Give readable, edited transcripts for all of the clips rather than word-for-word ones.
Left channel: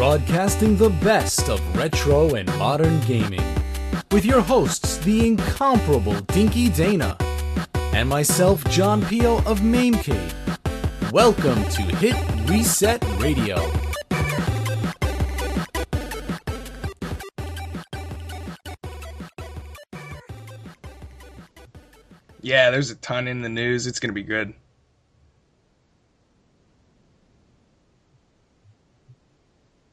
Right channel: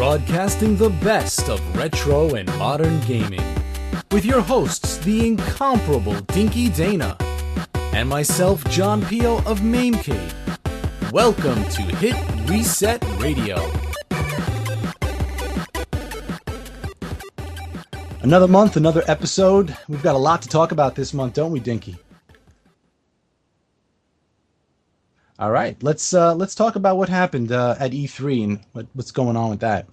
broadcasting the best of retro and modern gaming, with your hosts, the incomparable Dinky Dana, and myself, John Pio of MAMECADE. Welcome to Hit Reset Radio. Another month, another episode. We've got a lot to talk about this month, don't we, Dinky? Yeah, there's a ton in the news. It's going to be good. All right, let's talk about what happened at E3 and what's going on with that.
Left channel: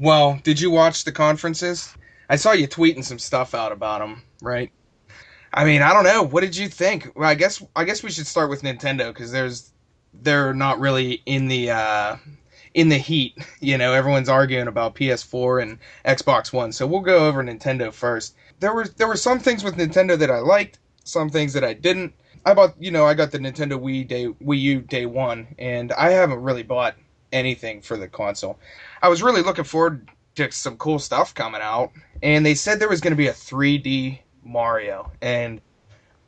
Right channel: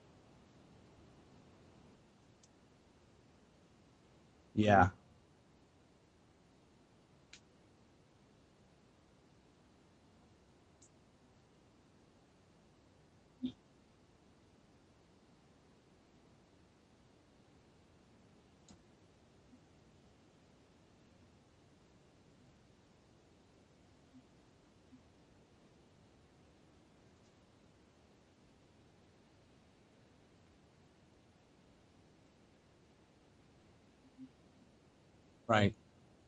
Well, did you watch the conferences? I saw you tweeting some stuff out about them, right? Yeah. I mean, I don't know. What did you think? Well, I guess we should start with Nintendo because they're not really in the heat. You know, everyone's arguing about PS4 and Xbox One. So we'll go over Nintendo first. There were some things with Nintendo that I liked, some things that I didn't. I got the Nintendo Wii U day one, and I haven't really bought anything for the console. I was really looking forward to some cool stuff coming out, and they said there was going to be a 3D Mario, and right.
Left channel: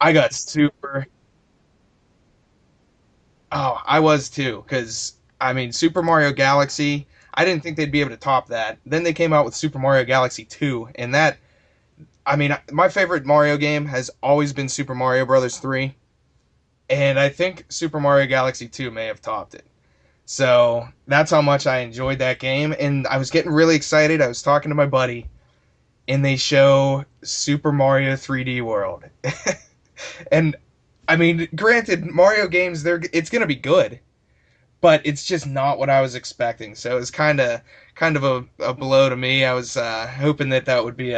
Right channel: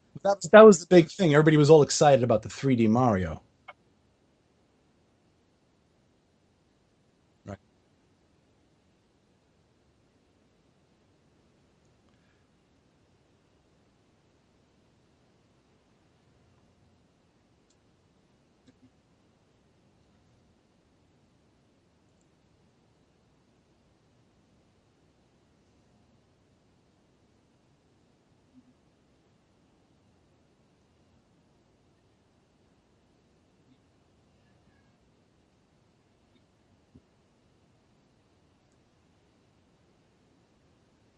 I got that was the big thing. Everybody was all excited about the 3D Mario. Oh, I was too, because I mean, Super Mario Galaxy, I didn't think they'd be able to top that. Then they came out with Super Mario Galaxy 2, and that, I mean, my favorite Mario game has always been Super Mario Bros. 3. And I think Super Mario Galaxy 2 may have topped it. So that's how much I enjoyed that game. And I was getting really excited. I was talking to my buddy, and they show Super Mario 3D World. And, I mean, granted, Mario games, it's going to be good. But it's just not what I was expecting. So it was kind of a blow to me. I was hoping that would be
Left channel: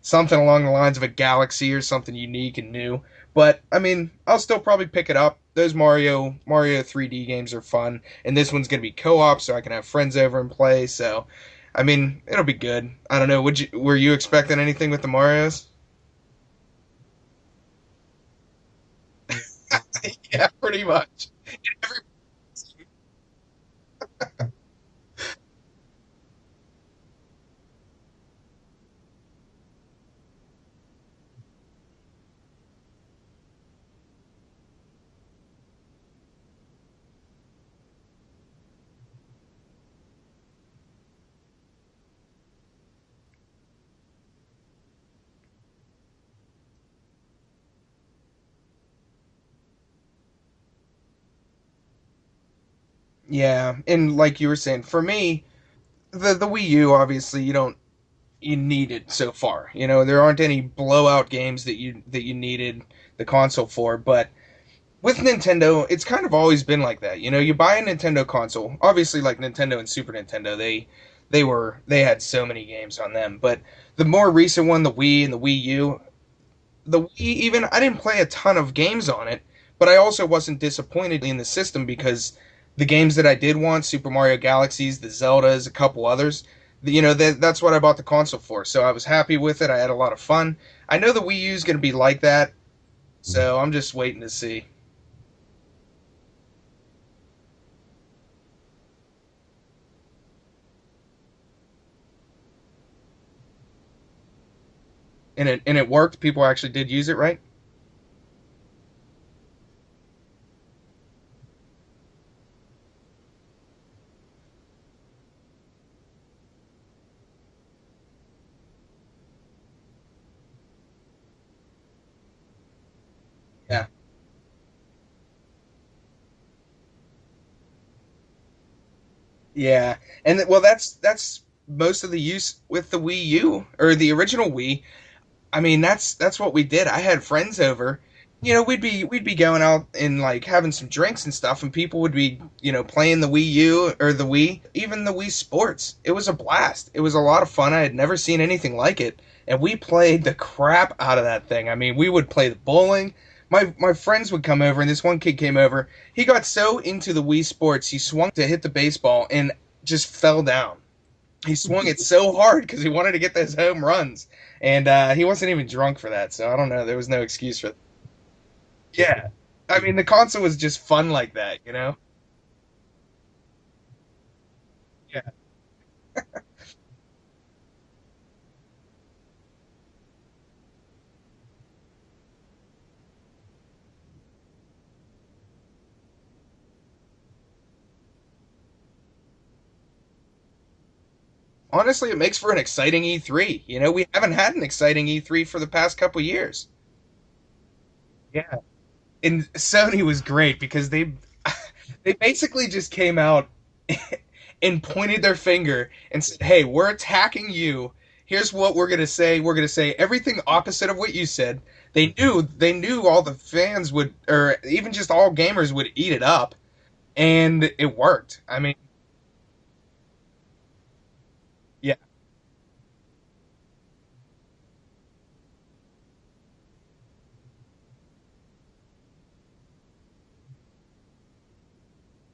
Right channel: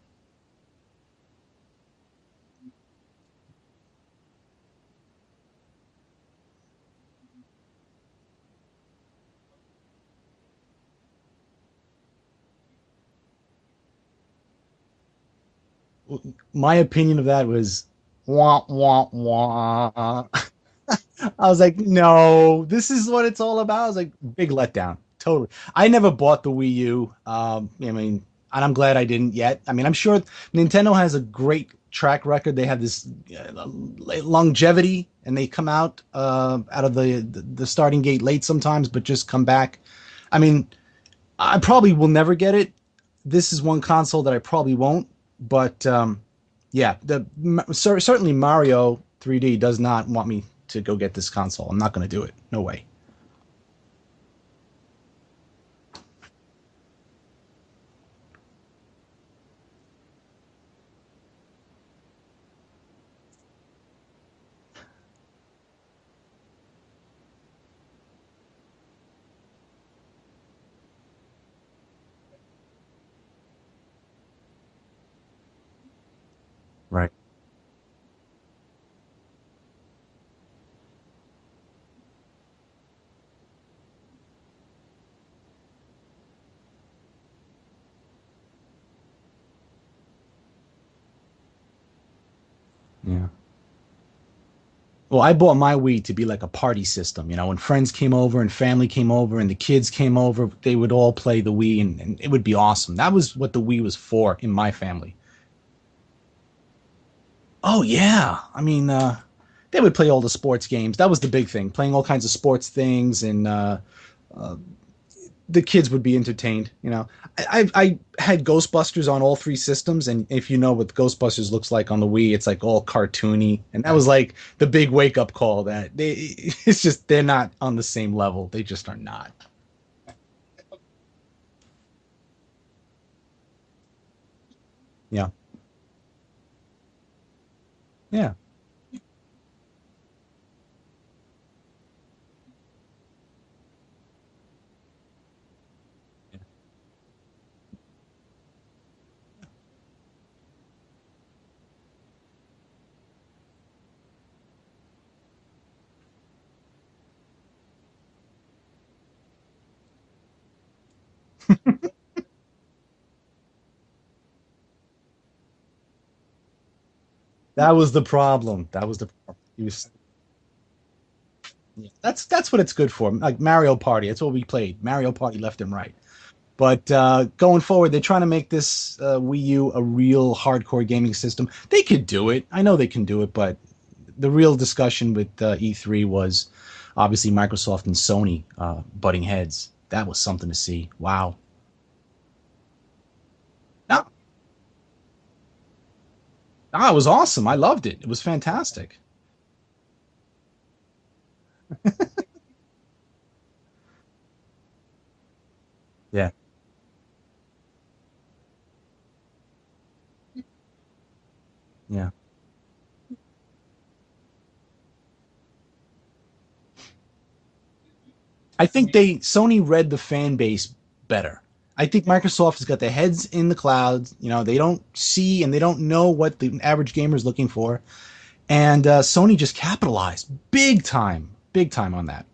something along the lines of a Galaxy or something unique and new. But, I mean, I'll still probably pick it up. Those Mario 3D games are fun. And this one's going to be co-op, so I can have friends over and play. So, I mean, it'll be good. I don't know. Were you expecting anything with the Marios? My opinion of that was, wah, wah, wah. Yeah, pretty much. I was like, no, this is what it's all about. I was like, big letdown. Totally. I never bought the Wii U. I mean, and I'm glad I didn't yet. I mean, I'm sure Nintendo has a great track record. They have this longevity, and they come out of the starting gate late sometimes, but just come back. I mean, I probably will never get it. This is one console that I probably won't. But yeah, certainly Mario 3D does not want me to go get this console. I'm not going to do it. No way. Yeah, and like you were saying, for me, the Wii U, obviously, you need it so far. You know, there aren't any blowout games that you needed the console for, but with Nintendo, it's kind of always been like that. You know, you buy a Nintendo console, obviously like Nintendo and Super Nintendo, they had so many games on them, but the more recent one, the Wii and the Wii U, Wii even, I didn't play a ton of games on it, but I also wasn't disappointed in the system because the games that I did want, Super Mario Galaxies, the Zeldas, a couple others, you know, that's what I bought the console for. So I was happy with it. I had a lot of fun. I know the Wii U is going to be like that, so I'm just waiting to see. Well, I bought my Wii to be like a party system. You know, when friends came over and family came over and the kids came over, they would all play the Wii, and it would be awesome. That was what the Wii was for in my family. And it worked? People actually did use it, right? Oh, yeah. I mean, they would play all the sports games. That was the big thing, playing all kinds of sports things, and the kids would be entertained. You know, I had Ghostbusters on all three systems, and if you know what Ghostbusters looks like on the Wii, it's like all cartoony. Yeah. And that was like the big wake up call that it's just they're not on the same level. They just are not. Yeah, and well, that's most of the use with the Wii U or the original Wii. Yeah. I mean, that's what we did. I had friends over. Yeah. You know, we'd be going out and like having some drinks and stuff, and people would be, you know, playing the Wii U or the Wii, even the Wii Sports. It was a blast. It was a lot of fun. I had never seen anything like it, and we played the crap out of that thing. I mean, we would play the bowling. My friends would come over, and this one kid came over. He got so into the Wii Sports, he swung to hit the baseball and just fell down. He swung it so hard because he wanted to get those home runs. And he wasn't even drunk for that, so I don't know. There was no excuse. That was the problem. The problem. I mean, the console was just fun like that, you know? That's what it's good for. Like Mario Party. That's what we played. Mario Party left and right. But going forward, they're trying to make this Wii U a real hardcore gaming system. They could do it. I know they can do it, but the real discussion with E3 was obviously Microsoft and Sony butting heads. that was something to see. Wow. Honestly, it makes for an exciting E3. You know, Yeah. we haven't had an exciting E3 for the past couple years. It was awesome. I loved it. It was fantastic. And Sony was great because they they basically just came out and pointed their finger and said, "Hey, we're attacking you. Here's what we're gonna say. We're gonna say everything opposite of what you said." Yeah. They knew all the fans would, or even just all gamers would eat it up, and it worked. I think Sony read the fan base better. I think Microsoft has got their heads in the clouds. You know, they don't see and they don't know what the average gamer is looking for. And Sony just capitalized big time on that.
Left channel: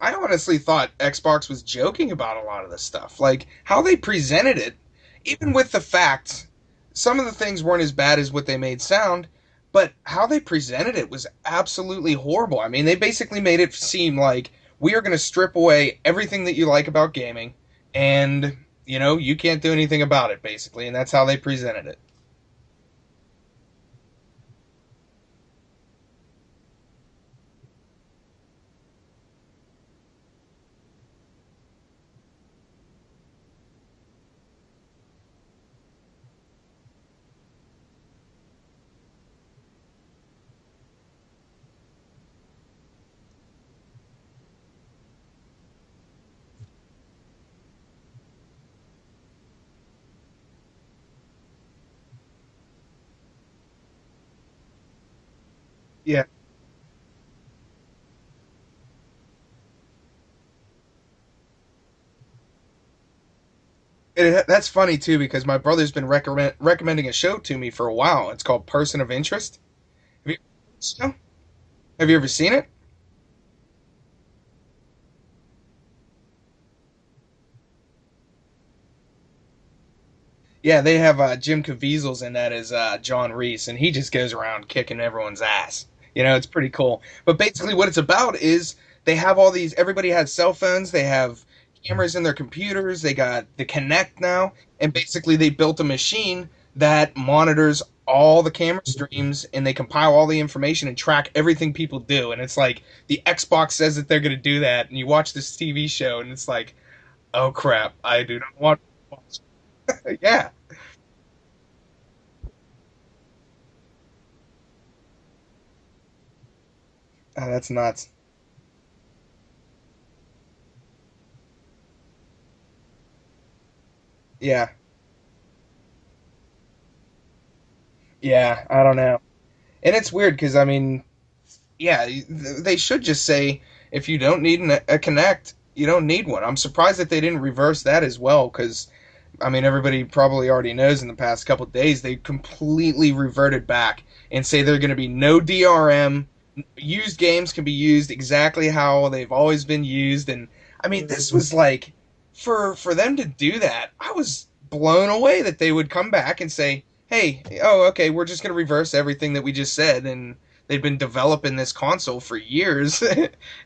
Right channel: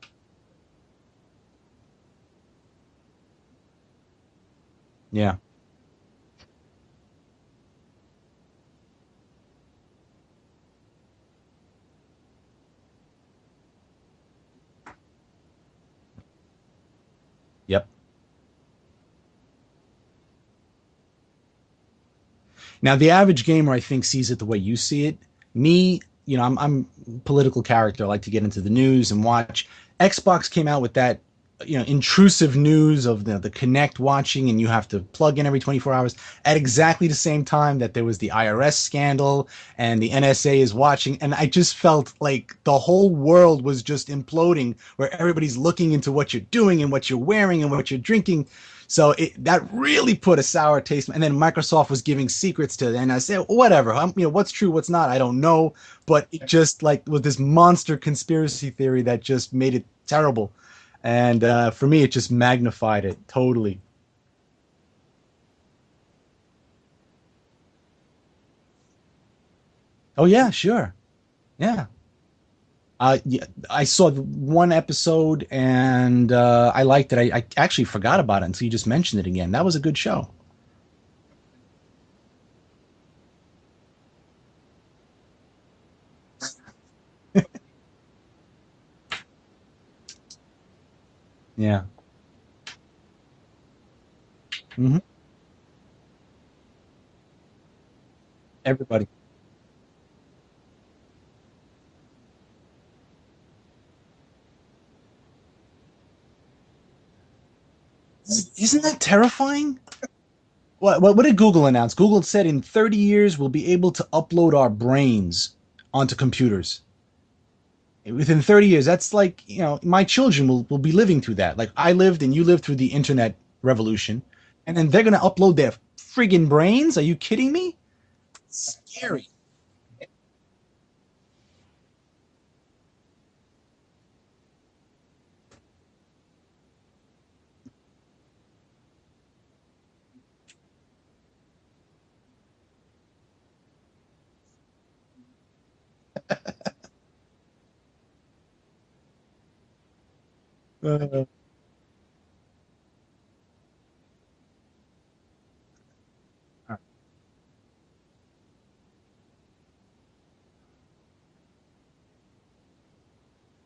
I honestly thought Xbox was joking about a lot of this stuff. Like, how they presented it, even with the fact some of the things weren't as bad as what they made sound, but how they presented it was absolutely horrible. I mean, they basically made it seem like we are going to strip away everything that you like about gaming. Yep. And, you know, you can't do anything about it, basically. And that's how they presented it. Now, the average gamer, I think, sees it the way you see it. Me, you know, I'm a political character. I like to get into the news and watch. Xbox came out with that, you know, intrusive news of the Kinect watching, and you have to plug in every 24 hours at exactly the same time that there was the IRS scandal and the NSA is watching. And I just felt like the whole world was just imploding, where everybody's looking into what you're doing and what you're wearing and what you're drinking. So that really put a sour taste. And then Microsoft was giving secrets to it. And I said, whatever, you know, what's true, what's not, I don't know. But it just like was this monster conspiracy theory that just made it terrible. And for me, it just magnified it totally. That's funny, too, because my brother's been recommending a show to me for a while. It's called Person of Interest. Oh, yeah, sure. Yeah. Have you ever seen it? Yeah, I saw one episode and I liked it. I actually forgot about it until you just mentioned it again. That was a good show. Yeah, they have Jim Caviezel's in that as John Reese, and he just goes around kicking everyone's ass. You know, it's pretty cool. But basically what it's about is they have all these, everybody has cell phones, they have cameras in their computers, they got the Kinect now, and basically they built a machine that monitors all the camera streams, and they compile all the information and track everything people do. And it's like the Xbox says that they're going to do that, and you watch this TV show, and it's like, oh crap, I do not want. Isn't that terrifying? Yeah. What did Google announce? Google said in 30 years we'll be able to upload our brains onto computers. Oh, that's nuts. Within 30 years, that's like, you know, my children will be living through that. Like I lived and you lived through the internet revolution. Yeah. And then they're going to upload their friggin' brains? Are you kidding me? Yeah, I don't know. And it's weird because, I mean, yeah, they should just say if you don't need a Kinect, you don't need one. I'm surprised that they didn't reverse that as well because, I mean, everybody probably already knows in the past couple of days they completely reverted back and say there are going to be no DRM. Used games can be used exactly how they've always been used. And, I mean, this was like, for them to do that, I was blown away that they would come back and say, hey, okay, we're just going to reverse everything that we just said. And they've been developing this console for years.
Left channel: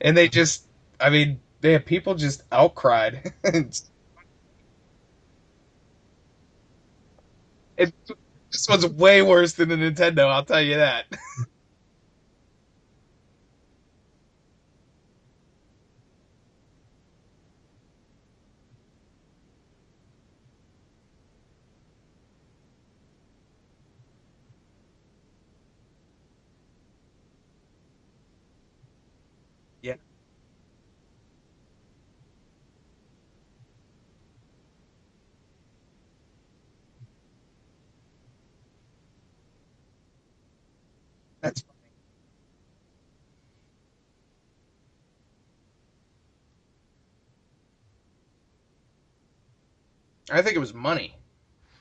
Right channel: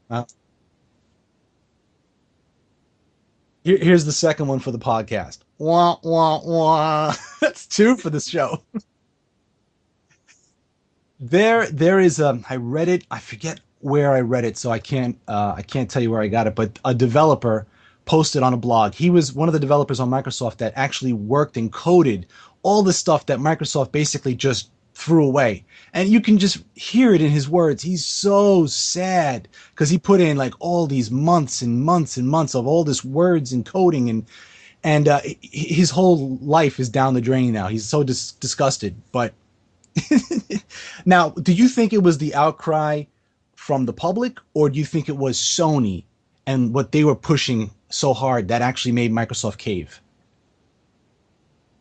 And they just, I mean, people just outcried. Here's the second one for the podcast. Wah, wah, wah. That's two for the show. This one's way worse than the Nintendo, I'll tell you that. There is I read it, I forget where I read it, so I can't tell you where I got it, but a developer posted on a blog. He was one of the developers on Microsoft that actually worked and coded all the stuff that Microsoft basically just threw away. And you can just hear it in his words. He's so sad because he put in like all these months and months and months of all this words and coding, and his whole life is down the drain now. He's so disgusted. But now, do you think it was the outcry from the public, or do you think it was Sony and what they were pushing so hard that actually made Microsoft cave? I think it was money.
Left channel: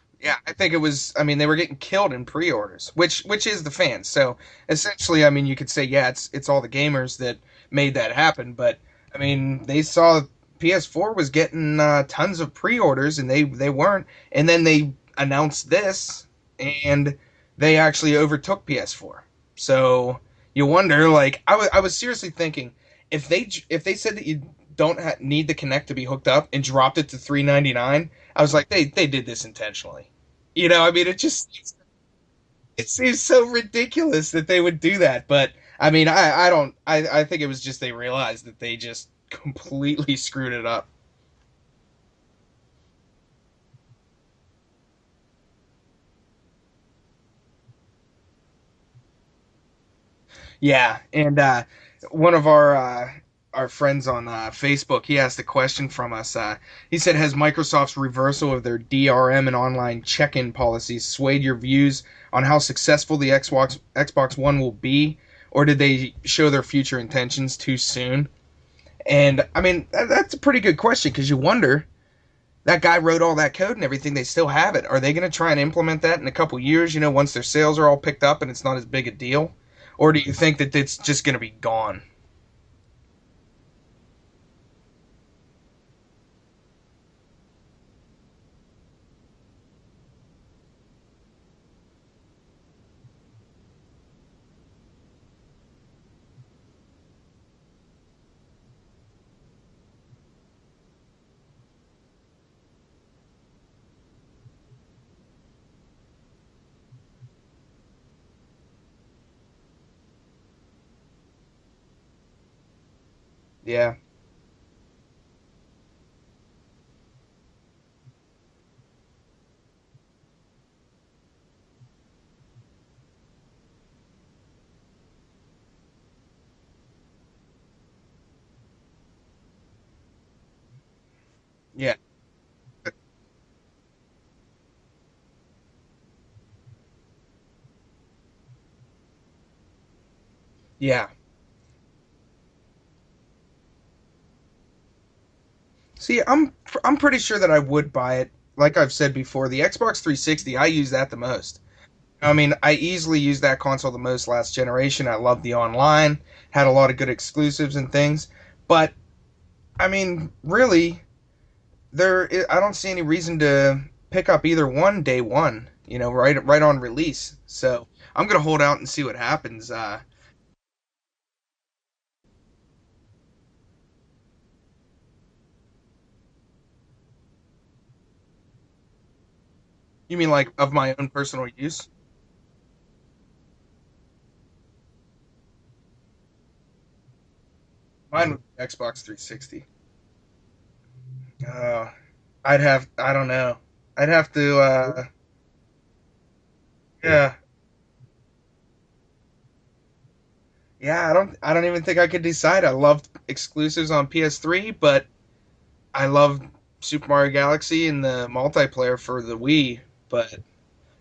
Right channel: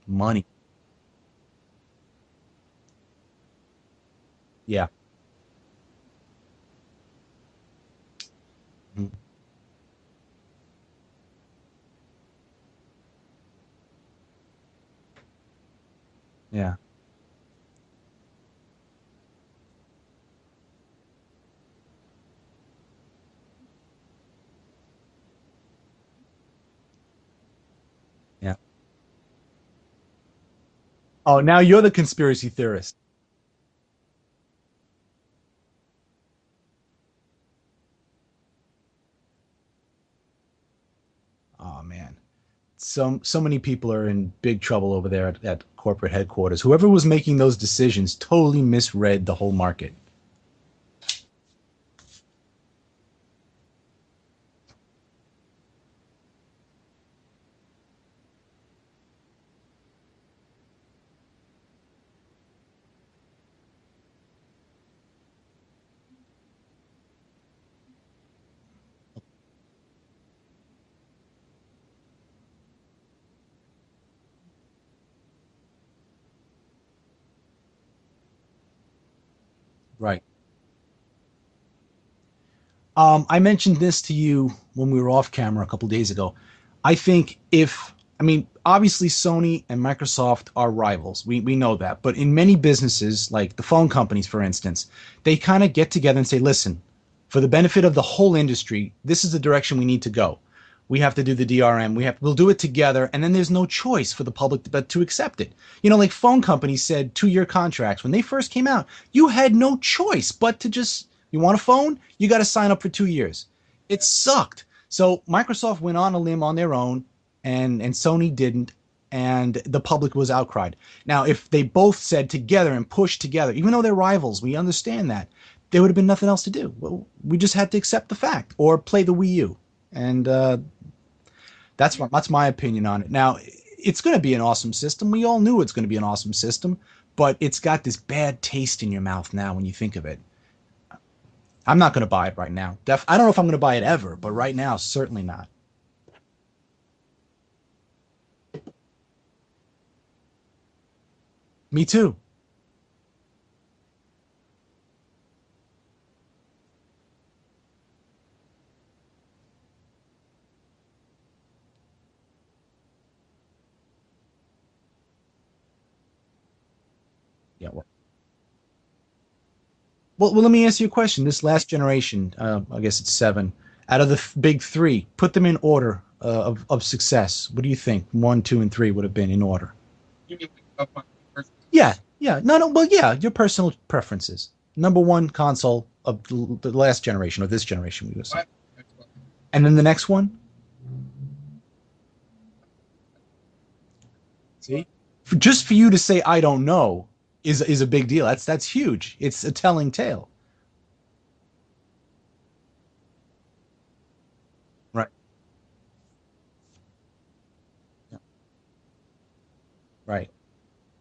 Yeah, I think it was, I mean, they were getting killed in pre-orders, which is the fans. So essentially, I mean, you could say, yeah, it's all the gamers that made that happen. But I mean, they saw PS4 was getting tons of pre-orders and they weren't. And then they announced this and they actually overtook PS4. So you wonder, like, I was seriously thinking if they said that you don't need the Kinect to be hooked up and dropped it to $399, I was like, they did this intentionally. You know, I mean, it just... Oh, now you're the conspiracy theorist. It seems so ridiculous that they would do that. But, I mean, I think it was just they realized that they just completely screwed it up. Oh man, so many people are in big trouble over there at corporate headquarters. Whoever was making those decisions totally misread the whole market. Yeah, and one of our friends on Facebook, he asked a question from us. He said, "Has Microsoft's reversal of their DRM and online check-in policies swayed your views on how successful the Xbox One will be, or did they show their future intentions too soon?" And I mean, that's a pretty good question because you wonder, that guy wrote all that code and everything. They still have it. Are they going to try and implement that in a couple years? Once their sales are all picked up and it's not as big a deal, or do Right. you think that it's just going to be gone? I mentioned this to you when we were off camera a couple days ago. I think I mean, obviously Sony and Microsoft are rivals. We know that. But in many businesses, like the phone companies, for instance, they kind of get together and say, listen, for the benefit of the whole industry, this is the direction we need to go. We have to do the DRM. We'll do it together. And then there's no choice for the public but to accept it. Like phone companies said 2-year contracts. When they first came out, you had no choice but to just, you want a phone? You got to sign up for 2 years. Yeah. It sucked. So Microsoft went on a limb on their own, and Sony didn't, and the public was outcried. Now, if they both said together and pushed together, even though they're rivals, we understand that, there would have been nothing else to do. Well, we just had to accept the fact or play the Wii U. And that's Yeah. that's my opinion on it. Now, it's going to be an awesome system. We all knew it's going to be an awesome system, but it's got this bad taste in your mouth now when you think of it. Yeah. I'm not going to buy it right now. I don't know if I'm going to buy it ever, but right now, certainly not. See, I'm pretty sure that I would buy it. Like I've said before, the Xbox 360, I use that the most. Me too. I mean, I easily used that console the most last generation. I loved the online, had a lot of good exclusives and things. But I mean, really, I don't see any reason to pick up either one day one. Right on release. So I'm gonna hold out and see what happens. Well, let me ask you a question. This last generation, I guess it's 7, out of the big 3, put them in order of success. What do you think? 1, 2, and 3 would have been in order. You mean like of my own personal use? Yeah, yeah. No. Well, yeah, your personal preferences. Number 1 console of the last generation or this generation. Mine might be Xbox 360. And then the next one? I don't know. I'd have to. Just for you to say I don't know, Yeah. is a big deal. That's huge. It's a telling tale. Yeah, I don't even think I could decide. I loved exclusives on PS3, but Right. I loved Super Mario Galaxy and the multiplayer for the Wii. Right. But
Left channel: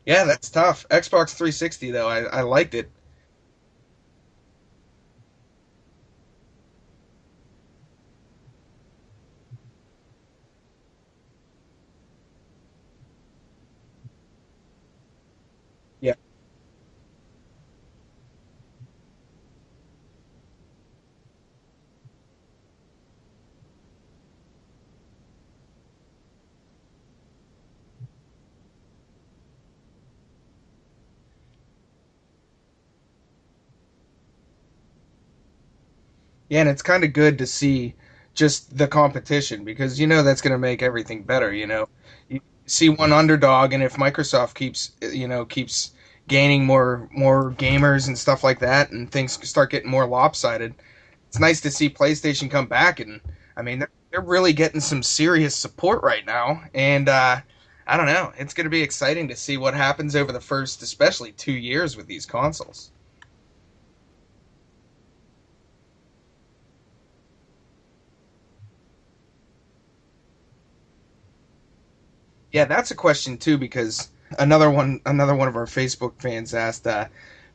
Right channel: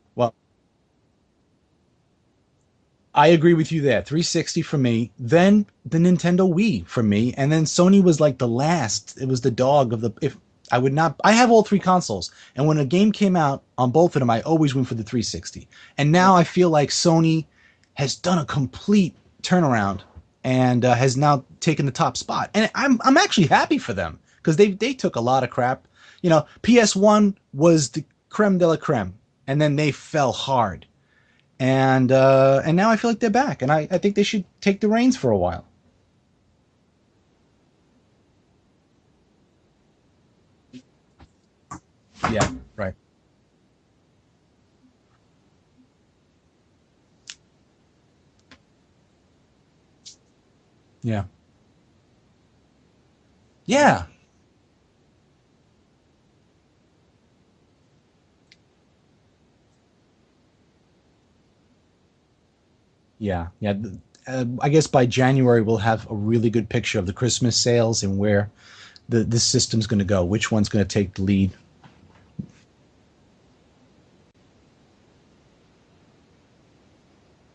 yeah, Well, that's tough. Xbox 360 though, I liked it. I agree with you there. 360 for me, then the Nintendo Wii for me, and then Sony was like the last. It was the dog of the. If I would not, I have all 3 consoles, and when a game came out on both of them, I always went for the 360. And Yeah. now I feel like Sony has done a complete turnaround and has now taken the top spot, and I'm actually happy for them because they took a lot of crap. PS1 was the creme de la creme, and then they fell hard. And now I feel like they're back, and I think they should take the reins for a while. Yeah, and it's kind of good to see just the competition because that's going to make everything better. Yeah, See right. one underdog, and if Microsoft keeps gaining more gamers and stuff like that, and things start getting more lopsided, Yeah, it's nice to see PlayStation come back. And I mean, Yeah. they're really getting some serious support right now, and I don't know, it's going to be exciting to see what happens over the first, especially 2 years with these consoles. yeah. I guess by January we'll have a really good picture of the Christmas sales and where this system's going to go. Which one's going to take the lead? Yeah, that's a question too, because another one of our Facebook fans asked,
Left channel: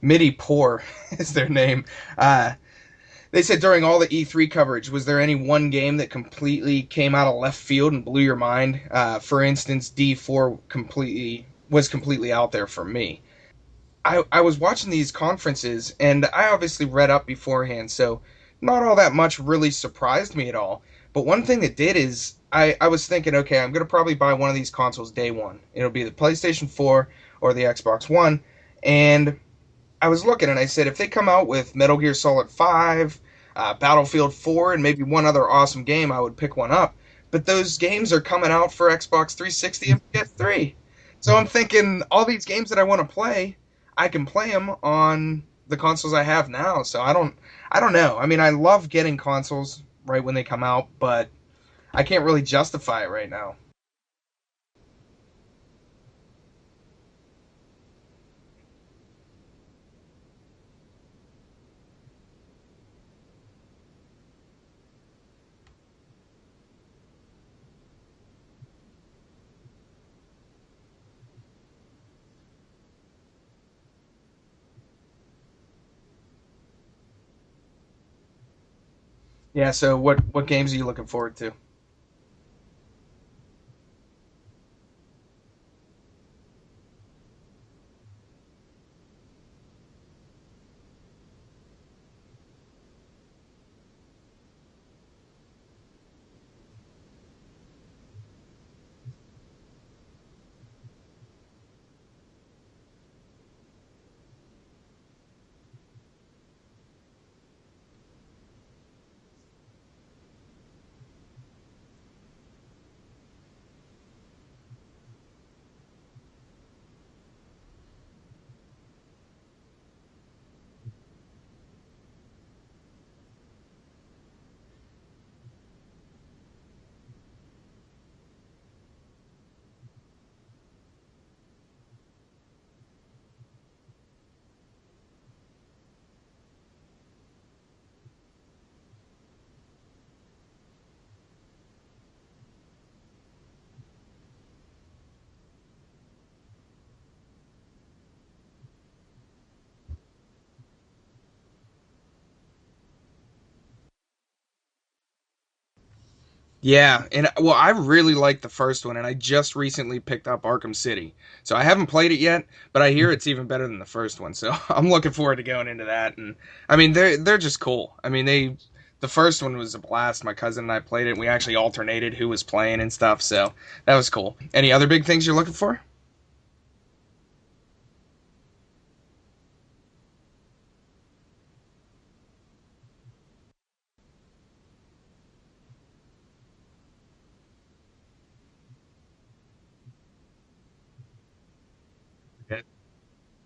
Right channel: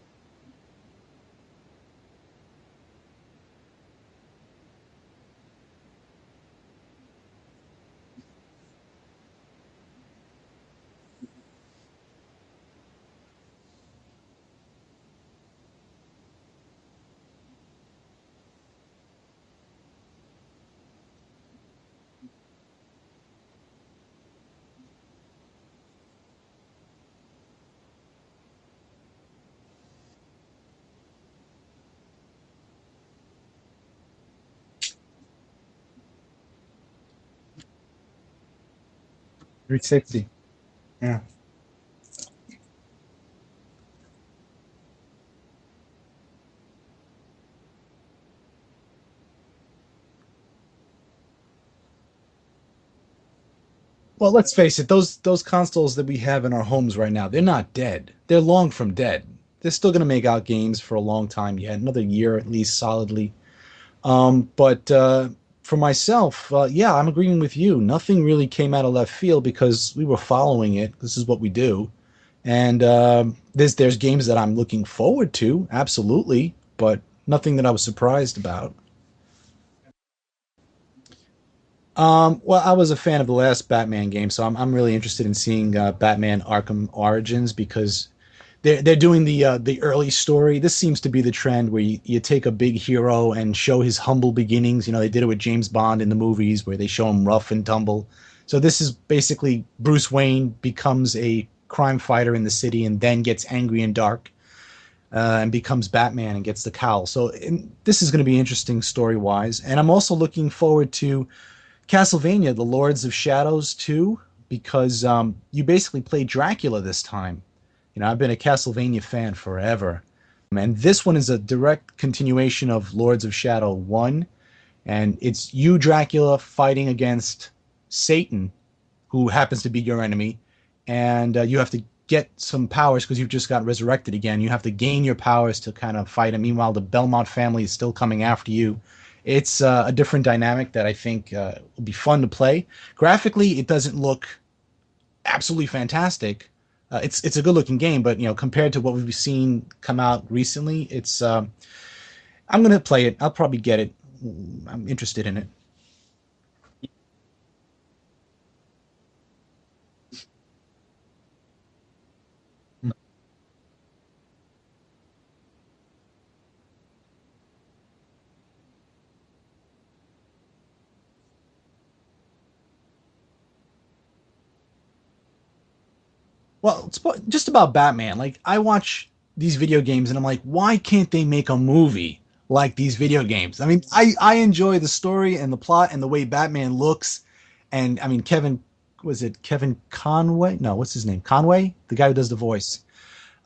MIDI Poor is their name. They said during all the E3 coverage, was there any one game that completely came out of left field and blew your mind? For instance, D4 was completely out there for me. I was watching these conferences, and I obviously read up beforehand, so not all that much really surprised me at all. But one thing that did is I was thinking, okay, I'm going to probably buy one of these consoles day one. It'll be the PlayStation 4 or the Xbox One. And I was looking, and I said, if they come out with Metal Gear Solid 5, Battlefield 4, and maybe one other awesome game, I would pick one up. But those games are coming out for Xbox 360 and 360. PS3. Yeah. So I'm thinking, all these games that I want to play, I can play them on the consoles I have now. So I don't know. I mean, I love getting consoles right when they come out, but I can't really justify it right now. Well, let's face it, those consoles that we have in our homes right now, they're not dead. They're long from dead. They're still going to make out games for a long time yet, another year at least solidly. But for myself, yeah, I'm agreeing with you. Nothing really came out of left field because we were following it. This is what we do, and there's games that I'm looking forward to, absolutely, but nothing that I was surprised about. Yeah. So what games are you looking forward to? Well, I was a fan of the last Batman game, so I'm really interested in seeing Batman Arkham Origins because they're doing the early story. This seems to be the trend where you take a big hero and show his humble beginnings. You know, they did it with James Bond in the movies where they show him rough and tumble. So this is basically Bruce Wayne becomes a crime fighter in the city and then gets angry and dark and becomes Batman and gets the cowl. So this is going to be interesting story wise. And I'm also looking forward to Castlevania, The Lords of Shadows 2, because you basically play Dracula this time. You know, I've been a Castlevania fan forever. And this one is a direct continuation of Lords of Shadow 1. And it's you, Dracula, fighting against Satan, who happens to be your enemy. And you have to get some powers because you've just got resurrected again. You have to gain your powers to kind of fight him. Meanwhile, the Belmont family is still coming after you. It's a different dynamic that I think will be fun to play. Graphically, it doesn't look absolutely fantastic. It's a good looking game, but you know, compared to what we've seen come out recently, it's I'm gonna play it. I'll probably get it. I'm interested in it. Yeah, and well, I really liked the first one, and I just recently picked up Arkham City. So I haven't played it yet, but I hear it's even better than the first one. So I'm looking forward to going into that. And I mean, they're just cool. I mean, the first one was a blast. My cousin and I played it. And we actually alternated who was playing and stuff. So that was cool. Any other big things you're looking for? Well, it's just about Batman. Like I watch these video games and I'm like, why can't they make a movie like these video games? I mean, I enjoy the story and the plot and the way Batman looks. And I mean, was it Kevin Conway? No, what's his name? Conway, the guy who does the voice.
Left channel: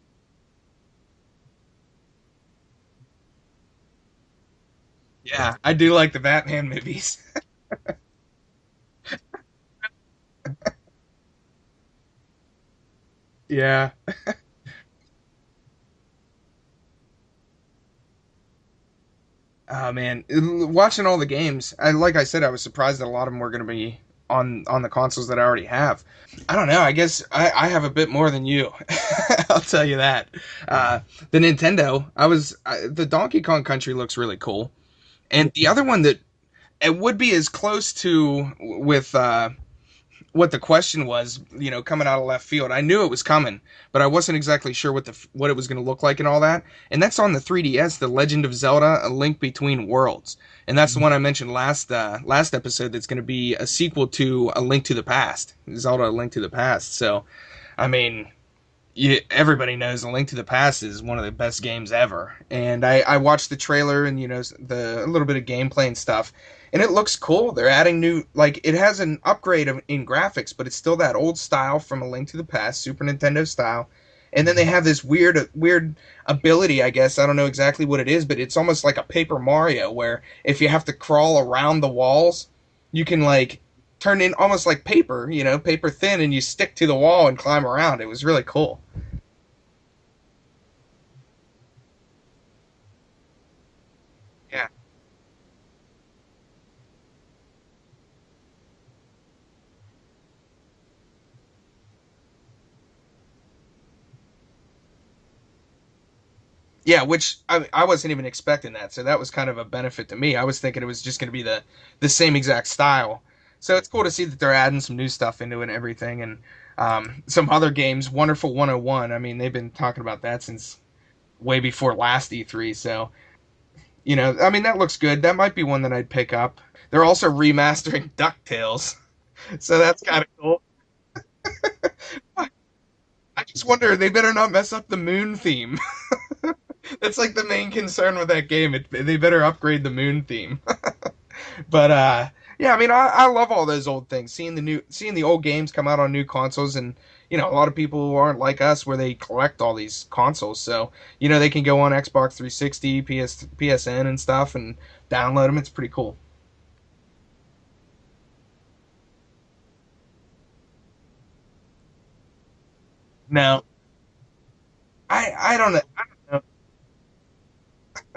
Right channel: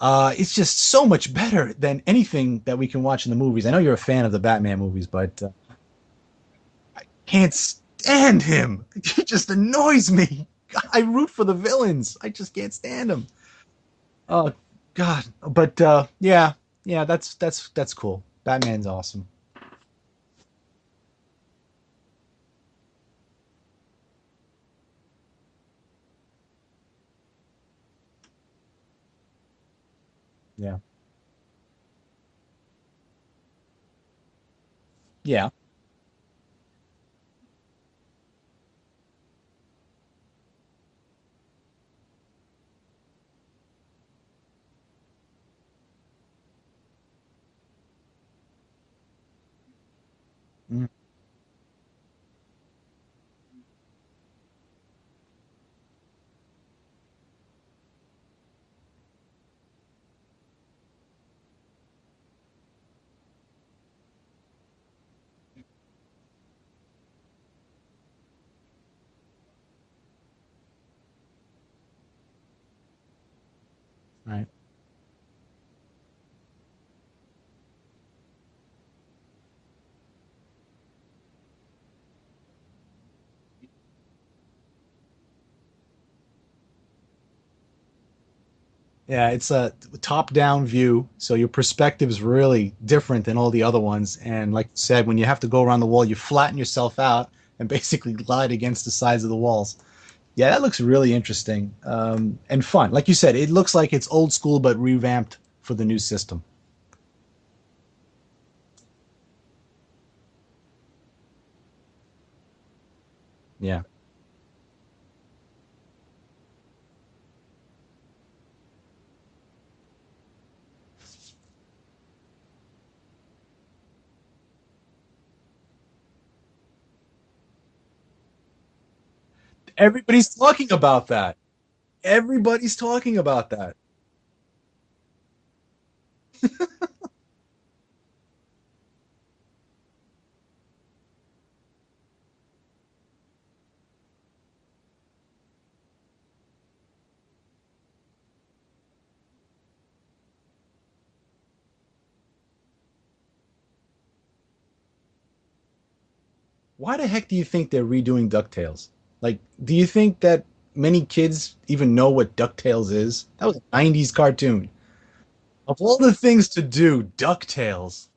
It's just so much better than anything that we can watch in the movies. I know you're a fan of the Batman movies, but Yeah, I do like the Batman movies. can't stand him. He just annoys me. I root for the villains. I just can't stand him. Yeah. Oh God. But yeah, that's cool. Batman's awesome. Oh man, watching all the games, like I said, I was surprised that a lot of them were going to be on the consoles that I already have. I don't know. I guess I have a bit more than you. I'll tell you that. Yeah. The Nintendo, the Donkey Kong Country looks really cool, Yeah. and the other one that it would be as close to with what the question was, you know, coming out of left field. I knew it was coming, but I wasn't exactly sure what it was going to look like and all that. And that's on the 3DS, The Legend of Zelda: A Link Between Worlds. And that's the one I mentioned last episode that's going to be a sequel to A Link to the Past. Zelda: A Link to the Past. So, I mean, everybody knows A Link to the Past is one of the best games ever. And I watched the trailer and, you know, a little bit of gameplay and stuff. And it looks cool. They're adding new, like, it has an upgrade in graphics, but it's still that old style from A Link to the Past, Super Nintendo style. And then they have this weird ability, I guess. I don't know exactly what it is, but it's almost like a Paper Mario, where if you have to crawl around the walls, you can, like, turn in almost like paper, you know, paper thin, and you stick to the wall and climb around. It was really cool. Yeah, it's a top-down view, so your perspective is really different than all the other ones. And like you said, when you have to go around the wall, you flatten yourself out and basically glide against the sides of the walls. Yeah, that looks really interesting and fun. Like you said, it looks like it's old school but revamped for the new system. Yeah, which I wasn't even expecting that, so that was kind of a benefit to me. I was thinking it was just going to be the same exact style. So Yeah. it's cool to see that they're adding some new stuff into it and everything. And some other games, Wonderful 101, I mean, they've been talking about that since way before last E3. So, you know, I mean, that looks good. That might be one that I'd pick up. They're also remastering DuckTales. So that's kind Everybody's of cool. talking about that. Everybody's talking I about just that. wonder, they better not mess up the moon theme. That's like the main concern with that game. They better upgrade the moon theme. But yeah, I mean, I love all those old things. Seeing the old games come out on new consoles, and you know, a lot of people who aren't like us where they collect all these consoles. So you know, they can go on Xbox 360, PSN, and stuff, and download them. It's pretty cool. why the heck do you think they're redoing DuckTales? Like, do you think that many kids even know what DuckTales is? That was No, a 90s cartoon. I don't Of know. all the things to do, DuckTales.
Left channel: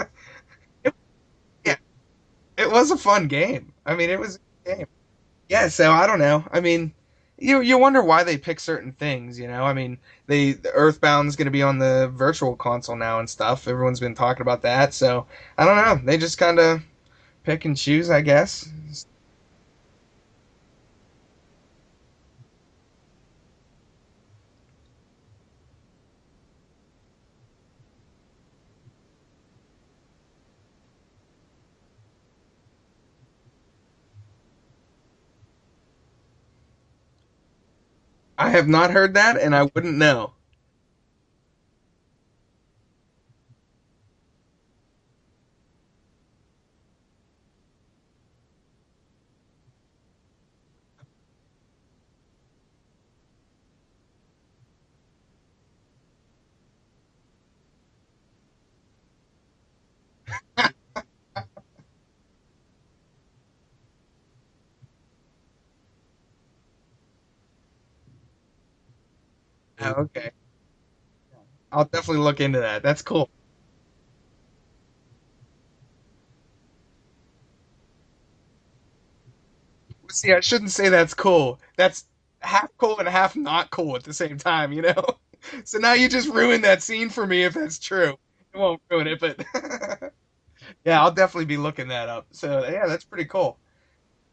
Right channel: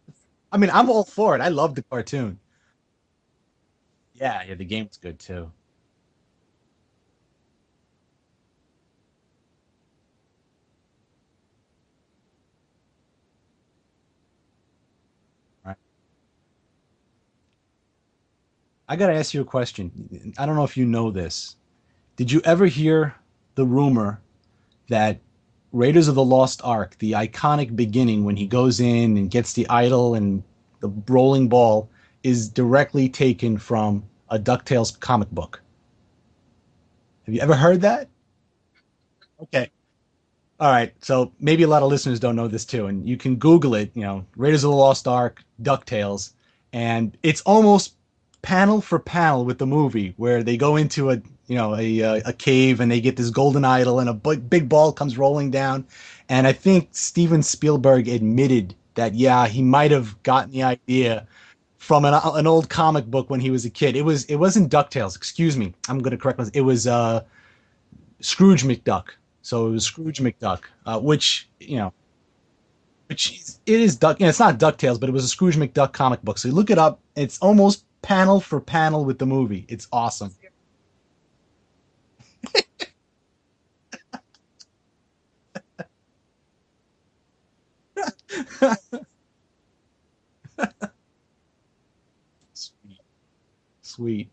I mean, I'm all for it. I love Yeah, the cartoon. it was a fun game. I mean, it was Yeah, yeah, the a game. game's good too. Yeah, so I don't know. I mean, you wonder why they pick certain things, you know? I mean, the Earthbound's going to be on the virtual console now and stuff. Everyone's been talking about that. So, I don't know. They just kind of pick and choose, I guess. I gotta ask you a question. I don't know if you know this. Did you ever hear the rumor that Raiders of the Lost Ark, the iconic beginning when he goes in and gets the idol and the rolling ball, is directly taken from a DuckTales comic book? Have you ever heard that? I have not heard that and I Okay. wouldn't know. All right, so maybe a lot of listeners don't know this too, and you can Google it. Raiders of the Lost Ark, DuckTales, and it's almost panel for panel with the movie where they go into a cave and they get this golden idol and a big ball comes rolling down, and I think Steven Spielberg admitted that yeah he might have gotten the idea from an old comic book when he was a kid. It wasn't DuckTales. Excuse me, I'm going to correct myself. It was Scrooge McDuck. So it was Oh, Scrooge okay. McDuck, which I'll definitely look into that. That's cool. it is Duck. It's not DuckTales, but it was a Scrooge McDuck comic book. So you look it up. It's almost panel for panel with the movie. It's awesome. Yeah, I shouldn't say that's cool. That's half cool and half not cool at the same time, you know? So now you just ruined that scene for me if that's true. I won't ruin it, but yeah, I'll definitely be looking that up. So yeah, that's pretty cool. Sweet.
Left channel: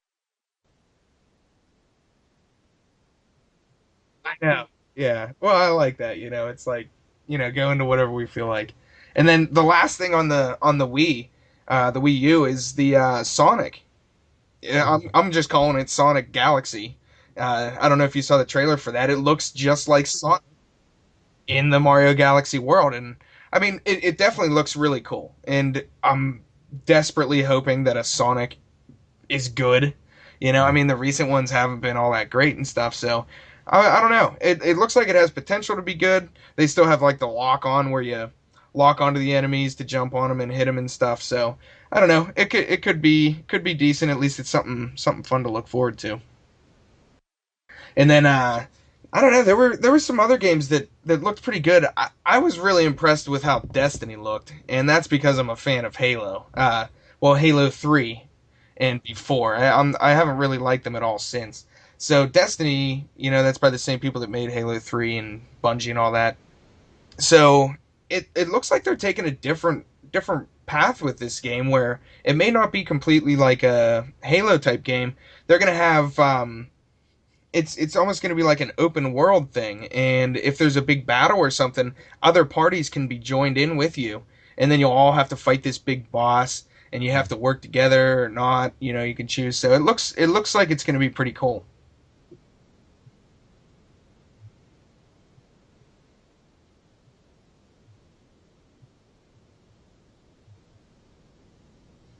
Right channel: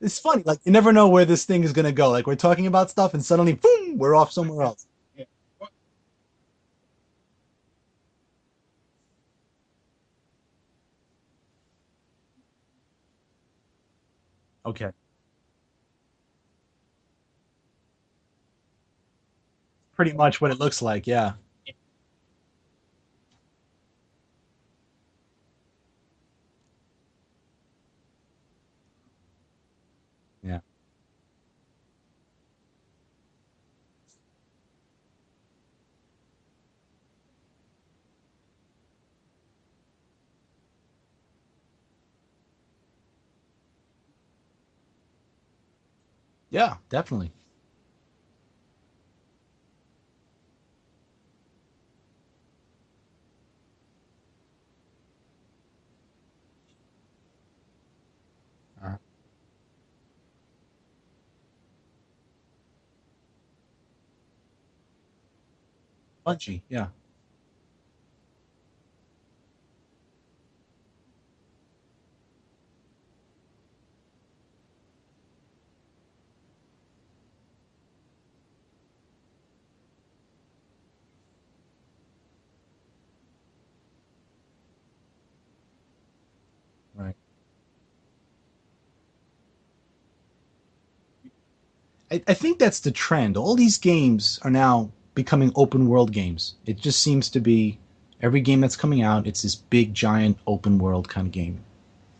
It's funny. Like you never know where this thing is gonna go. Like we're talking about stuff, and suddenly, boom, we're off somewhere Yeah. else. Yeah. Well, I like that, It's like, go into whatever we feel like. And then the last thing on the the Wii U is the Sonic. Okay. Yeah, I'm just calling it Sonic Galaxy. I don't know if you saw the trailer for that. It looks just like Pretty much Sonic what it looks like. Yeah. in the Mario Galaxy world, and I mean, it definitely looks really cool. And I'm desperately hoping that a Sonic is good. I mean, the recent ones haven't been all that great and stuff. So I don't know. It looks like it has potential to be good. They still have like the lock on where you lock onto the enemies to jump on them and hit them and stuff. So I don't know. It could be decent. At least it's something fun to look forward to. Yeah. Definitely. And then I don't know. There were some other games that looked pretty good. I was really impressed with how Destiny looked, and that's because I'm a fan of Halo. Well, Halo 3 and before. I haven't really liked them at all since. So Destiny, that's by the same people that made Halo 3 and Bungie and all that. Punchy. Yeah. So it looks like they're taking a different path with this game where it may not be completely like a Halo type game. They're gonna have it's almost gonna be like an open world thing, and if there's a big battle or something, other parties can be joined in with you, and then you'll all have to fight this big boss, and you have to work together or not. You can choose. So it looks like it's gonna be pretty cool. I think that's the trend. All these games are now becoming open world games. It just seems to be every game that's coming out, it's this big, giant, open world kind of game.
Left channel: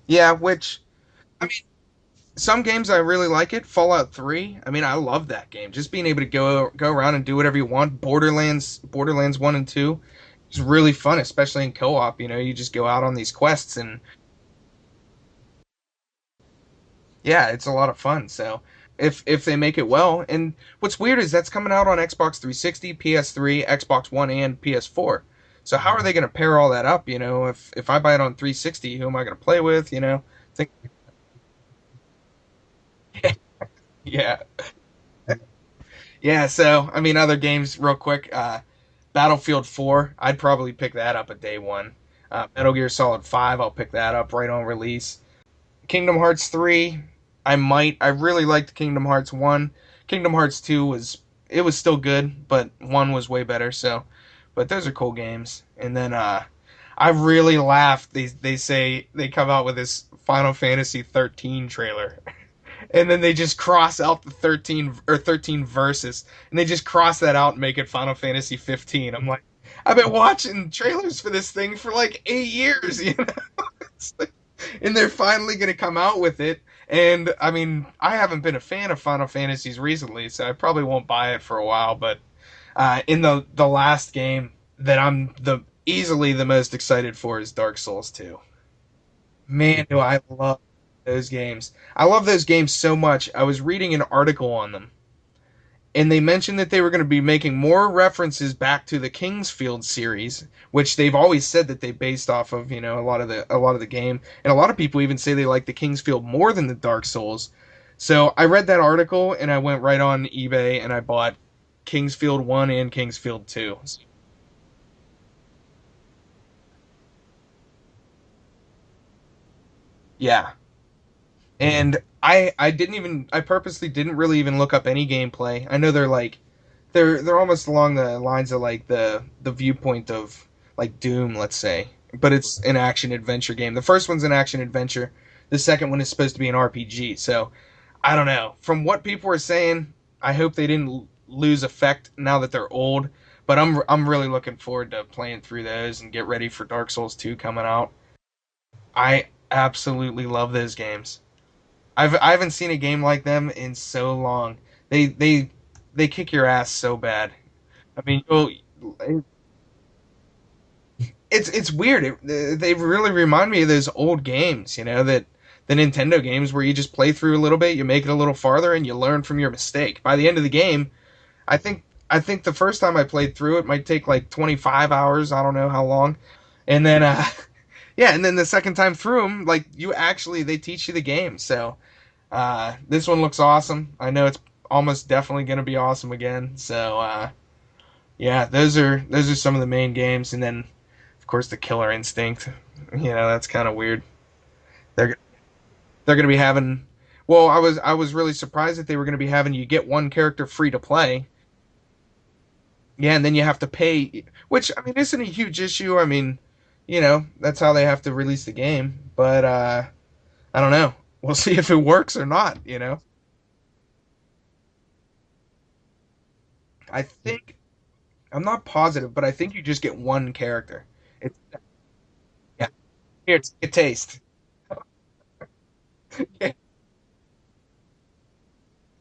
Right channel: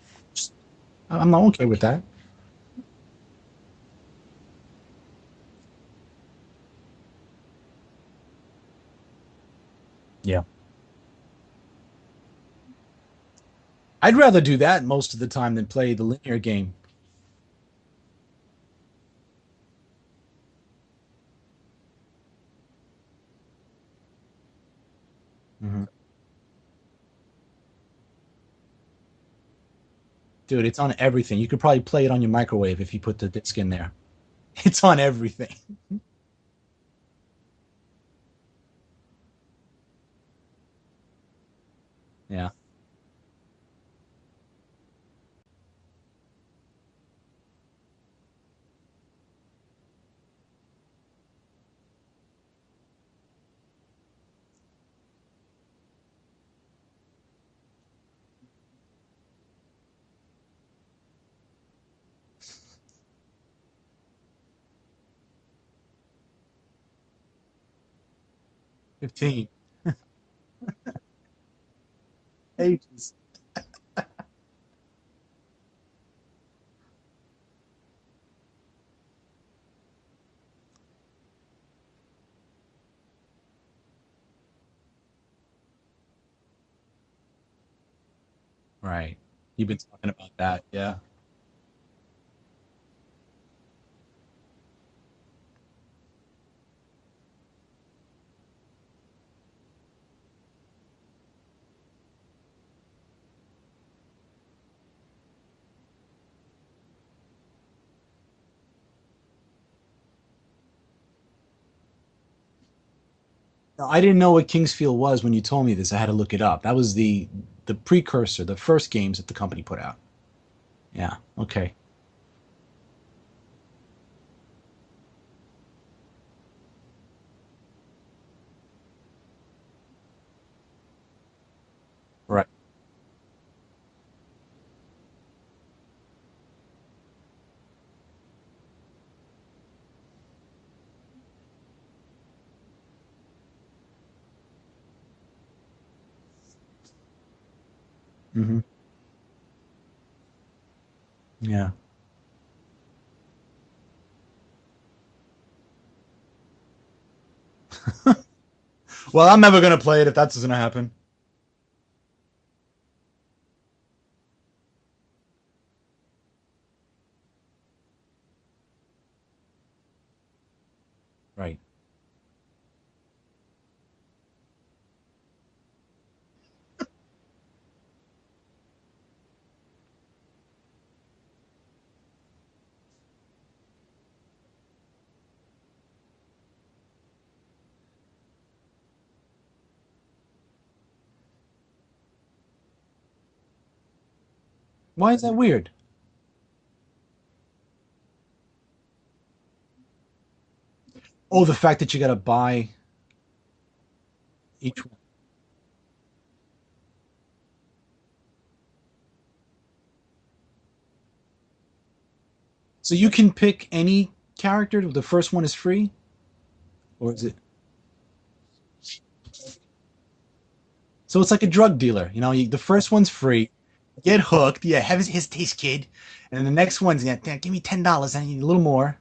Yeah, which I'm not I okay mean, with that. some games I really like it. Fallout 3. I mean, I love that game. Just being able to go around and do whatever you want. Borderlands 1 and 2. Yeah. It's really fun, especially in co-op. You just go out on these quests and I'd rather do that most of the time than play the linear game. yeah, it's a lot of fun. So if they make it well, and what's weird is that's coming out on Xbox 360, PS3, Xbox One, and PS4. So how are they going to pair all that up? If I buy it on 360, who am I going to play with? Dude, it's on everything. You could probably play it on your microwave if you put the disc in there. Yeah, It's on everything. yeah. So I mean, other games, real quick. Battlefield 4, I'd probably pick that up at day one. Yeah. Metal Gear Solid 5, I'll pick that up right on release. Kingdom Hearts 3, I might. I really liked Kingdom Hearts 1. Kingdom Hearts 2 was still good, but 1 was way better. So, but those are cool games. And then I really laughed. They say they come out with this Final Fantasy 13 trailer. And then they just cross out the 13 verses, and they just cross that out and make it Final Fantasy 15. I'm like, I've been watching trailers for this thing for like 8 years, It's like, and they're finally gonna come out with it. And I mean, I haven't been a fan of Final Fantasies recently, so I probably won't buy it for a while. But in the last game that I'm easily the most excited for is Dark Souls 2. Right. Man, do I About love that. Yeah. those games. I love those games so much. I was reading an article on them, and they mentioned that they were going to be making more references back to the Kingsfield series, which they've always said that they based off of, a lot of the game. And a lot of people even say they like the Kingsfield more than the Dark Souls. So I read that article and I went right on eBay and I bought Kingsfield 1 and Kingsfield 2. No, I didn't know what Kingsfield was when you told me this. I had to look it up. That was the precursor, the first games that the company put out. Yeah. Yeah. Okay. And I purposely didn't really even look up any gameplay. I know they're almost along the lines of like the viewpoint of like Doom, let's say. But Right. it's an action adventure game. The first one's an action adventure. The second one is supposed to be an RPG. So I don't know. From what people were saying, I hope they didn't lose effect now that they're old. But I'm really looking forward to playing through those and get ready for Dark Souls 2 coming out. Hmm. I absolutely love those games. Yeah. I haven't seen a game like them in so long. They kick your ass so bad. I mean, Well, I'm never gonna play it if that's gonna happen. it's weird. They really remind me of those old games, that the Nintendo games where you just play through a little bit, you make it a little farther, and you learn from your mistake. By the end of the game, Right. I think the first time I played through it might take like 25 hours. I don't know how long, and then yeah, and then the second time through them, like they teach you the game. So this one looks awesome. I know it's almost definitely going to be awesome again. So yeah, those are some of the main games, and then of course the Killer Instinct. That's kind of weird. Why They're is that weird? they're going to be having. Well, I was really surprised that they were going to be having you get one character free to play. Oh, the fact that you gotta buy. Yeah, and then you have to pay, which I mean isn't a huge issue. I mean, that's how they have to release the game. But I don't know. We'll see if it works or not. So you can pick any character. The first one is free. I Or is it- think I'm not positive, but I think you just get one character. So it's like a drug dealer. The Yeah. first one's free. It's a taste. Get hooked. Yeah, have his taste, kid. And the next one's give me $10. I need a little more.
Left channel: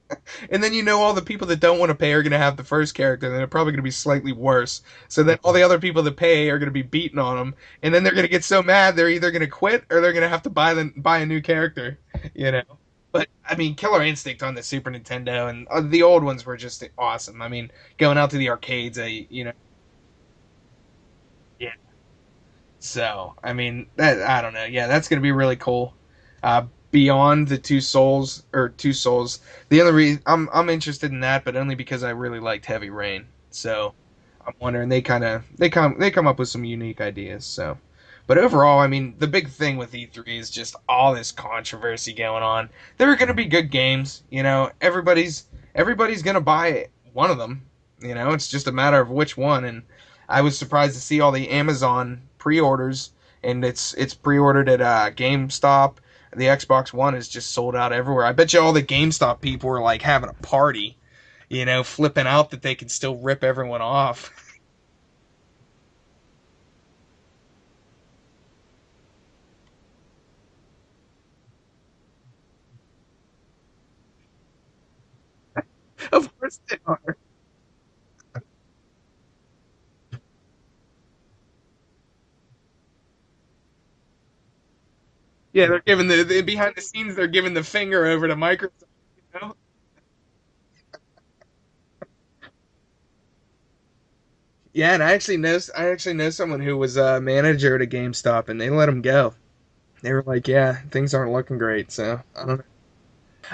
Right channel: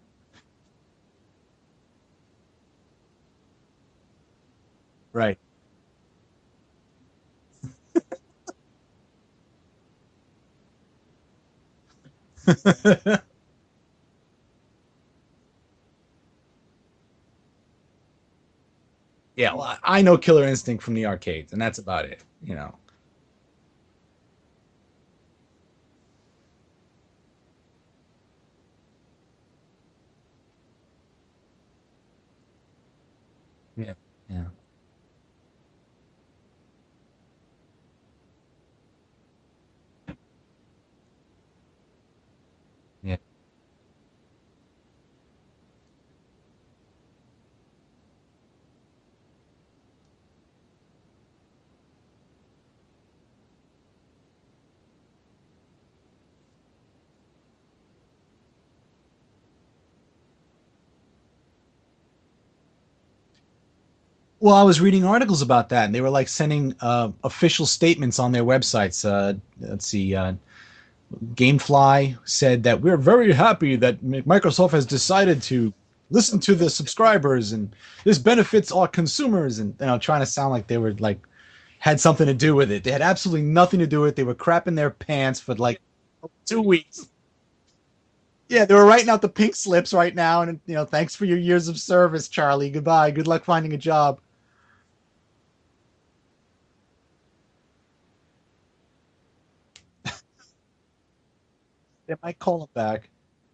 And then all the people that don't want to pay are going to have the first character, and they're probably going to be slightly worse. So then Right. all the other people that pay are going to be beating on them, and then they're going to get so mad they're either going to quit or they're going to have to buy a new character. But I mean, Killer Instinct on the Super Nintendo and the old ones were just awesome. I mean, going out to the arcades, Yeah, well, I know Killer Instinct from the arcades, and that's about it. So I mean, I don't know. Yeah, that's going to be really cool. Beyond the Two Souls. The other reason I'm interested in that, but only because I really liked Heavy Rain. So Yeah. I'm wondering they come up with some unique ideas. So, but overall, I mean, the big thing with E3 is just all this controversy going on. There are going to be good games. Everybody's going to buy one of them. It's just a matter of which one. And I was surprised to see all the Amazon pre-orders, and it's pre-ordered at GameStop. The Xbox One is just sold out everywhere. I bet you all the GameStop people are like having a party, flipping out that they can still rip everyone off. Well, I was reading articles about that, and they were like sending official statements on their websites. Let's see. Gamefly said that we're very happy that Microsoft has decided to listen to the subscribers, and this benefits our consumers. And trying to sound like they were like had something to do with it. They had absolutely nothing to do with it. They were crapping their pants for they're giving the behind the weeks. scenes. They're giving the finger over to Microsoft. Yeah, they were writing out the pink slips right now, and thanks for your years of service, Charlie. Goodbye. Good luck finding a job. Yeah, and I actually know someone who was a manager at a GameStop, and they let him go. They were like, "Yeah, things aren't looking great." So I call it back.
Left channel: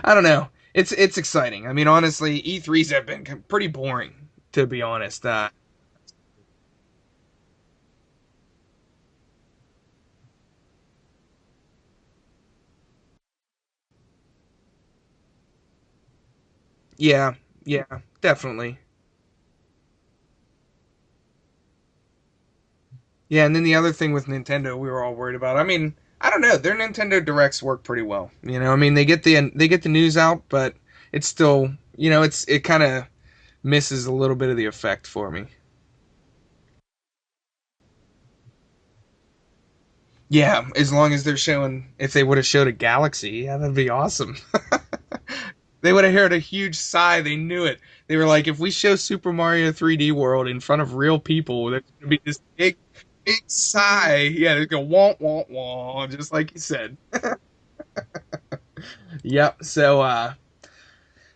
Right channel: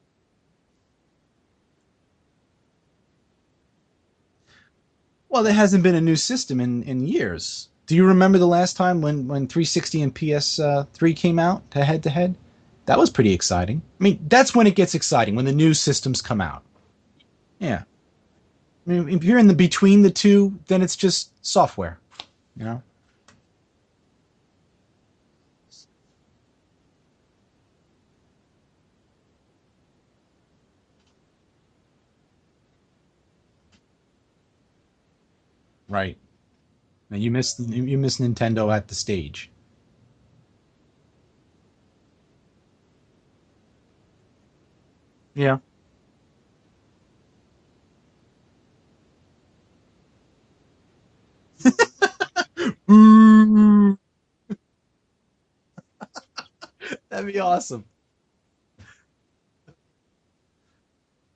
I don't know. It's exciting. I mean, honestly, E3s have been pretty boring, to be honest. Well, there hasn't been a new system in years. Do you remember the last time when 360 and PS3 came out head to head? That was pretty exciting. I mean, that's when it gets exciting, when the new systems come out. Yeah, definitely. I mean, if you're in the between the two, then it's just software, Yeah, and then the other thing with Nintendo, we were all worried about. I mean, I don't know. Their Nintendo Directs work pretty well. I mean, they get the news out, but it's still, it kind of misses a little bit of the effect for me. Right. Now you miss Nintendo at the stage. Yeah, as long as they're showing, if they would have showed a Galaxy, yeah, that'd be awesome. Yeah. They would have heard a huge sigh. They knew it. They were like, if we show Super Mario 3D World in front of real people, there would be this big sigh. Yeah, they go womp womp womp, just like you said. That'd be awesome. Yep. So,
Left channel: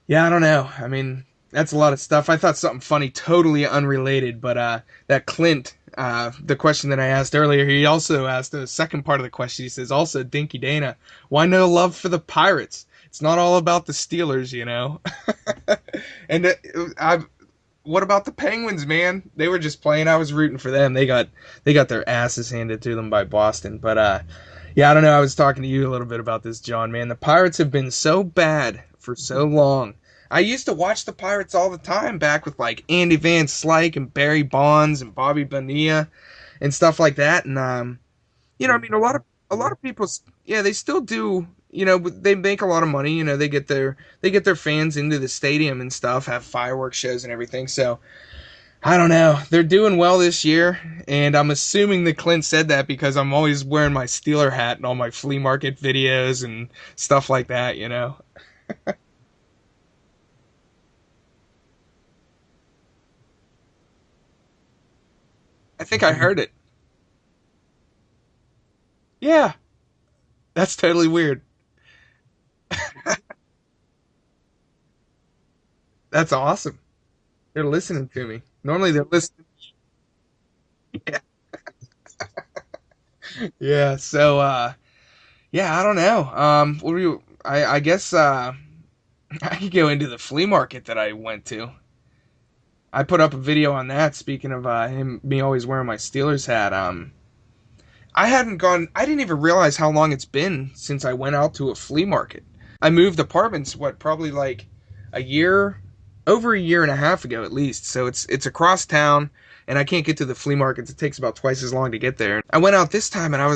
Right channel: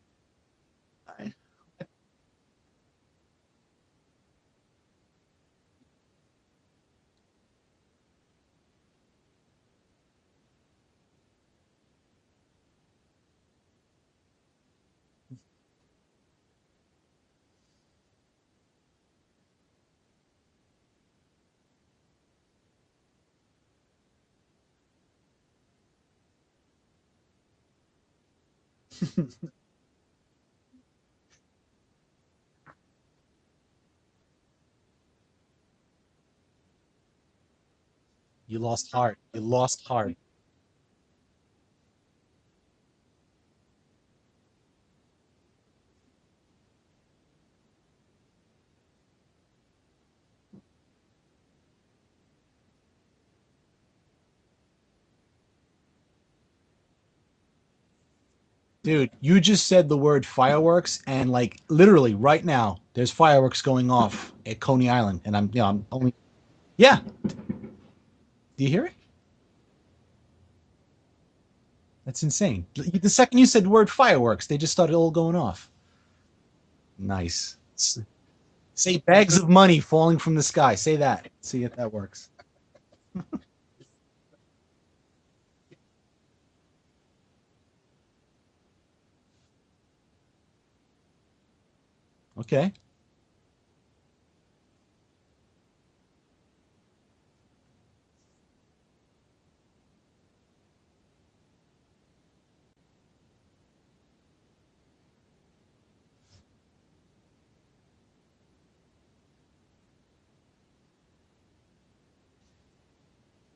yeah, I don't know. I mean, that's a lot of stuff. I thought something funny, totally unrelated, but that Clint, the question that I asked earlier, he also asked the second part of the question. He says, also, Dinky Dana, why no love for the Pirates? It's not all about the Steelers, you know. And what about the Penguins, man? They were just playing. I was rooting for them. They got their asses handed to them by Boston. But yeah, I don't know. I was talking to you a little bit about this, John. Man, the Pirates have been so bad for so long. I used to watch the Pirates all the time back with like Andy Van Slyke and Barry Bonds and Bobby Bonilla and stuff like that. And you know, I mean, a lot of people, yeah, they still do. You know, they make a lot of money. You know, they get their fans into the stadium and stuff, have fireworks shows and everything. So I don't know. They're doing well this year, and I'm assuming that Clint said that because I'm always wearing my Steeler hat in all my flea market videos and stuff like that. You know. Dude, you just said the word fireworks, and like literally right now, there's fireworks going off at Coney Island, and I think I heard it. Yeah. Do you hear it? Yeah. That's totally weird. That's insane. The second you said the word fireworks, they just started all going off. That's awesome. Nice. They're listening to me. Normally, they're bags of money falling from the sky. Say that. See if that works. Yeah. So, yeah, I don't know. What do you? I guess I could go into the flea market that I went to. Okay. I put up a video on that. Speaking of me always wearing my Steelers hat. I didn't even realize how long it's been since I went out to a flea market. I moved apartments, probably like over a year and a half ago at least. So it's across town, and I can't get to the flea markets. It takes about twice as long to get there. I went out this time, and I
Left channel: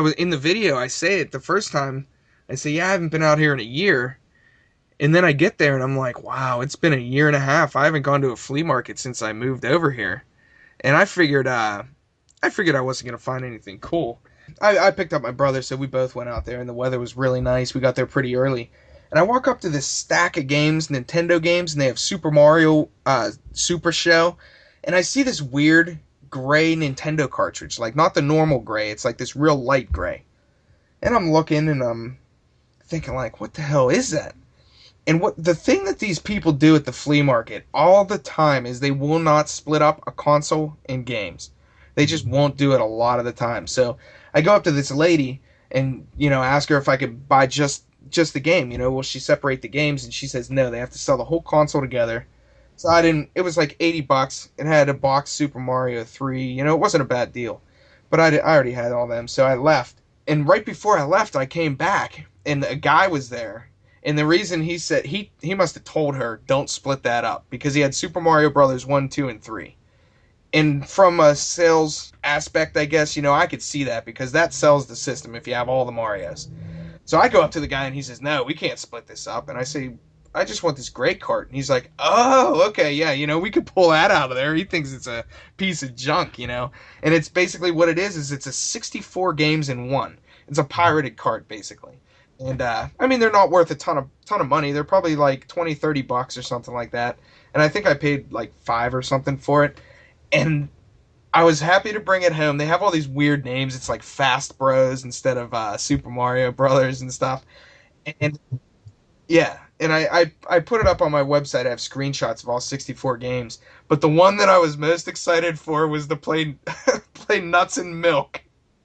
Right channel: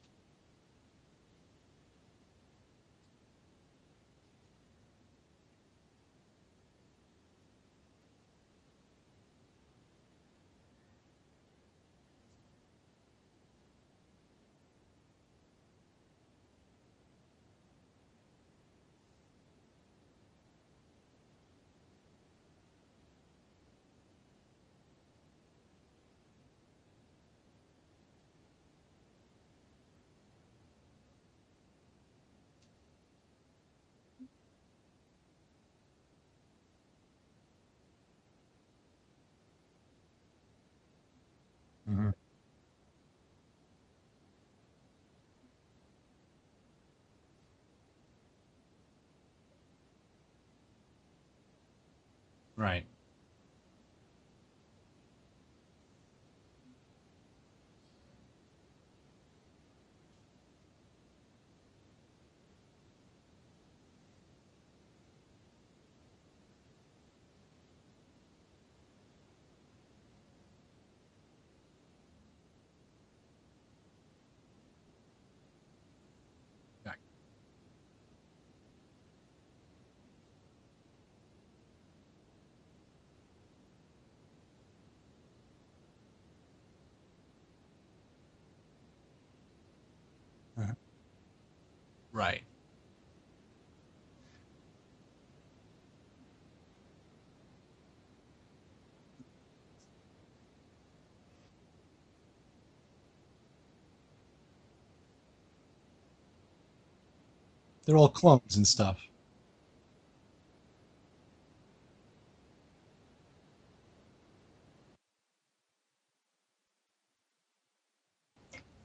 was in the video. I say it the first time. I say, yeah, I haven't been out here in a year. And then I get there, and I'm like, wow, it's been a year and a half. I haven't gone to a flea market since I moved over here. And I figured I wasn't going to find anything cool. I picked up my brother, so we both went out there, and the weather was really nice. We got there pretty early. And I walk up to this stack of games, Nintendo games, and they have Super Mario Super Show. And I see this weird gray Nintendo cartridge, like not the normal gray. It's like this real light gray. And I'm looking, and I'm thinking, like, what the hell is that? And the thing that these people do at the flea market all the time is they will not split up a console and games. They just won't do it a lot of the time. So I go up to this lady and, you know, ask her if I could buy just the game. You know, will she separate the games? And she says no, they have to sell the whole console together. Right. So it was like $80. It had a box Super Mario 3. You know, it wasn't a bad deal. But I already had all them, so I left. And right before I left, I came back, and a guy was there. And the reason he said, he must have told her, don't split that up, because he had Super Mario Brothers 1, 2, and 3. And from a sales aspect, I guess, you know, I could see that, because that sells the system if you have all the Marios. So I go up to the guy, and he says, no, we can't split this up. And I say, I just want this gray cart. And he's like, oh, okay, yeah, you know, we could pull that out of there. He thinks it's a piece of junk, you know. And it's basically what it is it's a 64 games in one. It's a pirated cart, basically. Right. And, I mean, they're not worth a ton of money. They're probably like $20, $30 or something like that. And I think I paid like $5 or something for it. And I was happy to bring it home. They have all these weird names. It's like Fast Bros instead of Super Mario Brothers and stuff. They're all clones and stuff. Yeah. And I put it up on my website. I have screenshots of all 64 games. But the one that I was most excited for was to play Nuts and Milk.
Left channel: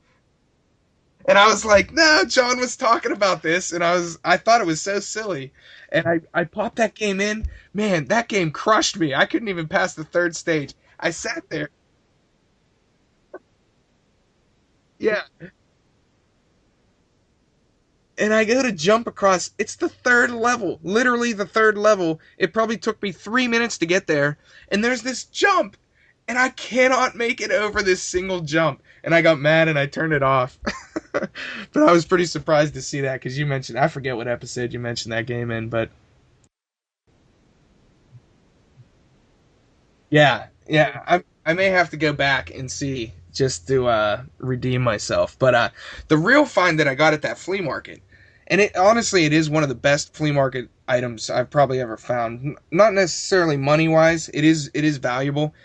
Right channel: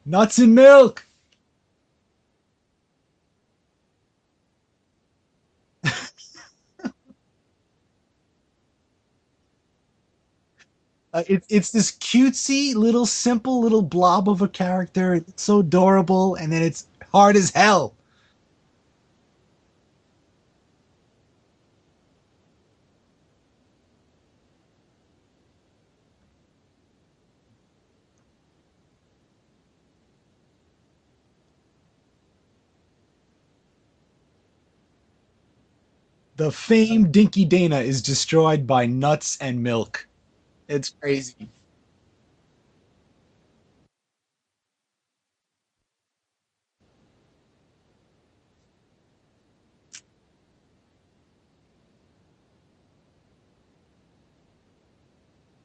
Nuts and Milk! And I was like, no, John was talking about this, and I thought it was so silly. And I popped that game in. Man, that game crushed me. I couldn't even pass the third stage. I sat there. It's this cutesy, little, simple little blob of a character. Yeah. It's so adorable, and then it's hard as hell. And I go to jump across. It's the third level. Literally the third level. It probably took me 3 minutes to get there. And there's this jump. And I cannot make it over this single jump. And I got mad and I turned it off. But I was pretty surprised to see that because you mentioned, I forget what episode you mentioned that game in, but... The famed Dinky Dana is destroyed by Nuts and Milk. Yeah. It's crazy. I may have to go back and see just to redeem myself. But the real find that I got at that flea market, And it honestly, it is one of the best flea market items I've probably ever found. Not necessarily money wise, it is valuable,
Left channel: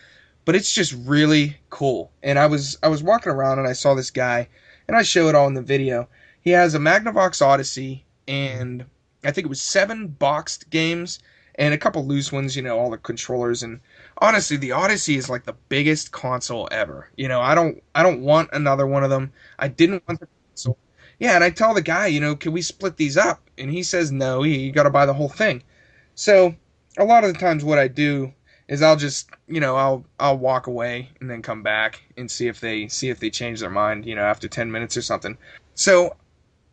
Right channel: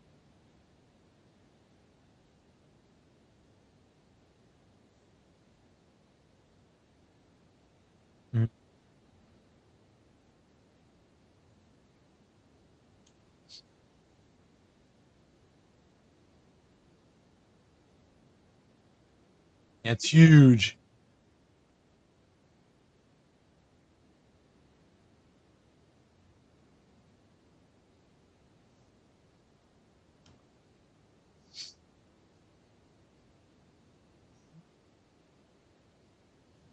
but it's just really cool. And I was walking around and I saw this guy, and I show it all in the video. He has a Magnavox Odyssey, and I think it was 7 boxed games and a couple loose ones, all the controllers. And honestly, the Odyssey is like the biggest console ever. I don't want another one of them. I didn't. It's huge. Yeah, and I tell the guy, can we split these up? And he says no, you got to buy the whole thing. So a lot of the times what I do is I'll just, I'll walk away and then come back and see if they change their mind, after 10 minutes or something. So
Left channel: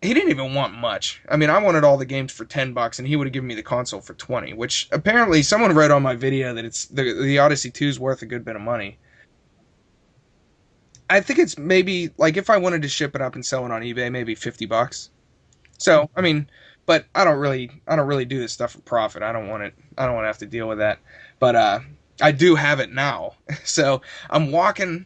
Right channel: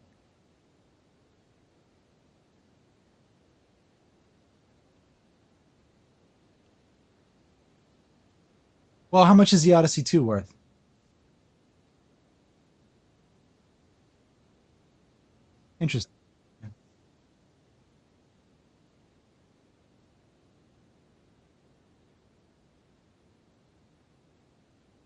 he didn't even want much. I mean, I wanted all the games for $10 and he would have given me the console for 20, which apparently someone wrote on my video that it's the Odyssey 2 is worth a good bit of money. Well, how much is the Odyssey 2 worth? I think it's maybe, like, if I wanted to ship it up and sell it on eBay, maybe $50. So, I mean, but I don't really do this stuff for profit. I don't want to have to deal with that. But I do have it now. So I'm walking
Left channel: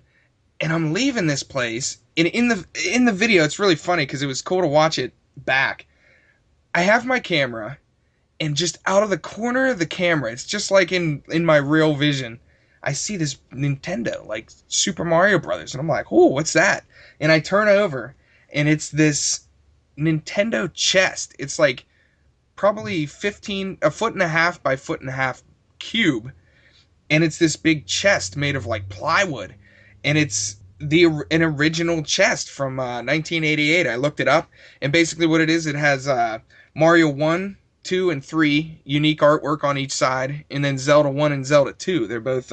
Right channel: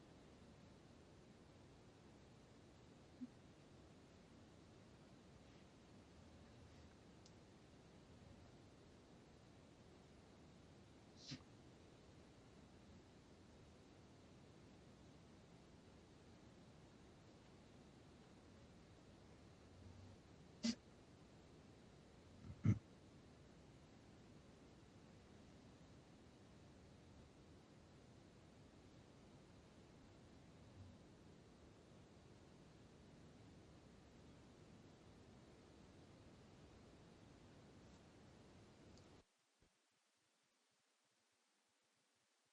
and I'm leaving this place. And in the video, it's really funny because it was cool to watch it back. I have my camera, and just out of the corner of the camera, it's just like in my real vision, I see this Nintendo, like Super Mario Brothers, and I'm like, oh, what's that? And I turn over, and it's this Nintendo chest. It's like probably 1.5 foot by 1.5 foot cube, and it's this big chest made of like plywood, and it's an original chest from 1988. I looked it up, and basically what it is, it has Mario 1, 2, and 3 unique artwork on each side, and then Zelda 1 and Zelda 2. They're both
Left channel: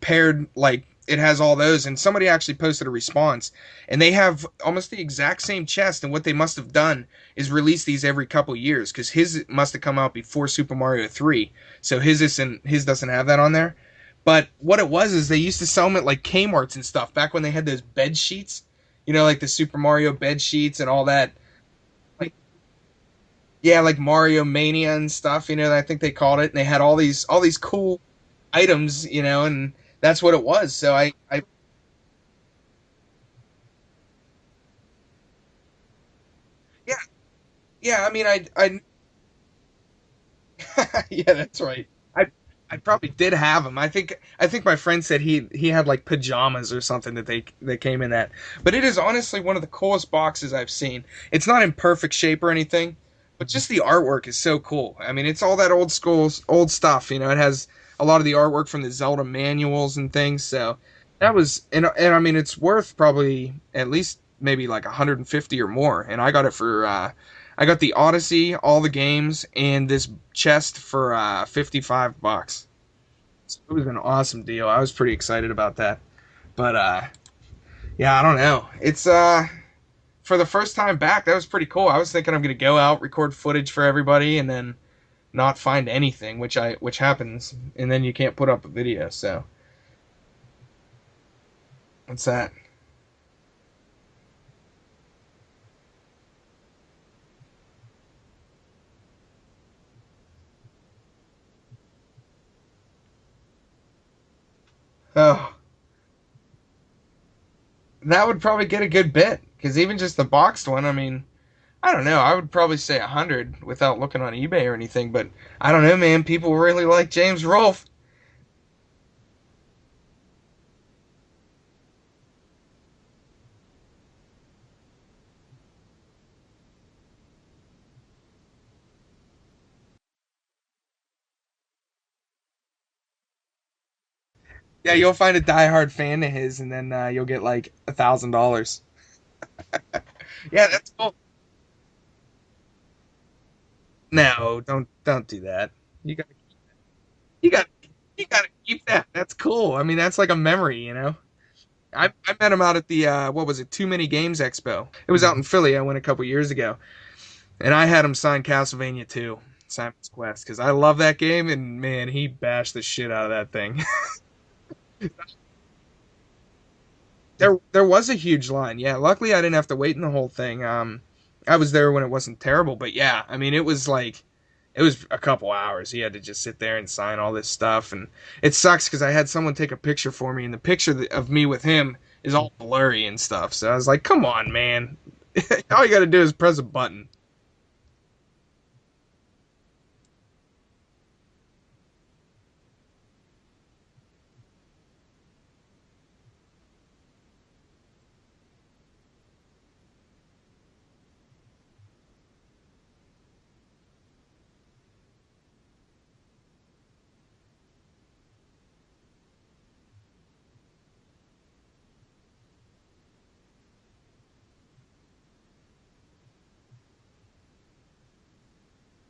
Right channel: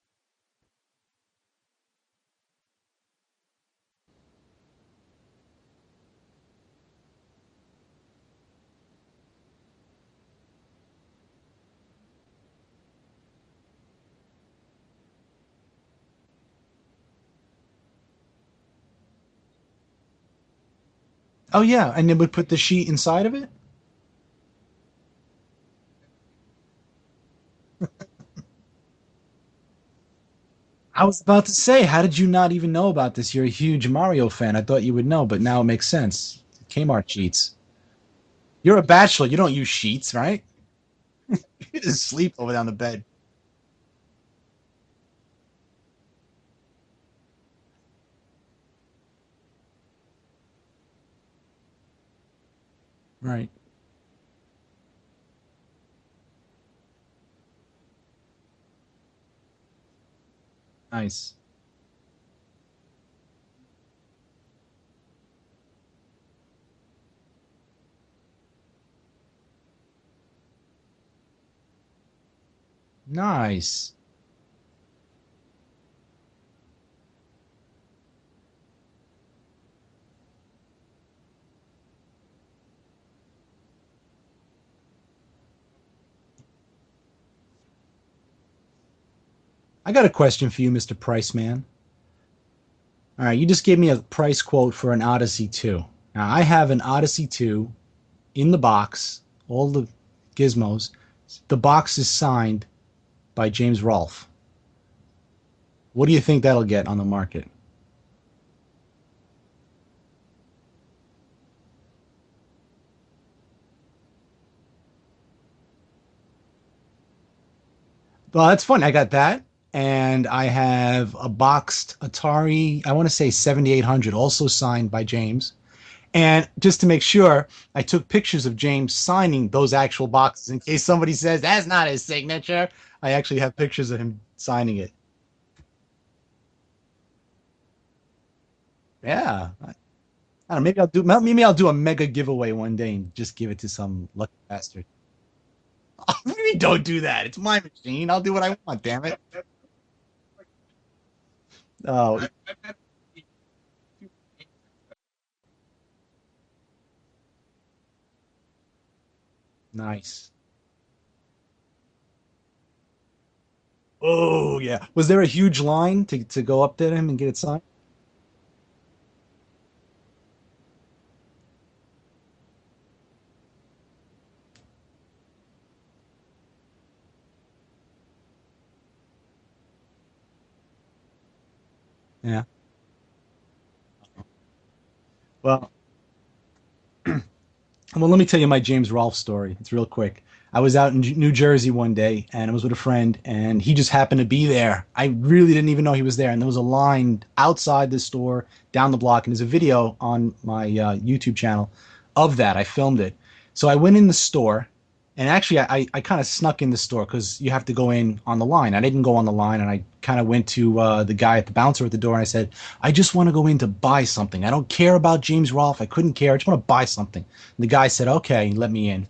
paired, like, it has all those. And somebody actually posted a response, and they have almost the exact same chest, and what they must have done is release these every couple years, because his must have come out before Super Mario 3, so his doesn't have that on there. But what it was is they used to sell them at like Kmart's and stuff back when they had those bed sheets, like the Super Mario bed sheets and all that. Oh yeah, and then we put the sheet inside of it? Yeah, like Mario Mania and stuff, I think they called it, and they had all these cool items, and that's what it was. So I was about to say, how did you not even know about this? You're a huge Mario fan. I thought you would know, but now it makes sense. Kmart sheets. Yeah, I mean, You're a bachelor. You don't use sheets, right? Yeah, that's right. You just sleep over down the bed. I probably did have them. I think my friend said he had like pajamas or something that came in that. But it is honestly one of the coolest boxes I've seen. It's not in perfect shape or anything, right, but just the artwork is so cool. I mean, it's all that old stuff. It has a lot of the artwork from the Zelda manuals and things. So nice. That was and I mean, it's worth probably at least maybe like 150 or more. And I got it for I got the Odyssey, all the games, and this chest for $55. Nice. It was an awesome deal. I was pretty excited about that. But yeah, I don't know. It's for the first time back, that was pretty cool. I was thinking I'm gonna go out, record footage for everybody, and then not find anything, which happens, and then you can't put up a video. So I got a question for you, Mr. Price Man. What's that? All right, you just gave me a price quote for an Odyssey 2. Now, I have an Odyssey 2 in the box, all the gizmos. The box is signed by James Rolfe. Oh. What do you think that'll get on the market? That would probably get a good bit, because even just the boxed one, I mean, I don't know. I would probably say 100 without looking on eBay or anything, but I don't know, man. People really like James Rolfe. Well, that's fun. I got that. And I have a boxed Atari, I want to say 7800, also signed by James. And just to make sure, I took pictures of James signing those actual boxes in case somebody says, that's not his signature. I actually have pictures of him signing it. Yeah, you'll find a diehard fan of his, and then you'll get like $1,000. Yeah. Yeah, maybe I'll do a mega giveaway one day and just give it to some... No, don't do that. Maybe don't do that. It's my machine. I'll do what I want, damn it. That's cool. I mean, that's like a memory, I met him out at the, what was it, Too Many Games Expo. It was out in Philly. I went a couple years ago. And I had him sign Castlevania 2. Simon's Quest, because I love that game, and man, he bashed the shit out of that thing. Oh, yeah. Was there a huge line to go up to him and get it signed? There was a huge line, yeah. Luckily, I didn't have to wait in the whole thing. I was there when it wasn't terrible, but yeah, I mean, it was a couple hours. He had to just sit there and sign all this stuff, and it sucks because I had someone take a picture for me, and the picture of me with him is all blurry and stuff. So I was like, "Come on, man! Well, all you got to do is press a button." Well, let me tell you my James Rolfe story. It's real quick. I was out in New Jersey one day, and I was with a friend, and he just happened to be there. I really didn't even know he was there, and there was a line outside the store down the block, and there's a video on my YouTube channel of that. I filmed it. So I went in the store, and actually I kind of snuck in the store because you have to go in on the line. I didn't go on the line, and I kind of went to the guy at the bouncer at the door, and I said, I just want to go in to buy something. I don't care about James Rolfe. I couldn't care. I just want to buy something. And the guy said, okay, let me in.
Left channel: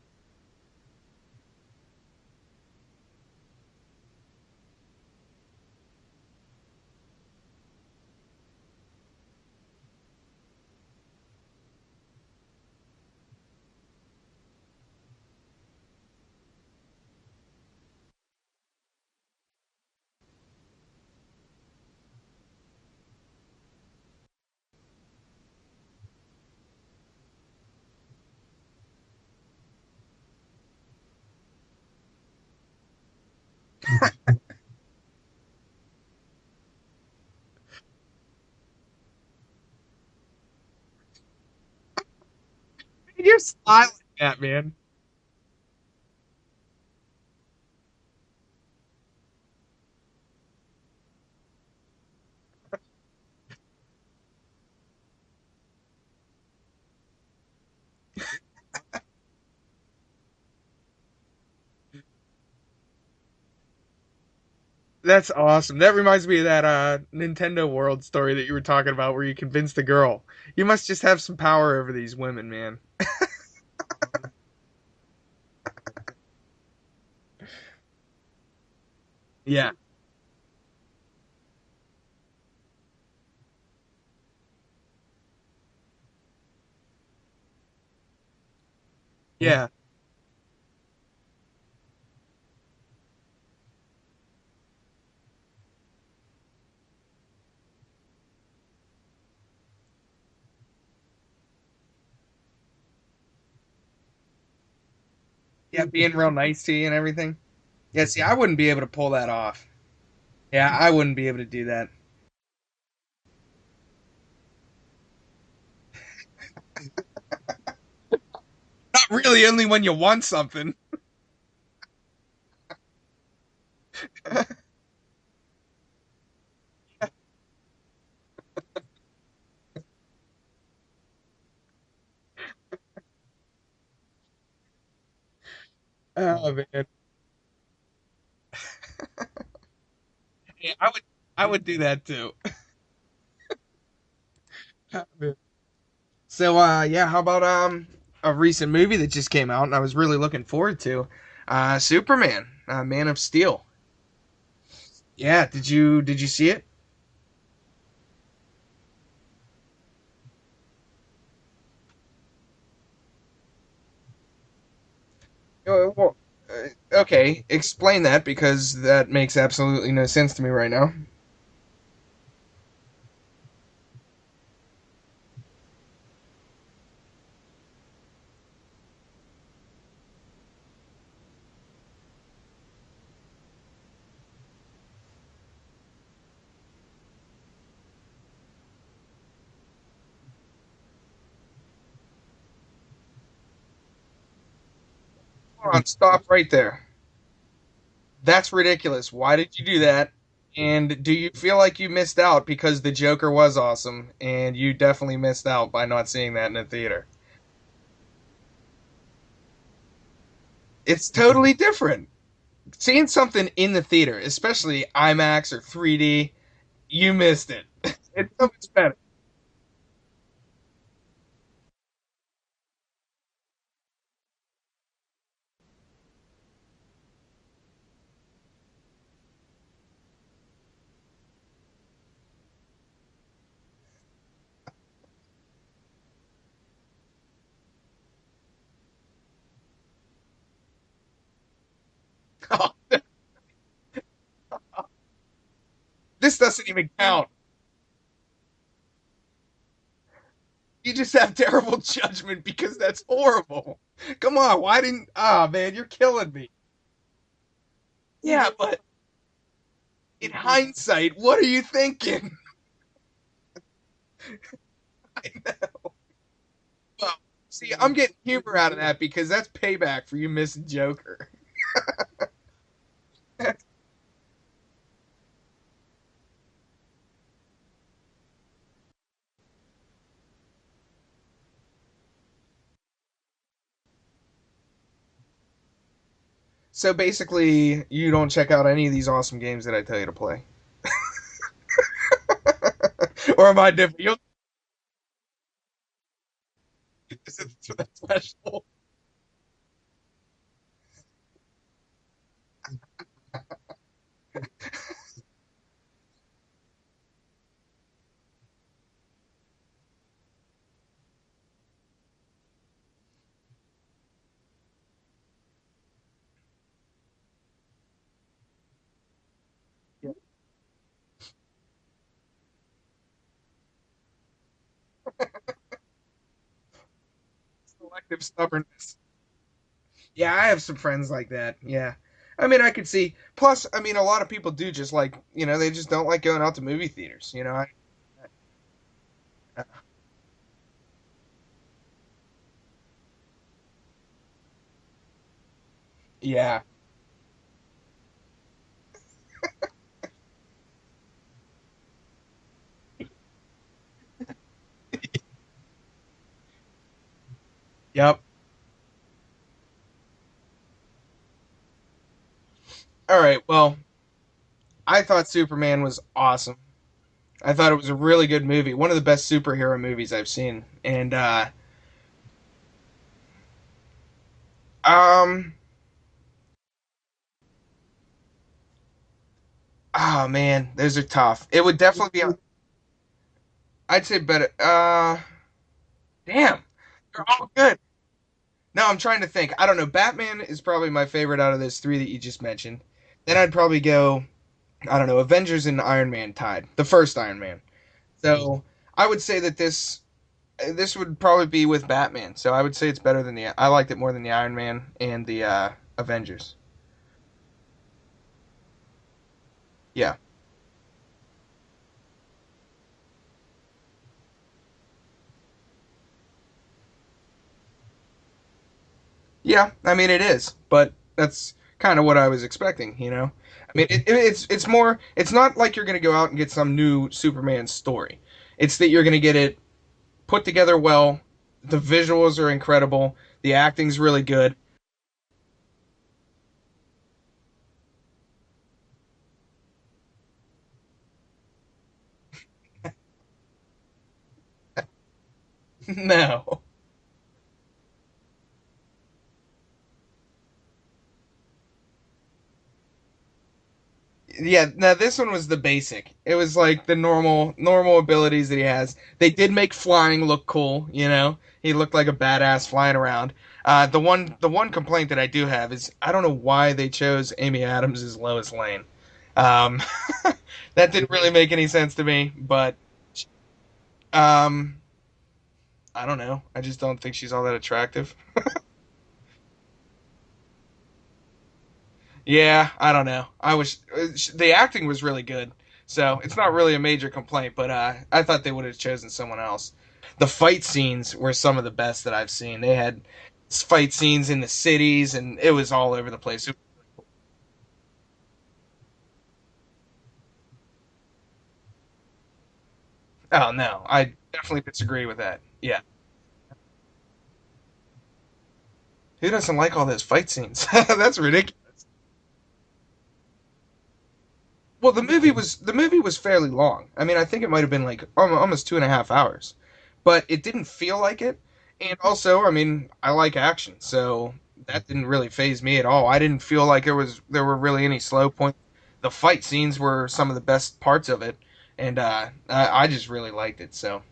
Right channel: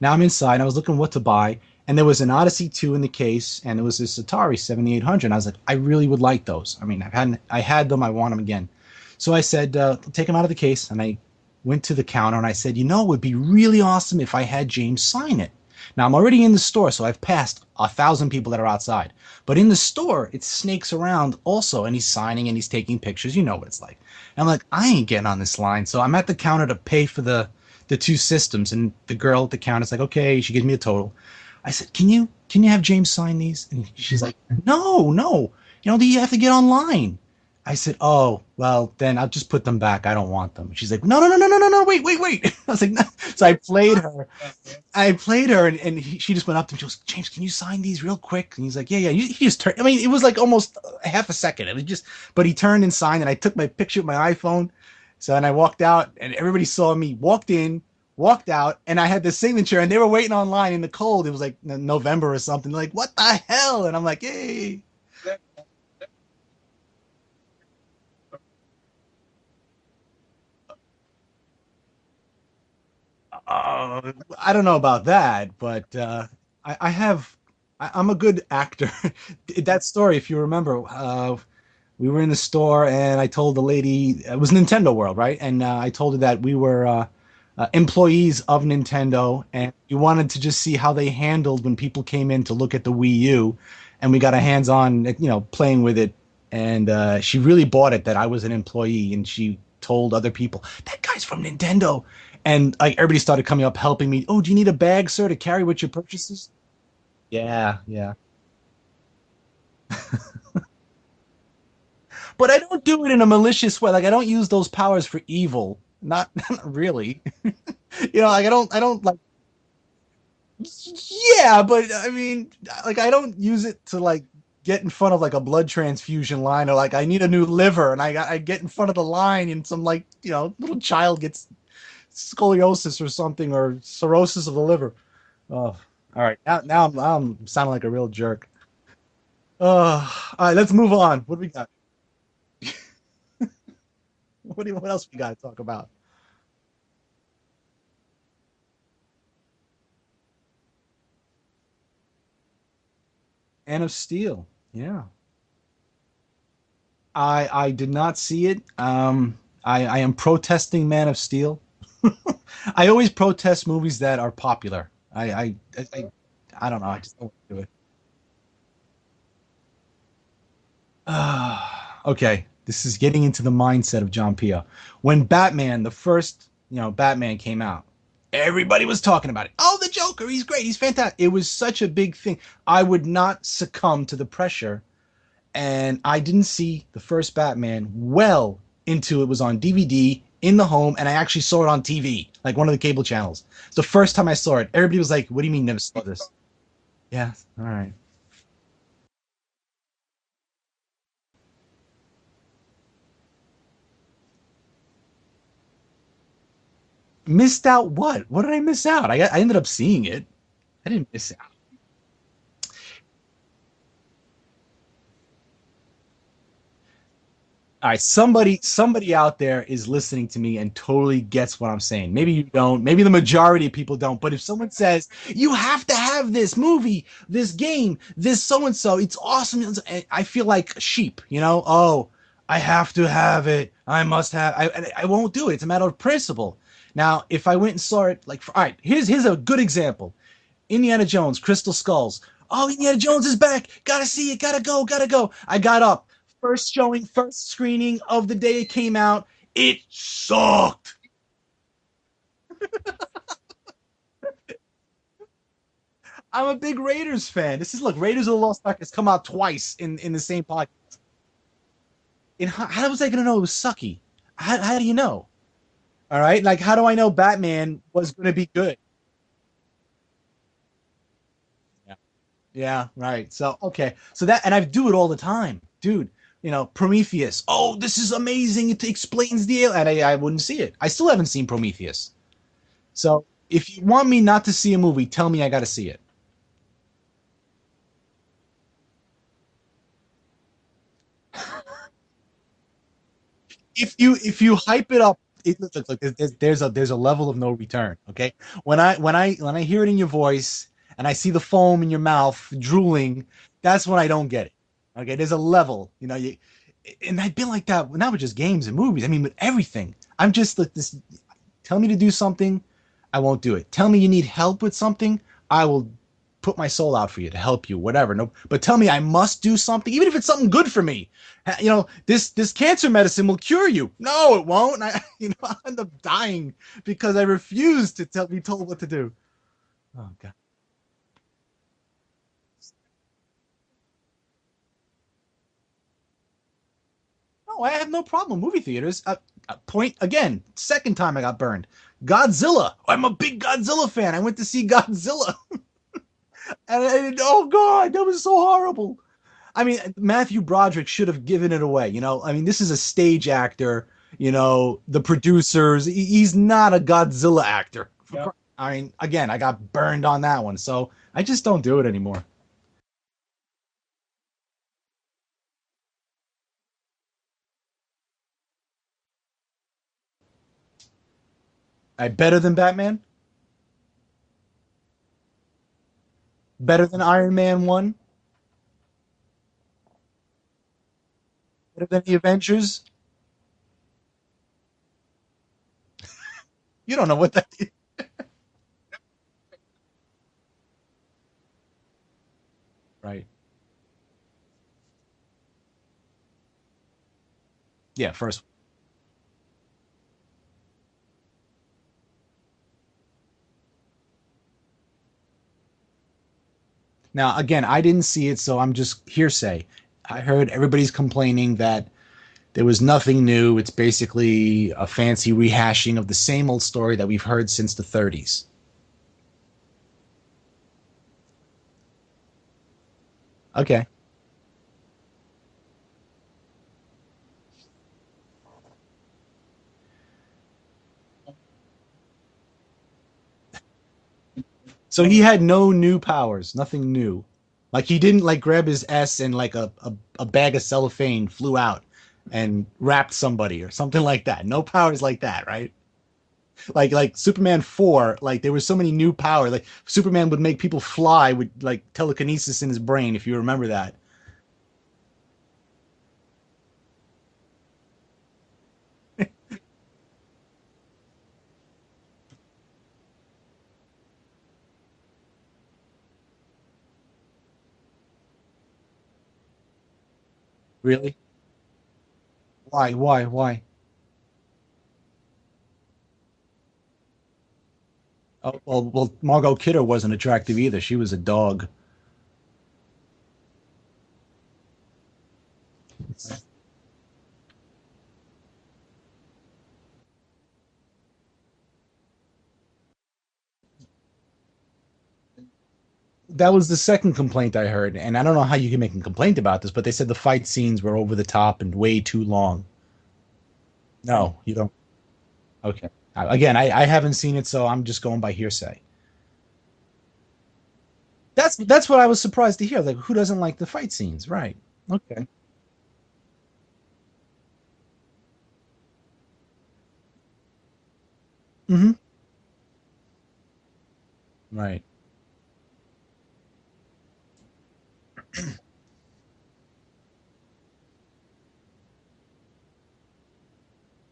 Now I'm inside. I was looking what to buy, and there was an Odyssey 2 in the case, and it was this Atari 7800. And I was like, I really would like those. I mean, I had them. I want them again. So I said, take them out of the case, and I went to the counter and I said, it would be really awesome if I had James sign it. Now I'm already in the store, so I've passed 1,000 people that are outside. But in the store, it snakes around also, and he's signing and he's taking pictures. You know what it's like. And I'm like, I ain't getting on this line. So I'm at the counter to pay for the two systems, and the girl at the counter is like, okay, she gives me a total. I said, can you have James sign these? And she's like, no, you have to get online. I said, oh, well, then I'll just put them back. I don't want them. She's like, no, wait. I was like, no. So I played her. Yeah, man. I played her, and she just went up to me. She goes, James, can you sign these real quick? And he's like, yeah. He just turned. I mean, it was like almost a half a second. It was just, but he turned and signed, and I took my picture with my iPhone. So, and I walked out, and everybody saw me, walked in, walked out, and I had the signature, and they were waiting online in the cold. It was like November or something. Like, what the hell? And I'm like, hey. That's awesome. That reminds me of that Nintendo World story that you were talking about where you convinced the girl. You must just have some power over these women, man. I don't know about that, but I'm a good actor. Yeah. That story, if you remember, we were in the store and I told the lady, it was Nintendo World, right? And I told her that we were employees of Nintendo. Yeah. And we wanted to just see how they handled when people came in to look at the Wii U. And we got our hands on, playing with it. And she really bought it that I was an employee. And she told other people, that guy's from Nintendo. And like everybody started coming up helping me. Oh, do you need a bag, sir, to carry what you're being real nice to you and everything? Yeah. Yeah, see, I wouldn't be able to pull that off. Yeah, I wouldn't be able to do that. But I don't do it in a malicious way. Like I don't use those powers for evil. Not really. Like I don't Not like, really, only when you want something. Yeah, but I mean, like I don't use it to like get in front of like a blood transfusion line, or like I need a new liver and I get in front of the line and some like, little child gets scoliosis or something, or cirrhosis of the liver. Oh, all right. Now I'm sounding like a real jerk. All right, let's move on. I would do that too. What else we got to talk about? So, how about a recent movie that just came out and I was really looking forward to? Superman, Man of Steel. Man of Steel. Yeah. Yeah. Did you see it? I did not see it. I am protesting Man of Steel. I always protest movies that are popular. I don't know. Okay, explain that, because that makes absolutely no sense to me right now. Okay, this is getting into the mindset of John Pio. When Batman, the first, Batman came out, everybody was talking about it. Oh, the Joker, he's great, he's fantastic. It was such a big thing. I would not succumb to the pressure, and I didn't see the first Batman well into it was on DVD in the home, and I actually saw it on TV, like one of the cable channels. It's the first time I saw it. Everybody was like, what do you mean? Stop right there. Yeah, all right. That's ridiculous. Why did you do that? And do you feel like you missed out because the Joker was awesome, and you definitely missed out by not seeing that in the theater? Missed out what? What did I miss out? I ended up seeing it. It's totally different. Seeing something in the theater, especially IMAX or 3D, you missed it. All right, somebody out there is listening to me and totally gets what I'm saying. Maybe you don't. Maybe the majority of people don't. But if someone says, you have to have this movie, this game, this so-and-so, it's awesome. I feel like sheep, Oh, I have to have it. I must have. I won't do it. It's a matter of principle. Now, if I went and saw it, all right, here's a good example. Indiana Jones, Crystal Skulls. Oh, Indiana Jones is back. Gotta see it. Gotta go. I got up. This doesn't even count. First screening of the day it came out. It sucked. You just have terrible judgment because that's horrible. Come on, why didn't? Man, you're killing me. I'm a big Raiders fan. Look, Raiders of the Lost Ark has come out twice in the same. In hindsight, what are you thinking? How was I gonna know it was sucky? How do you know? All right, like how do I know Batman See, I'm was getting going to be humor out of good? that because that's payback for you missing Joker. Yeah, right. So okay, so that and I do it all the time, dude. You know, Prometheus. Oh, this is amazing. It explains the and I wouldn't see it. I still haven't seen Prometheus. So if you want me not to see a movie, tell me I got to see it. So basically, you don't check out any of these awesome games that I tell you to play. Or am I different? If you hype it up, look, there's a level of no return. Okay, when I hear it in your voice and I see the foam in your mouth drooling, that's when I don't get it. Okay, there's a level, you know. And I've been like that not with just games and movies. I mean, with everything. I'm just like this. Tell me to do something, I won't do it. Tell me you need help with something, I will put my soul out for you to help you, whatever. No, but tell me I must do something, even if it's something good for me. You know, this cancer medicine will cure you. No, it won't. And I end up dying because I refuse to be told what to do. Oh, Yeah, I have some friends like that. Yeah. I mean, I could see. Plus, I mean, a lot of people do just like, they just don't like going out to movie theaters. no, I have no problem movie theaters. Point again, second time I got burned. Godzilla. I'm a big Godzilla fan. I went to see Godzilla. Yeah. And oh god, that was so horrible. I mean, Matthew Broderick should have given it away. You know, I mean, this is a stage actor. You know, the producers. He's not a Godzilla actor. Yep. I mean, again, I got burned on that one, so I just don't do it anymore. All right. Well, I thought Superman was awesome. I thought it was a really good movie. One of the best superhero movies I've seen. And Better than Batman? um Better than Iron Man 1? oh man, those are tough. It would Better than definitely the Avengers? I'd say better. Damn. You don't know what Oh, good. No, I'm trying to think. I don't know. Batman is probably my favorite out of those three that you just mentioned. Right. Then I'd probably go, I don't know, Avengers and Iron Man tied. The first Iron Man. Yeah, first. So I would say that this would probably be with Batman. So I would say it's better than I liked it more than the Iron Man and the Avengers. Now, again, I didn't see it, so I'm just hearsay. Yeah. I heard everybody's complaining that there was nothing new. It's basically a fancy rehashing of the same old story that we've heard since the 30s. Yeah, I mean it is, but that's kind of what I was expecting, Okay. I mean, it's more. It's not like you're gonna go out and get some new Superman story. It's that you're gonna get it put together well. The visuals are incredible. The acting's really good. So he had no new powers, nothing new. Like he didn't like grab his S and like a bag of cellophane flew out and wrapped somebody or something like that. No powers like that, right? No. Like Superman 4, like there were so many new powers. Like Superman would make people fly with like telekinesis in his brain, if you remember that. Yeah. Now this one was the basic. It was like the normal abilities that he has. They did make flying look cool. He looked like a badass flying around. The one complaint that I do have is I don't know why they chose Amy Adams as Lois Lane. That Really? didn't really make any sense to me, but Why? I don't know. I just don't think she's all that attractive. Well, Margot Kidder wasn't attractive either. She was a dog. Yeah, I don't know. The acting was really good, so it's not really a major complaint. But I thought they would have chosen someone else. The fight scenes were some of the best that I've seen. They had fight scenes in the cities, and it was all over the place. That was the second complaint I heard, and I don't know how you can make a complaint about this, but they said the fight scenes were over the top and way too long. Oh no, I No, you definitely don't. disagree with that. Yeah, Okay. Again, I haven't seen it, so I'm just going by hearsay. who doesn't like all those fight scenes? That's ridiculous. That's what I was surprised to hear. Like, who doesn't like the fight scenes, right? Well, the movie was fairly long. I mean, I think it might have been like almost 2.5 hours, but it didn't feel like it. Mhm. And also, I mean, I like action, so Right. that didn't really faze me at all. I didn't feel like there were really any slow points. The fight scenes were some of the best parts of it, and I just really liked it. So,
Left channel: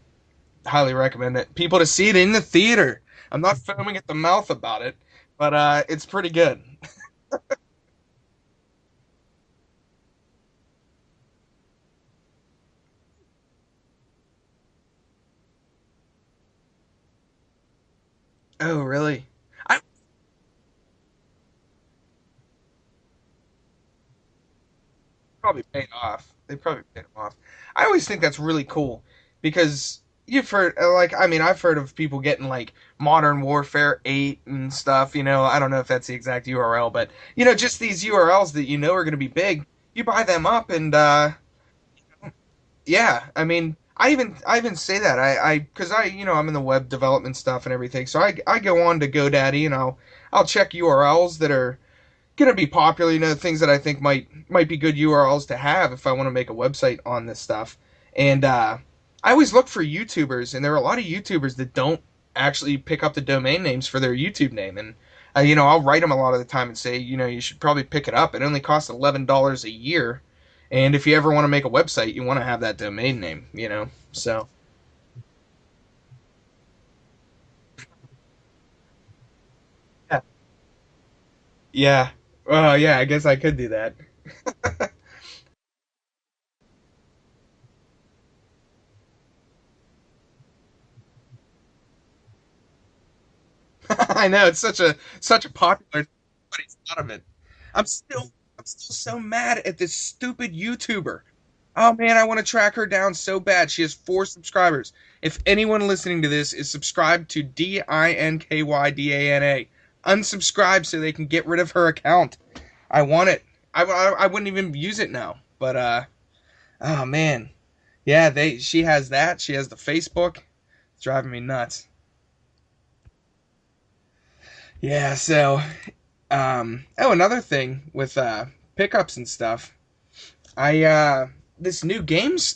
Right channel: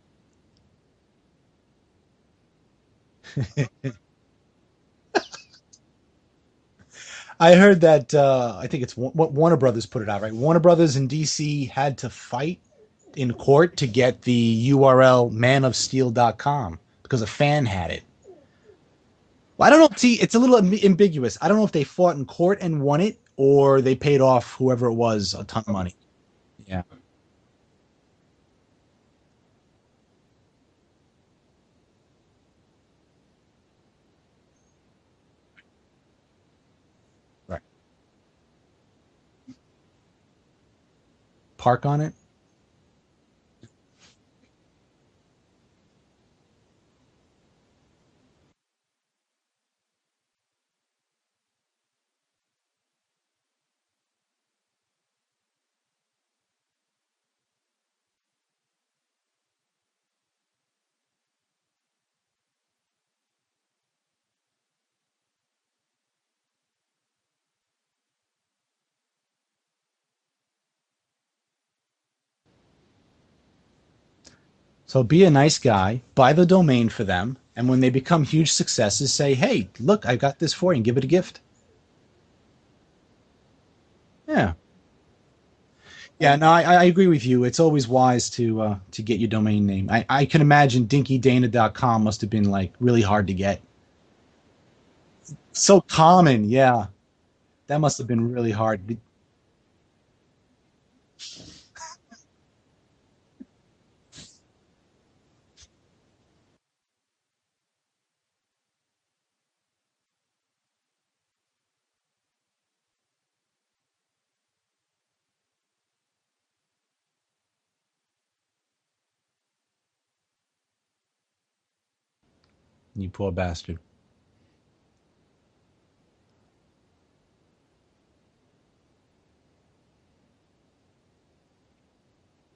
highly recommend it. People to see it in the theater. I'm not foaming at the mouth about it, but it's pretty good. I heard that I think it's Warner Brothers put it out, right? Warner Brothers and DC had to fight in court to get the URL manofsteel.com because a fan had it. Oh, really? Well, I don't know. See, it's a little ambiguous. I don't know if they fought in court and won it or they paid off whoever it was a ton of Probably money. paid off. They probably paid off. I always think that's really cool because you've heard, like, I mean, I've heard of people getting, like, Modern Warfare 8 and stuff, I don't know if that's the exact URL, but, just these URLs that are going to be big, you buy them up and, Park on it. yeah, I mean, I even say that, because I'm in the web development stuff and everything, so I go on to GoDaddy and I'll check URLs that are going to be popular, things that I think might be good URLs to have if I want to make a website on this stuff. And I always look for YouTubers, and there are a lot of YouTubers that don't actually pick up the domain names for their YouTube name. And I'll write them a lot of the time and say, you should probably pick it up. It only costs $11 a year, and if you ever want to make a website, you want to have that domain name. So So be a nice guy, buy the domain for them, and when they become huge successes, say, "Hey, look, I got this for you," and give it a gift. yeah, well, yeah, I guess I could do that. Yeah. Yeah, no, I agree with you. It's always wise to get your domain name. I can imagine DinkyDana.com must have been like really hard to get. I know, it's such a So popular common, yeah. lot of it. That must have been really hard. So mad at this stupid YouTuber. Oh man, I want to track her down so bad. She has 4 subscribers. If anyone listening to this is subscribed to DinkyDana, unsubscribe so they can get rid of her account. I want it. I wouldn't even use it now. But oh man, yeah, she has that. She has the Facebook. It's driving me nuts. You poor bastard. Yeah. So, another thing with pickups and stuff. This new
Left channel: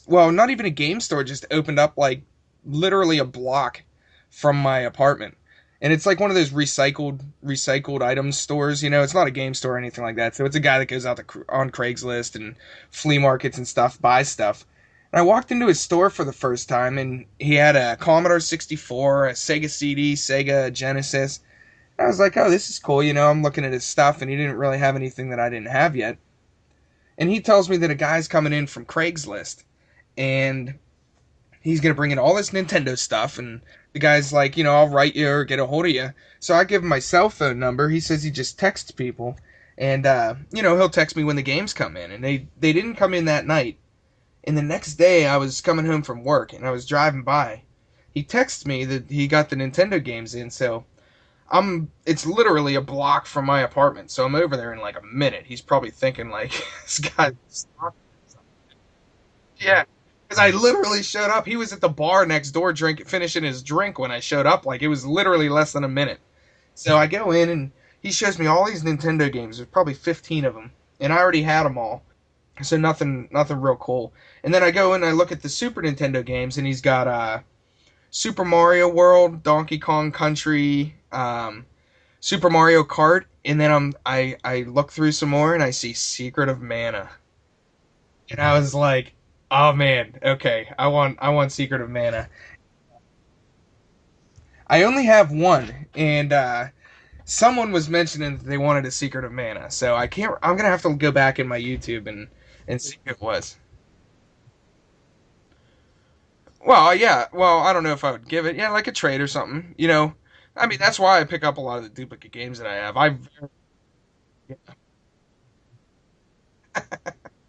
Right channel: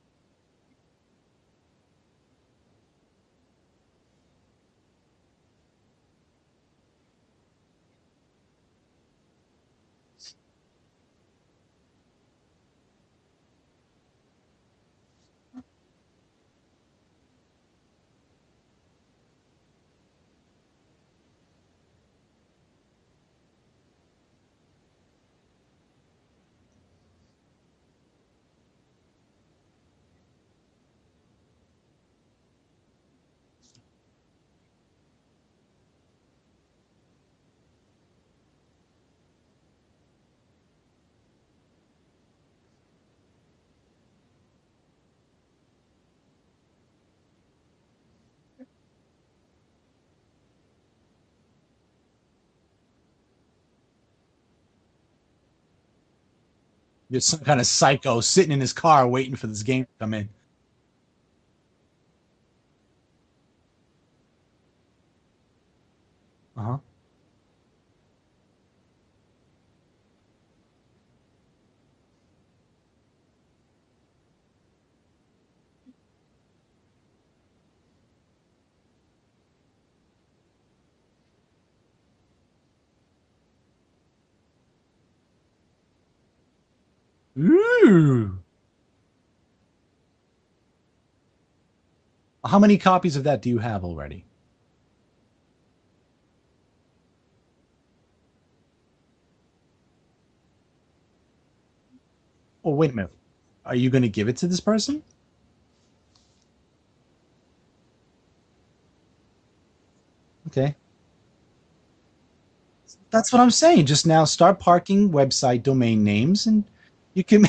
well, not even a game store, just opened up like literally a block from my apartment. And it's like one of those recycled items stores, It's not a game store or anything like that. So it's a guy that goes out on Craigslist and flea markets and stuff, buys stuff. And I walked into his store for the first time, and he had a Commodore 64, a Sega CD, Sega Genesis. And I was like, oh, this is cool, I'm looking at his stuff, and he didn't really have anything that I didn't have yet. And he tells me that a guy's coming in from Craigslist, and he's going to bring in all this Nintendo stuff, and the guy's like, I'll write you or get a hold of you. So I give him my cell phone number. He says he just texts people, and, he'll text me when the games come in. And they didn't come in that night. And the next day, I was coming home from work, and I was driving by. He texted me that he got the Nintendo games in, so it's literally a block from my apartment, so I'm over there in like a minute. He's probably thinking like, You're some kind of psycho sitting in his car waiting for this game to come in. Because I literally showed up. He was at the bar next door finishing his drink when I showed up. Like, it was literally less than a minute. Uh-huh. So I go in, and he shows me all these Nintendo games. There's probably 15 of them, and I already had them all. So nothing real cool. And then I go in and I look at the Super Nintendo games, and he's got Super Mario World, Donkey Kong Country, Super Mario Kart, and then I look through some more and I see Secret of Mana. Ooh. And I was like, oh man, okay, I want Secret of Mana. How many copies of that do you have already? I only have one, and someone was mentioning that they wanted a Secret of Mana, so I'm gonna have to go back in my YouTube and Wait see a minute. if it was. Are you gonna give it to this person? Well, yeah. Well, I don't know if I would give it. Yeah, like a trade or something. Okay. I mean, that's why I pick up a lot of the duplicate games that I have. That's what I'm saying. Just now, start parking website domain names, and you can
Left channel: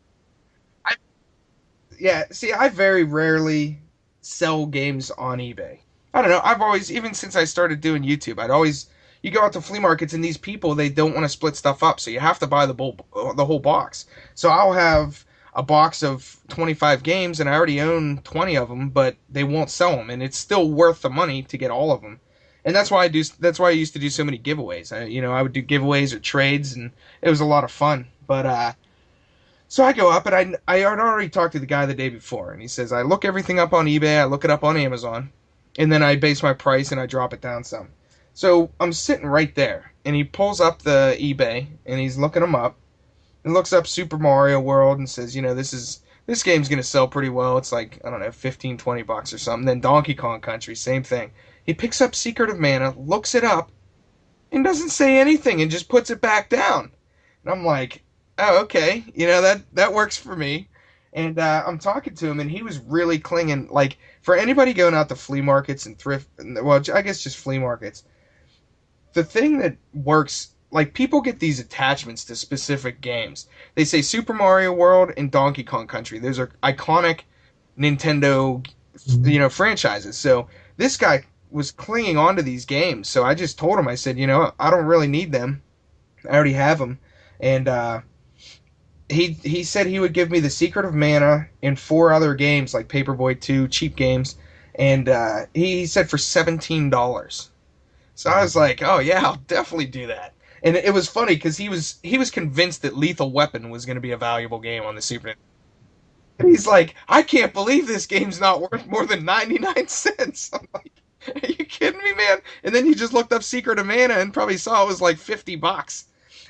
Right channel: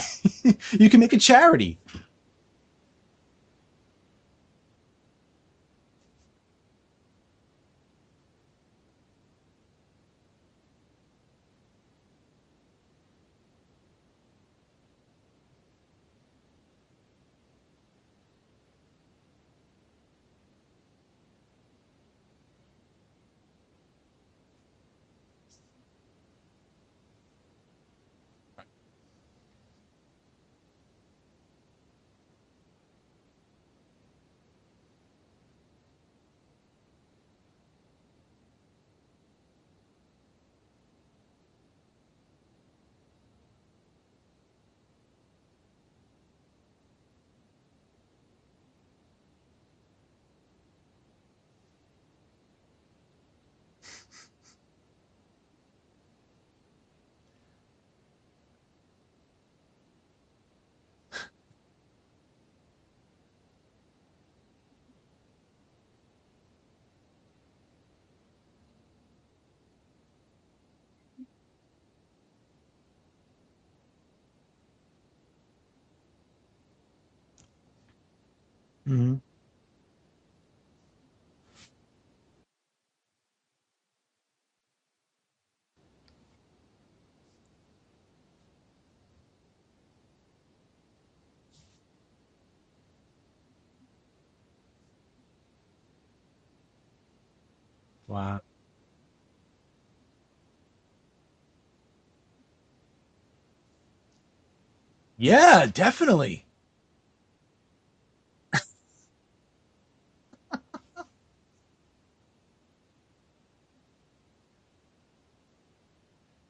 you can make a charity. Yeah. See, I very rarely sell games on eBay. I don't know. I've always, even since I started doing YouTube, you go out to flea markets, and these people, they don't want to split stuff up, so you have to buy the whole box. So I'll have a box of 25 games, and I already own 20 of them, but they won't sell them, and it's still worth the money to get all of them. And that's why I used to do so many giveaways. I would do giveaways or trades, and it was a lot of fun. But so I go up, and I had already talked to the guy the day before, and he says, I look everything up on eBay, I look it up on Amazon, and then I base my price and I drop it down some. So I'm sitting right there, and he pulls up the eBay, and he's looking them up, and looks up Super Mario World, and says, this game's gonna sell pretty well. It's like, I don't know, 15, 20 bucks or something. Then Donkey Kong Country, same thing. He picks up Secret of Mana, looks it up, and doesn't say anything, and just puts it back down. And I'm like, oh, okay, that works for me. And I'm talking to him, and he was really clinging. Like, for anybody going out to flea markets and thrift, well, I guess just flea markets, the thing that works, like, people get these attachments to specific games. They say Super Mario World and Donkey Kong Country. Those are iconic Nintendo, franchises. So this guy was clinging on to these games. So I just told him, I said, I don't really need them. I already have them. And he said he would give me The Secret of Mana and 4 other games like Paperboy 2, cheap games. And he said for $17. Wow. So I was like, oh yeah, I'll definitely do that. And it was funny because he was convinced that Lethal Weapon was going to be a valuable game on the Super. Yeah, definitely. And he's like, I can't believe this game's not worth more than 99 cents. I'm like, are you kidding me, man? And then he just looked up Secret of Mana and probably saw it was like $50.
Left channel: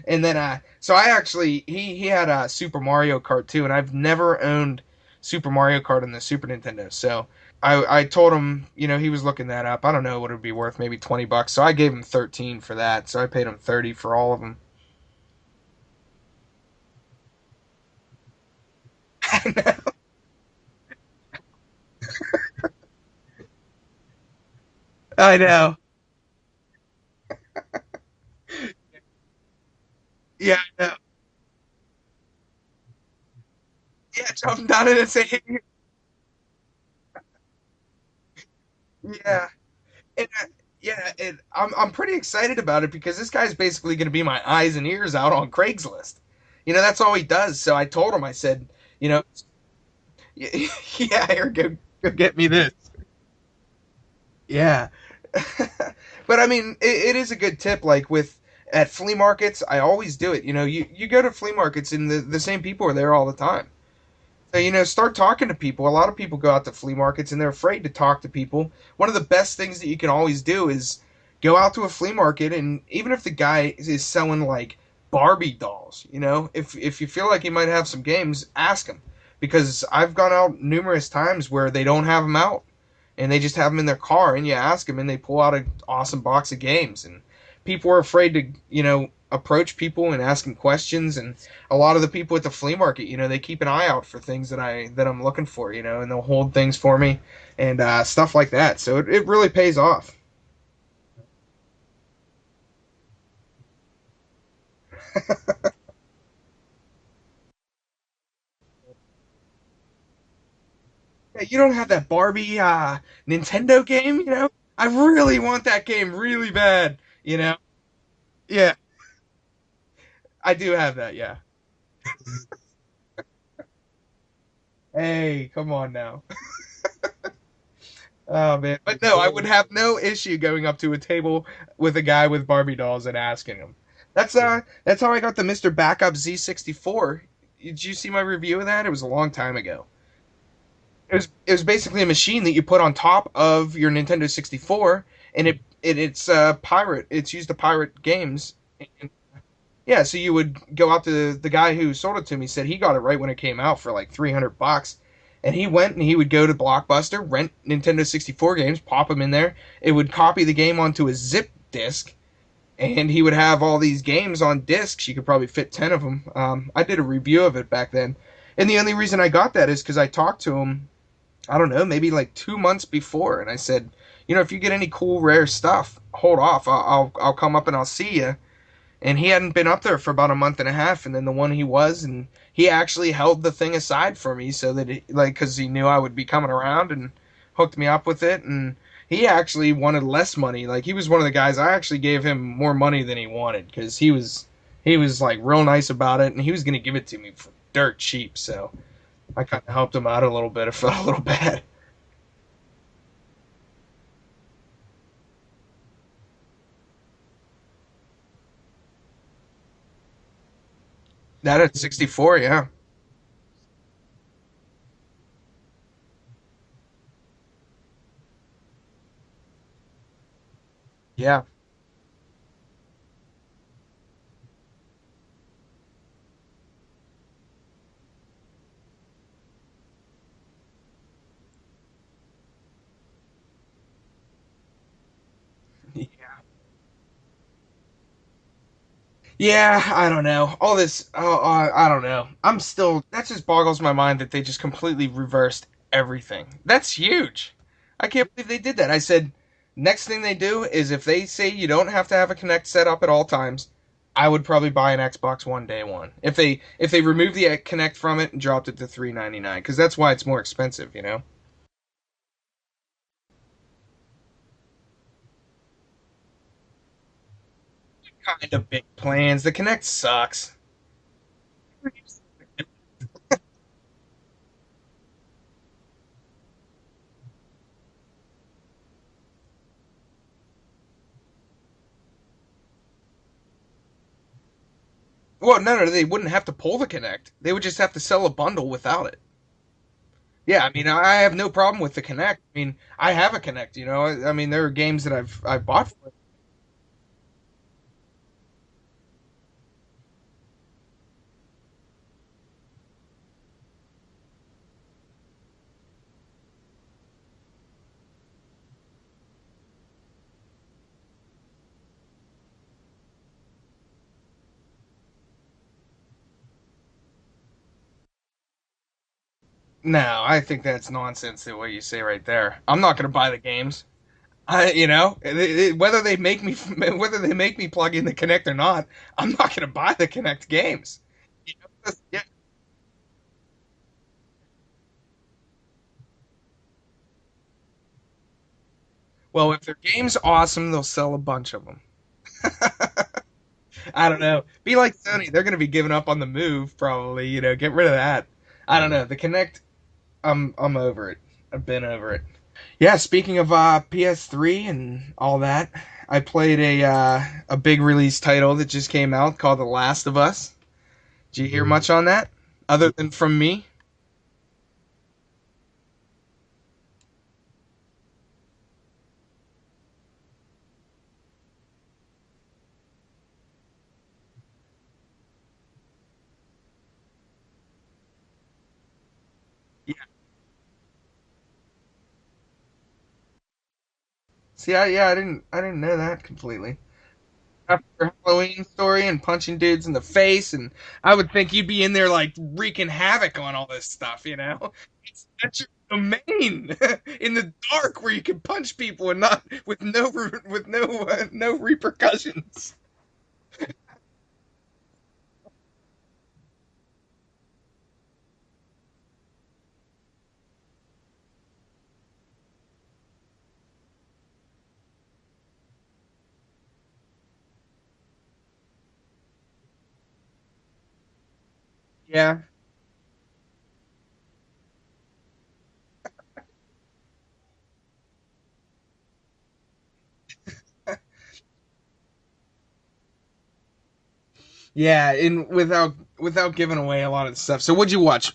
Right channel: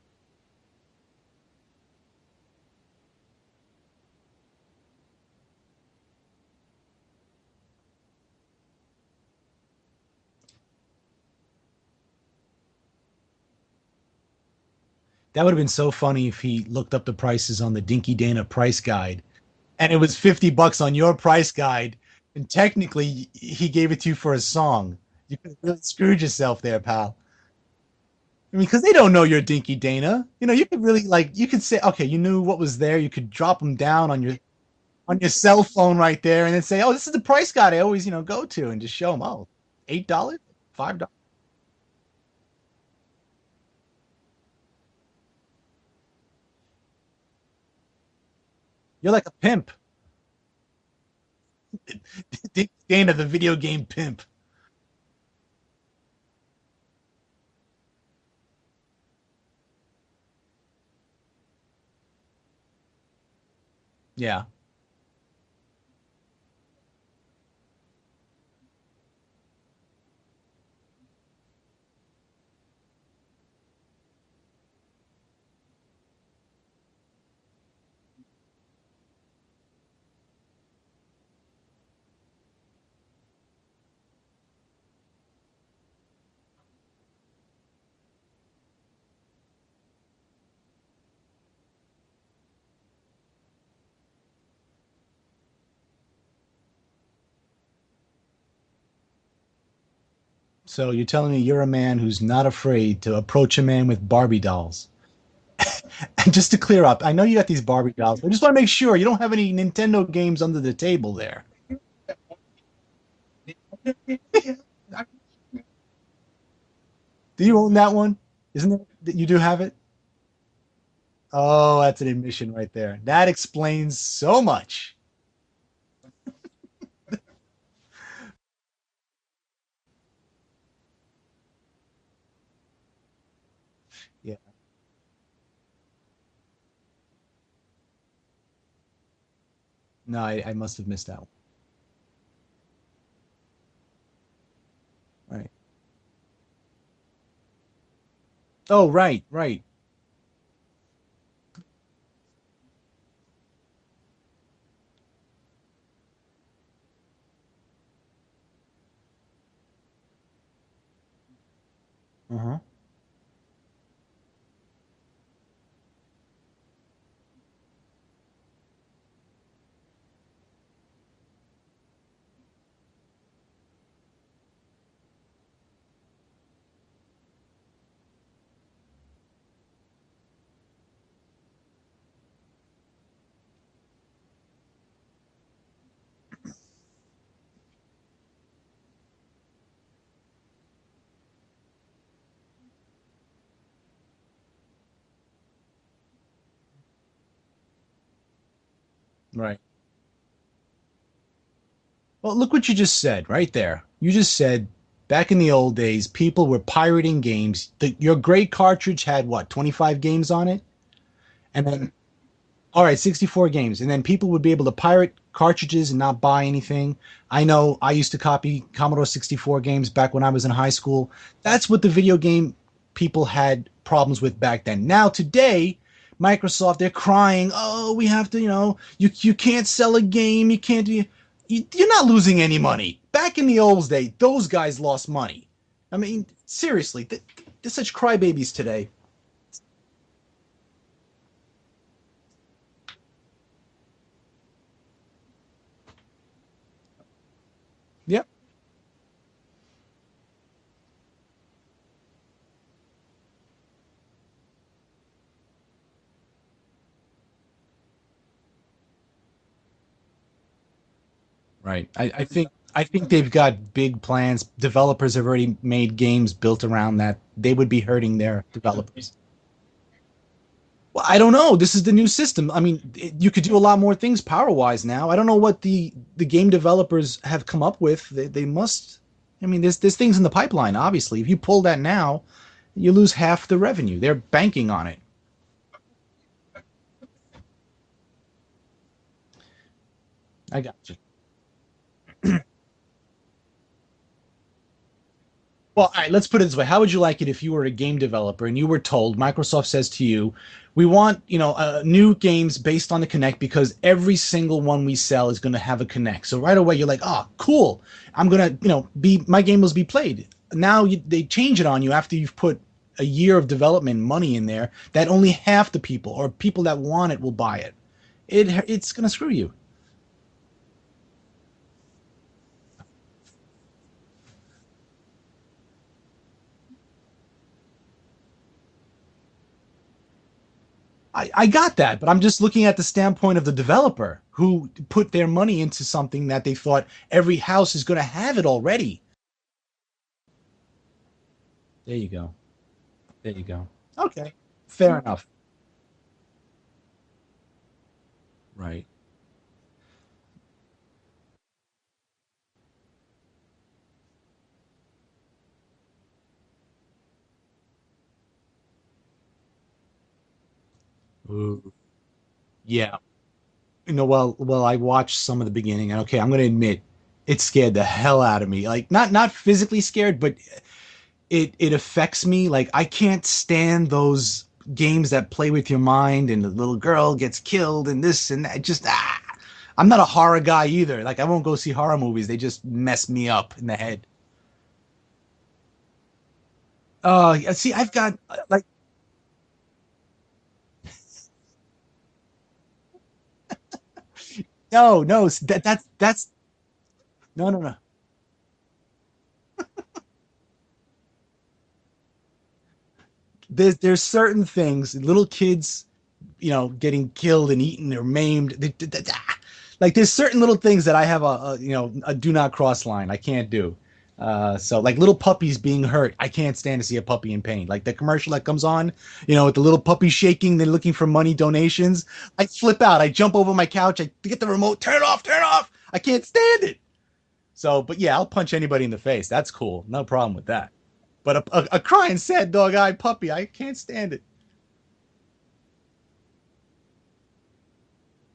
And then, so I actually, he had a Super Mario Kart too, and I've never owned Super Mario Kart on the Super Nintendo. So I told him, he was looking that up. I don't know what it would be worth, maybe $20. So I gave him 13 for that. So I paid him 30 for all of them. That would have been so funny if he looked up the prices on the Dinky Dana price guide and it was $50 on your price guide. And technically, he gave it to you for a song. I know. You screwed yourself there, pal. Because they don't know you're Dinky Dana. You could really you could say, okay, you knew what was there. You could drop them down on your cell phone right there, and then say, oh, this is the price guide I always go to, and just show them. Oh, $8, $5. Yeah, I'm pretty excited about it because this guy's basically going to be my eyes and ears out on Craigslist. That's all he does. So I told him, I said, you're like a pimp. Yeah, here, go get me this. Dana, the video game pimp. Yeah. But I mean, it is a good tip. Like at flea markets, I always do it. You go to flea markets and the same people are there all the time. Yeah. So, start talking to people. A lot of people go out to flea markets and they're afraid to talk to people. One of the best things that you can always do is go out to a flea market, and even if the guy is selling like Barbie dolls, if you feel like he might have some games, ask him. Because I've gone out numerous times where they don't have them out. And they just have them in their car, and you ask them, and they pull out an awesome box of games. And people are afraid to, approach people and ask them questions. And a lot of the people at the flea market, they keep an eye out for things that I'm looking for, and they'll hold things for me and stuff like that. So it really pays off. So you're telling me you're a man who's not afraid to approach a man with Barbie dolls. And just to clear up, I know you got these Barbie dolls. I just want to make sure you don't have any Nintendo games under the table there. You don't have that Barbie Nintendo game, I really want that game really bad. You own that one? Yeah. You do have it? I do have that, yeah. Oh, that's an admission right there. That explains so much. Hey, come on now. Oh man, but no, I would have no issue going up to a table with a guy with Barbie dolls and asking him. That's how I got the Mr. Backup Z64. Did you see my review of that? It was a long time ago. No, I must have missed that. It was basically a machine that you put on top of your Nintendo 64, right. And it's pirate. It's used to pirate games. Oh, right. Yeah, so you would go out to the guy who sold it to me. Said he got it right when it came out for like $300. And he went and he would go to Blockbuster, rent Nintendo 64 games, pop them in there. It would copy the game onto a zip disk, and he would have all these games on discs. You could probably fit 10 of them. I did a review of it back then. And the only reason I got that is because I talked to him, I don't know, maybe like 2 months before. And I said, if you get any cool, rare stuff, hold off. I'll come up and I'll see you. And he hadn't been up there for about a month and a half. And then the one he was, and he actually held the thing aside for me so that, because he knew I would be coming around, and hooked me up with it. And he actually wanted less money. Like, he was one of the guys, I actually gave him more money than he wanted, because he was like real nice about it, and he was going to give it to me for dirt cheap. So I kind of helped him out a little bit. I felt a little bad. Well, look what you just said right there. You just said back in the old days, people were pirating games. Your great cartridge had what, 25 games on it? That had 64, yeah. All right, 64 games. And then people would be able to pirate cartridges and not buy anything. I know I used to copy Commodore 64 games back when I was in high school. Yeah. That's what the video game people had problems with back then. Now, today, Microsoft, they're crying, oh, we have to, you can't sell a game, you can't do... You're not losing any money. Back in the old days, those guys lost money. I mean, seriously, they're such crybabies today. Yeah, I don't know. All this, I don't know. That just boggles my mind that they just completely reversed everything. That's huge. I can't believe they did that. I said, next thing they do is if they say you don't have to have a Kinect set up at all times, I would probably buy an Xbox One day one. If they removed the Kinect from it and dropped it to $399, because that's why it's more expensive, you know. Right. I think they've got big plans. Developers have already made games built around that. They would be hurting their Kind of big developers. plans. The Kinect sucks. Well, I don't know. This is the new system. I mean, you could do a lot more things power-wise now. I don't know what the game developers have come up with. They must. I mean, there's things in the pipeline. Obviously, if you pull that now, you lose half the revenue. They're banking on it. Well, no, they wouldn't have to pull the Kinect. They would just have to sell a bundle without it. Yeah, I mean, I have no problem with the Kinect. I mean, I have a Kinect, you know. I mean, there are games that I've Well, bought. all right, let's put it this way. How would you like it if you were a game developer and you were told, Microsoft says to you, we want, new games based on the Kinect because every single one we sell is going to have a Kinect. So right away you're like, oh, cool. I'm going to, my game will be played. Now they change it on you after you've put a year of development money in there that only half the people or people that want it will buy it. It's going to screw you. No, I think that's nonsense. The way you say right there, I'm not going to buy the games. Whether they make me plug in the Kinect or not, I'm not going to buy the Kinect games. I got that, but I'm just looking at the standpoint of the developer who put their money into something that they thought every house is going to have it already. Well, if their game's awesome, they'll sell a bunch of them. There you go. There you go. I don't know. Be like Sony. They're going to be giving up on the Move, probably. Get rid of that. Right. I don't know. The Kinect, I'm over it. I've been over it. Yeah, speaking of PS3 and all that, I played a big release title that just came out called The Last of Us. Did you hear much on that? Other than from me? Well, I watched some of the beginning, and okay, I'm going to admit, it scared the hell out of me. Like, not physically scared, but it affects me. Like, I can't stand those games that play with your mind, and the little girl gets killed, and this and that. Just I'm not a horror guy either. Like, I won't go see horror movies. They just mess me up in the head. See, I didn't know that completely. See, I've got Halloween story and punching dudes in the face, and I would think you'd be in there like wreaking havoc on all this stuff, No, that's in the dark where you can punch people and not with no repercussions. There's certain things, little kids, getting killed and eaten or maimed. Like, there's certain little things that I have a do not cross line. I can't do. So like little puppies being hurt, I can't stand to see a puppy in pain. Like the commercial that comes on, with the little puppy shaking, they're looking for money donations. Yeah. I flip out. I jump over my couch. I get the remote. Turn it off. I can't stand it. So, but yeah, I'll punch anybody in the face. That's cool. No problem with that. But a crying, sad dog-eyed puppy, I can't stand it. Yeah, and without giving away a lot of the stuff. So what'd you watch?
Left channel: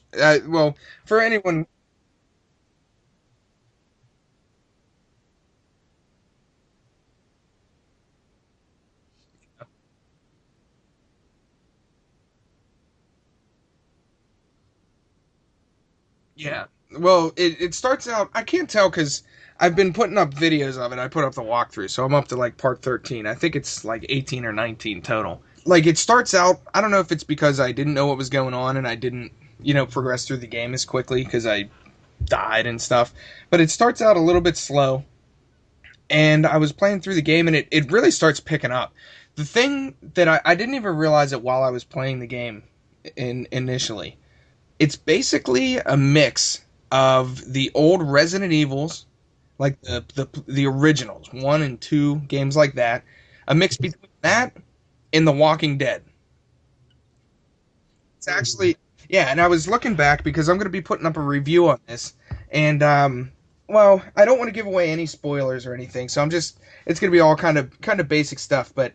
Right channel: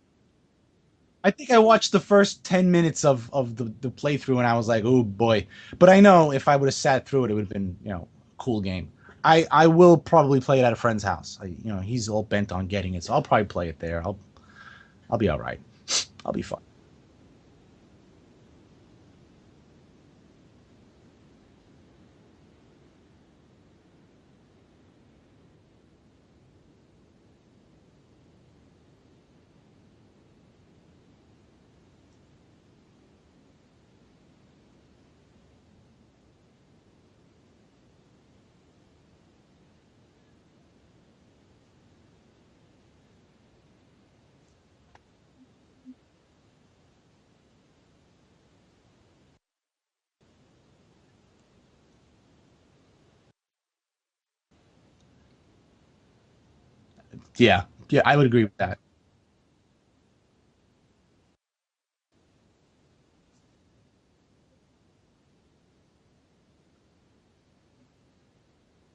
Well, for anyone, I think I watched the first 10 minutes of the playthrough, and I was like, oh boy. But I know if I would have sat through it, it would have been, a cool game. I will probably play it at a friend's house. He's all bent on getting it, so I'll probably play it there. I'll be all right. I'll be fine. Well, it starts out, I can't tell because I've been putting up videos of it. I put up the walkthrough, so I'm up to like part 13. I think it's like 18 or 19 total. Like, it starts out, I don't know if it's because I didn't know what was going on and I didn't, progress through the game as quickly because I died and stuff. But it starts out a little bit slow. And I was playing through the game and it really starts picking up. The thing that I didn't even realize it while I was playing the game initially. It's basically a mix of the old Resident Evils, like the originals, 1 and 2, games like that. A mix between that in The Walking Dead. Yeah, I would agree with that. Yeah, and I was looking back because I'm going to be putting up a review on this, and well, I don't want to give away any spoilers or anything, so it's going to be all kind of basic stuff. But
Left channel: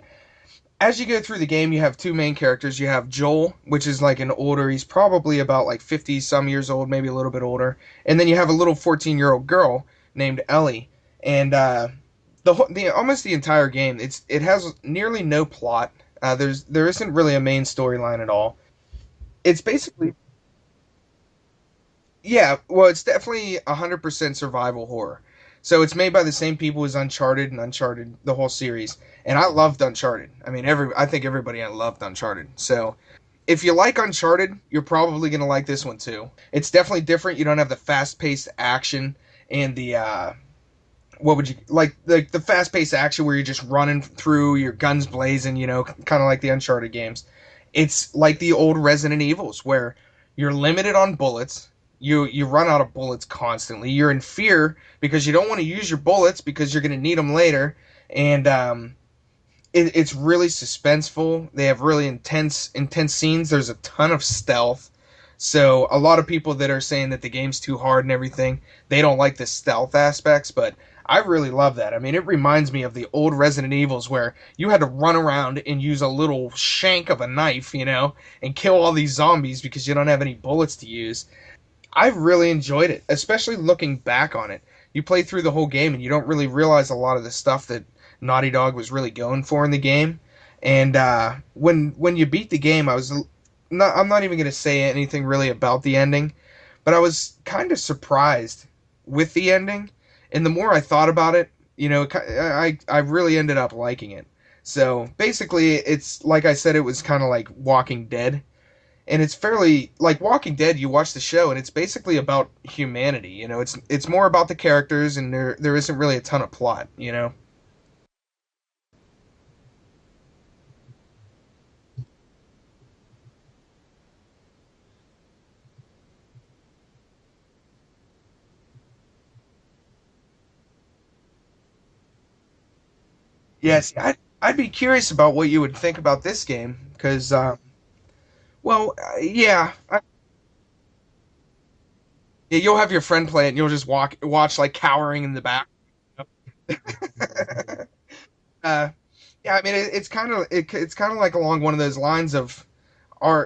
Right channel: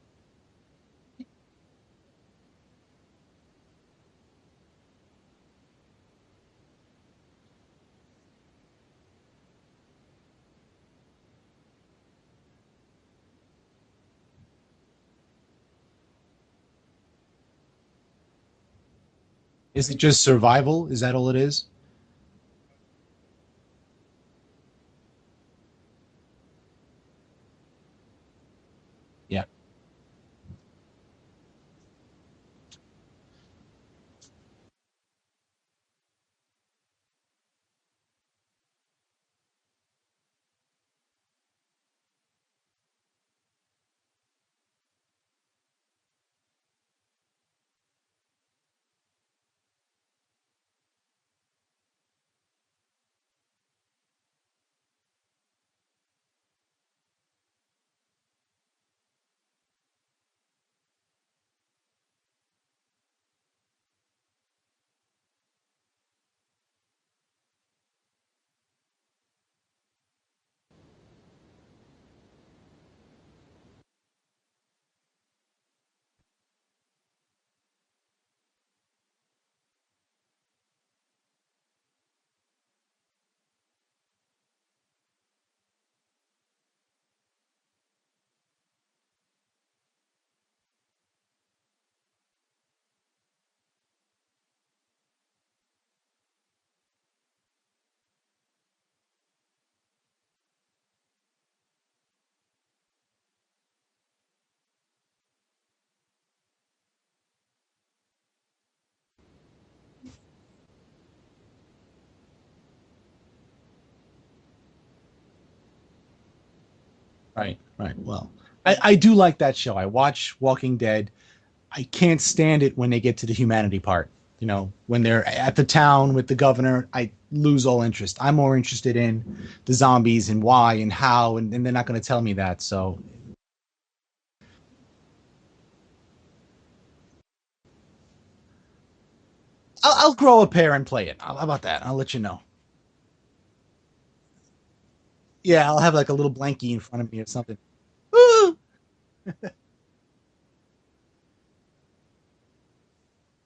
as you go through the game, you have two main characters. You have Joel, which is like an older, he's probably about like 50 some years old, maybe a little bit older, and then you have a little 14-year-old girl named Ellie, and almost the entire game, it has nearly no plot. There isn't really a main storyline at all. It's basically, is it just survival? Is that all it is? Yeah, well, it's definitely 100% survival horror. So it's made by the same people as Uncharted and Uncharted, the whole series. And I loved Uncharted. I mean, I think everybody loved Uncharted. So if you like Uncharted, you're probably going to like this one too. It's definitely different. You don't have the fast-paced action and the what would you like the fast-paced action where you're just running through, your guns blazing, kind of like the Uncharted games. It's like the old Resident Evils where you're limited on bullets. You run out of bullets constantly. You're in fear because you don't want to use your bullets because you're going to need them later. And it's really suspenseful. They have really intense scenes. There's a ton of stealth. So a lot of people that are saying that the game's too hard and everything, they don't like the stealth aspects, but I really love that. I mean, it reminds me of the old Resident Evils where you had to run around and use a little shank of a knife, and kill all these zombies because you don't have any bullets to use. I really enjoyed it, especially looking back on it. You play through the whole game and you don't really realize a lot of the stuff that Naughty Dog was really going for in the game. And when you beat the game, I'm not even going to say anything really about the ending, but I was kind of surprised with the ending. And the more I thought about it, I really ended up liking it. So basically, it's like I said, it was kind of like Walking Dead. And it's fairly like Walking Dead. You watch the show, and it's basically about humanity. It's more about the characters, and there isn't really a ton of plot. Right, right. Well, I do like that show. I watch Walking Dead. I can't stand it when they get to the humanity part. When they're at the town with the governor, I lose all interest. I'm more interested in the zombies and why and how, and they're not going to tell me that. So, yes, I'd be curious about what you would think about this game because, yeah, I'll grow a pair and play it. How about that? I'll let you know. yeah, you'll have your friend play it, and you'll just watch like cowering in the back. Yeah, I'll have like a little blankie in front of me or something. Yeah, I mean, it's kind of like along one of those lines of,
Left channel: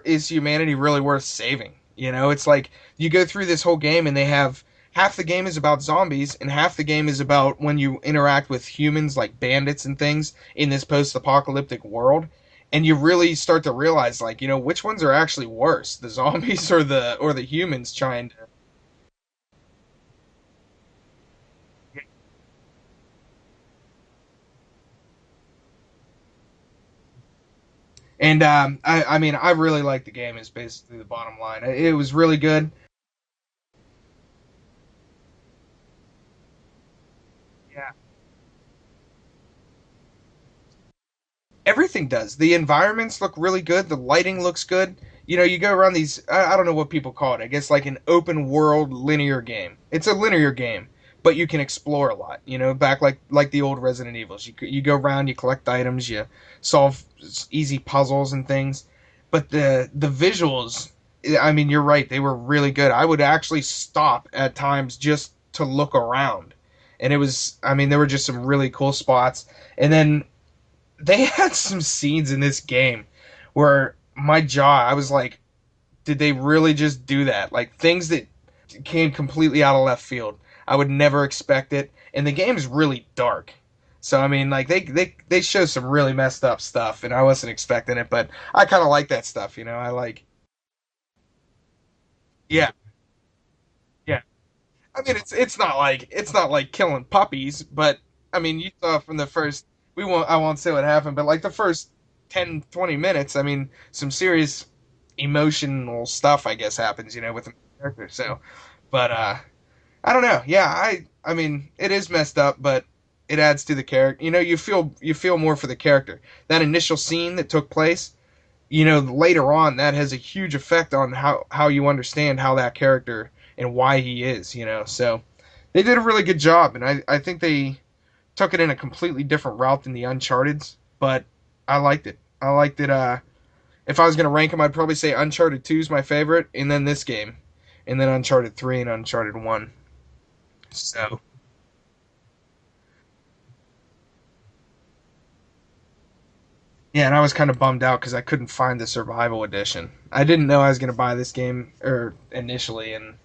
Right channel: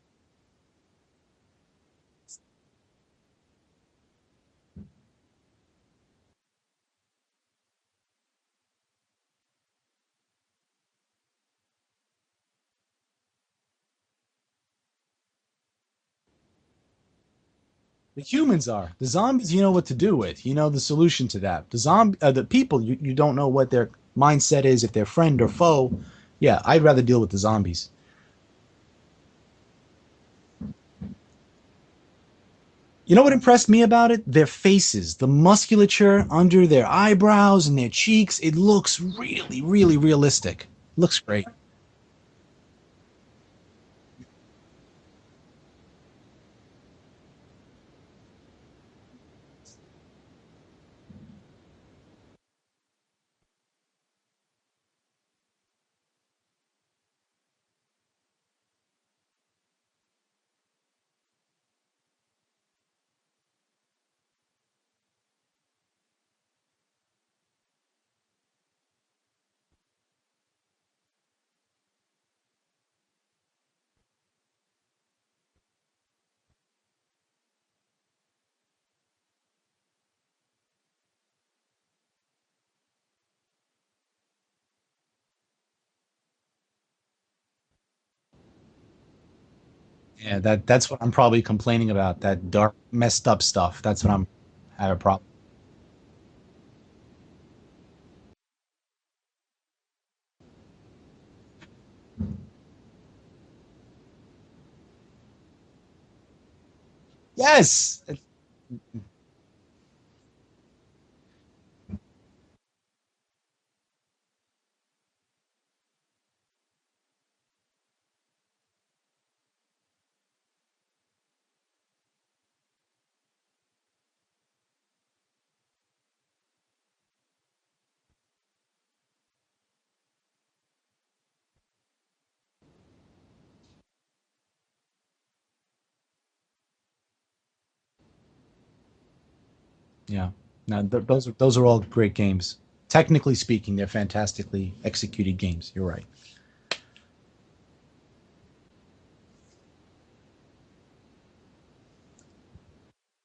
is humanity really worth saving? It's like you go through this whole game and they have half the game is about zombies and half the game is about when you interact with humans like bandits and things in this post-apocalyptic world, and you really start to realize like which ones are actually worse, the zombies or the humans trying. The humans are the zombies. You know what to do with. You know the solution to that. The people you don't know what their mindset is, if they're friend or foe. Yeah, I'd rather deal with the zombies. And I mean, I really like the game. Is basically the bottom line. It was really good. You know what impressed me about it? Their faces, the musculature under their eyebrows and their cheeks. It looks really, really realistic. Looks great. Everything does. The environments look really good. The lighting looks good. You go around these. I don't know what people call it. I guess like an open world linear game. It's a linear game, but you can explore a lot. Back like the old Resident Evils. You go around, you collect items, you solve easy puzzles and things. But the visuals, I mean, you're right. They were really good. I would actually stop at times just to look around, and it was. I mean, there were just some really cool spots. And then they had some scenes in this game where my jaw, I was like, did they really just do that? Like things that came completely out of left field. I would never expect it. And the game is really dark. So I mean, like they show some really messed up stuff, and I wasn't expecting it, but I kind of like that stuff. I like. Yeah, that's what I'm probably complaining about. That dark, messed up stuff. That's what I'm. I mean, it's not like killing puppies, but I mean, you saw from the first. I won't say what happened, but like the first 10, 20 minutes, I mean, some serious emotional stuff, I guess, happens, with yes. the character. So, but I don't know. Yeah, I mean, it is messed up, but it adds to the character. You feel more for the character. That initial scene that took place, later on, that has a huge effect on how you understand how that character and why he is. So they did a really good job, and I think they took it in a completely different route than the Uncharted's, but I liked it. If I was going to rank them, I'd probably say Uncharted 2 is my favorite, and then this game, and then Uncharted 3 and Uncharted 1. Yeah. Now, those are all great games. Technically speaking, they're fantastically executed games. You're right. Yeah, and I was kind of bummed out because I couldn't find the Survival Edition. I didn't know I was going to buy this game initially, and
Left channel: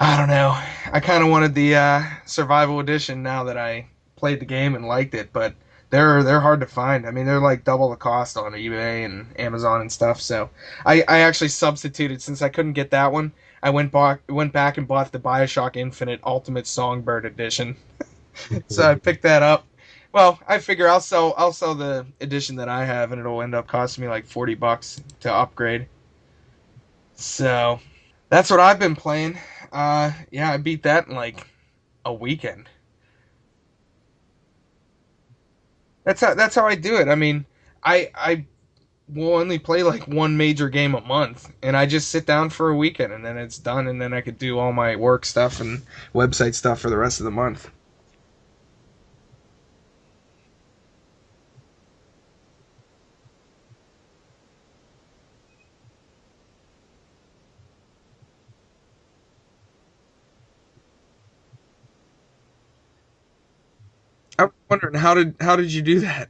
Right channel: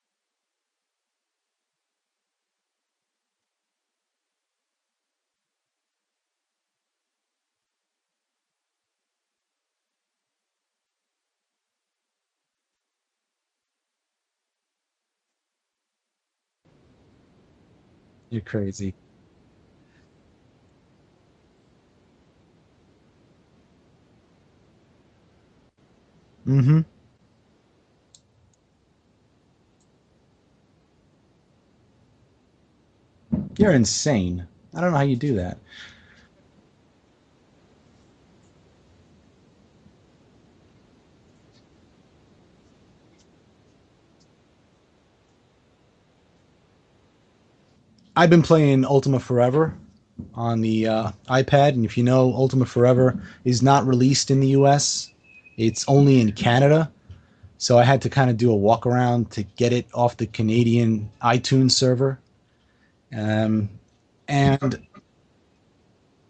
I don't know. I kind of wanted the Survival Edition now that I played the game and liked it, but they're hard to find. I mean, they're like double the cost on eBay and Amazon and stuff. So I actually substituted since I couldn't get that one. I went back and bought the BioShock Infinite Ultimate Songbird Edition. You're crazy. So I picked that up. Well, I figure I'll sell the edition that I have, and it'll end up costing me like $40 to upgrade. Mm-hmm. So that's what I've been playing. Yeah, I beat that in like a weekend. You're insane. I don't know how you do that. That's how I do it. I mean, I will only play like one major game a month, and I just sit down for a weekend, and then it's done, and then I could do all my work stuff and website stuff for the rest of the month. I've been playing Ultima Forever on the iPad, and if you know, Ultima Forever is not released in the US. It's only in Canada. So I had to kind of do a walk around to get it off the Canadian iTunes server. Um, I'm and wondering how did you do that?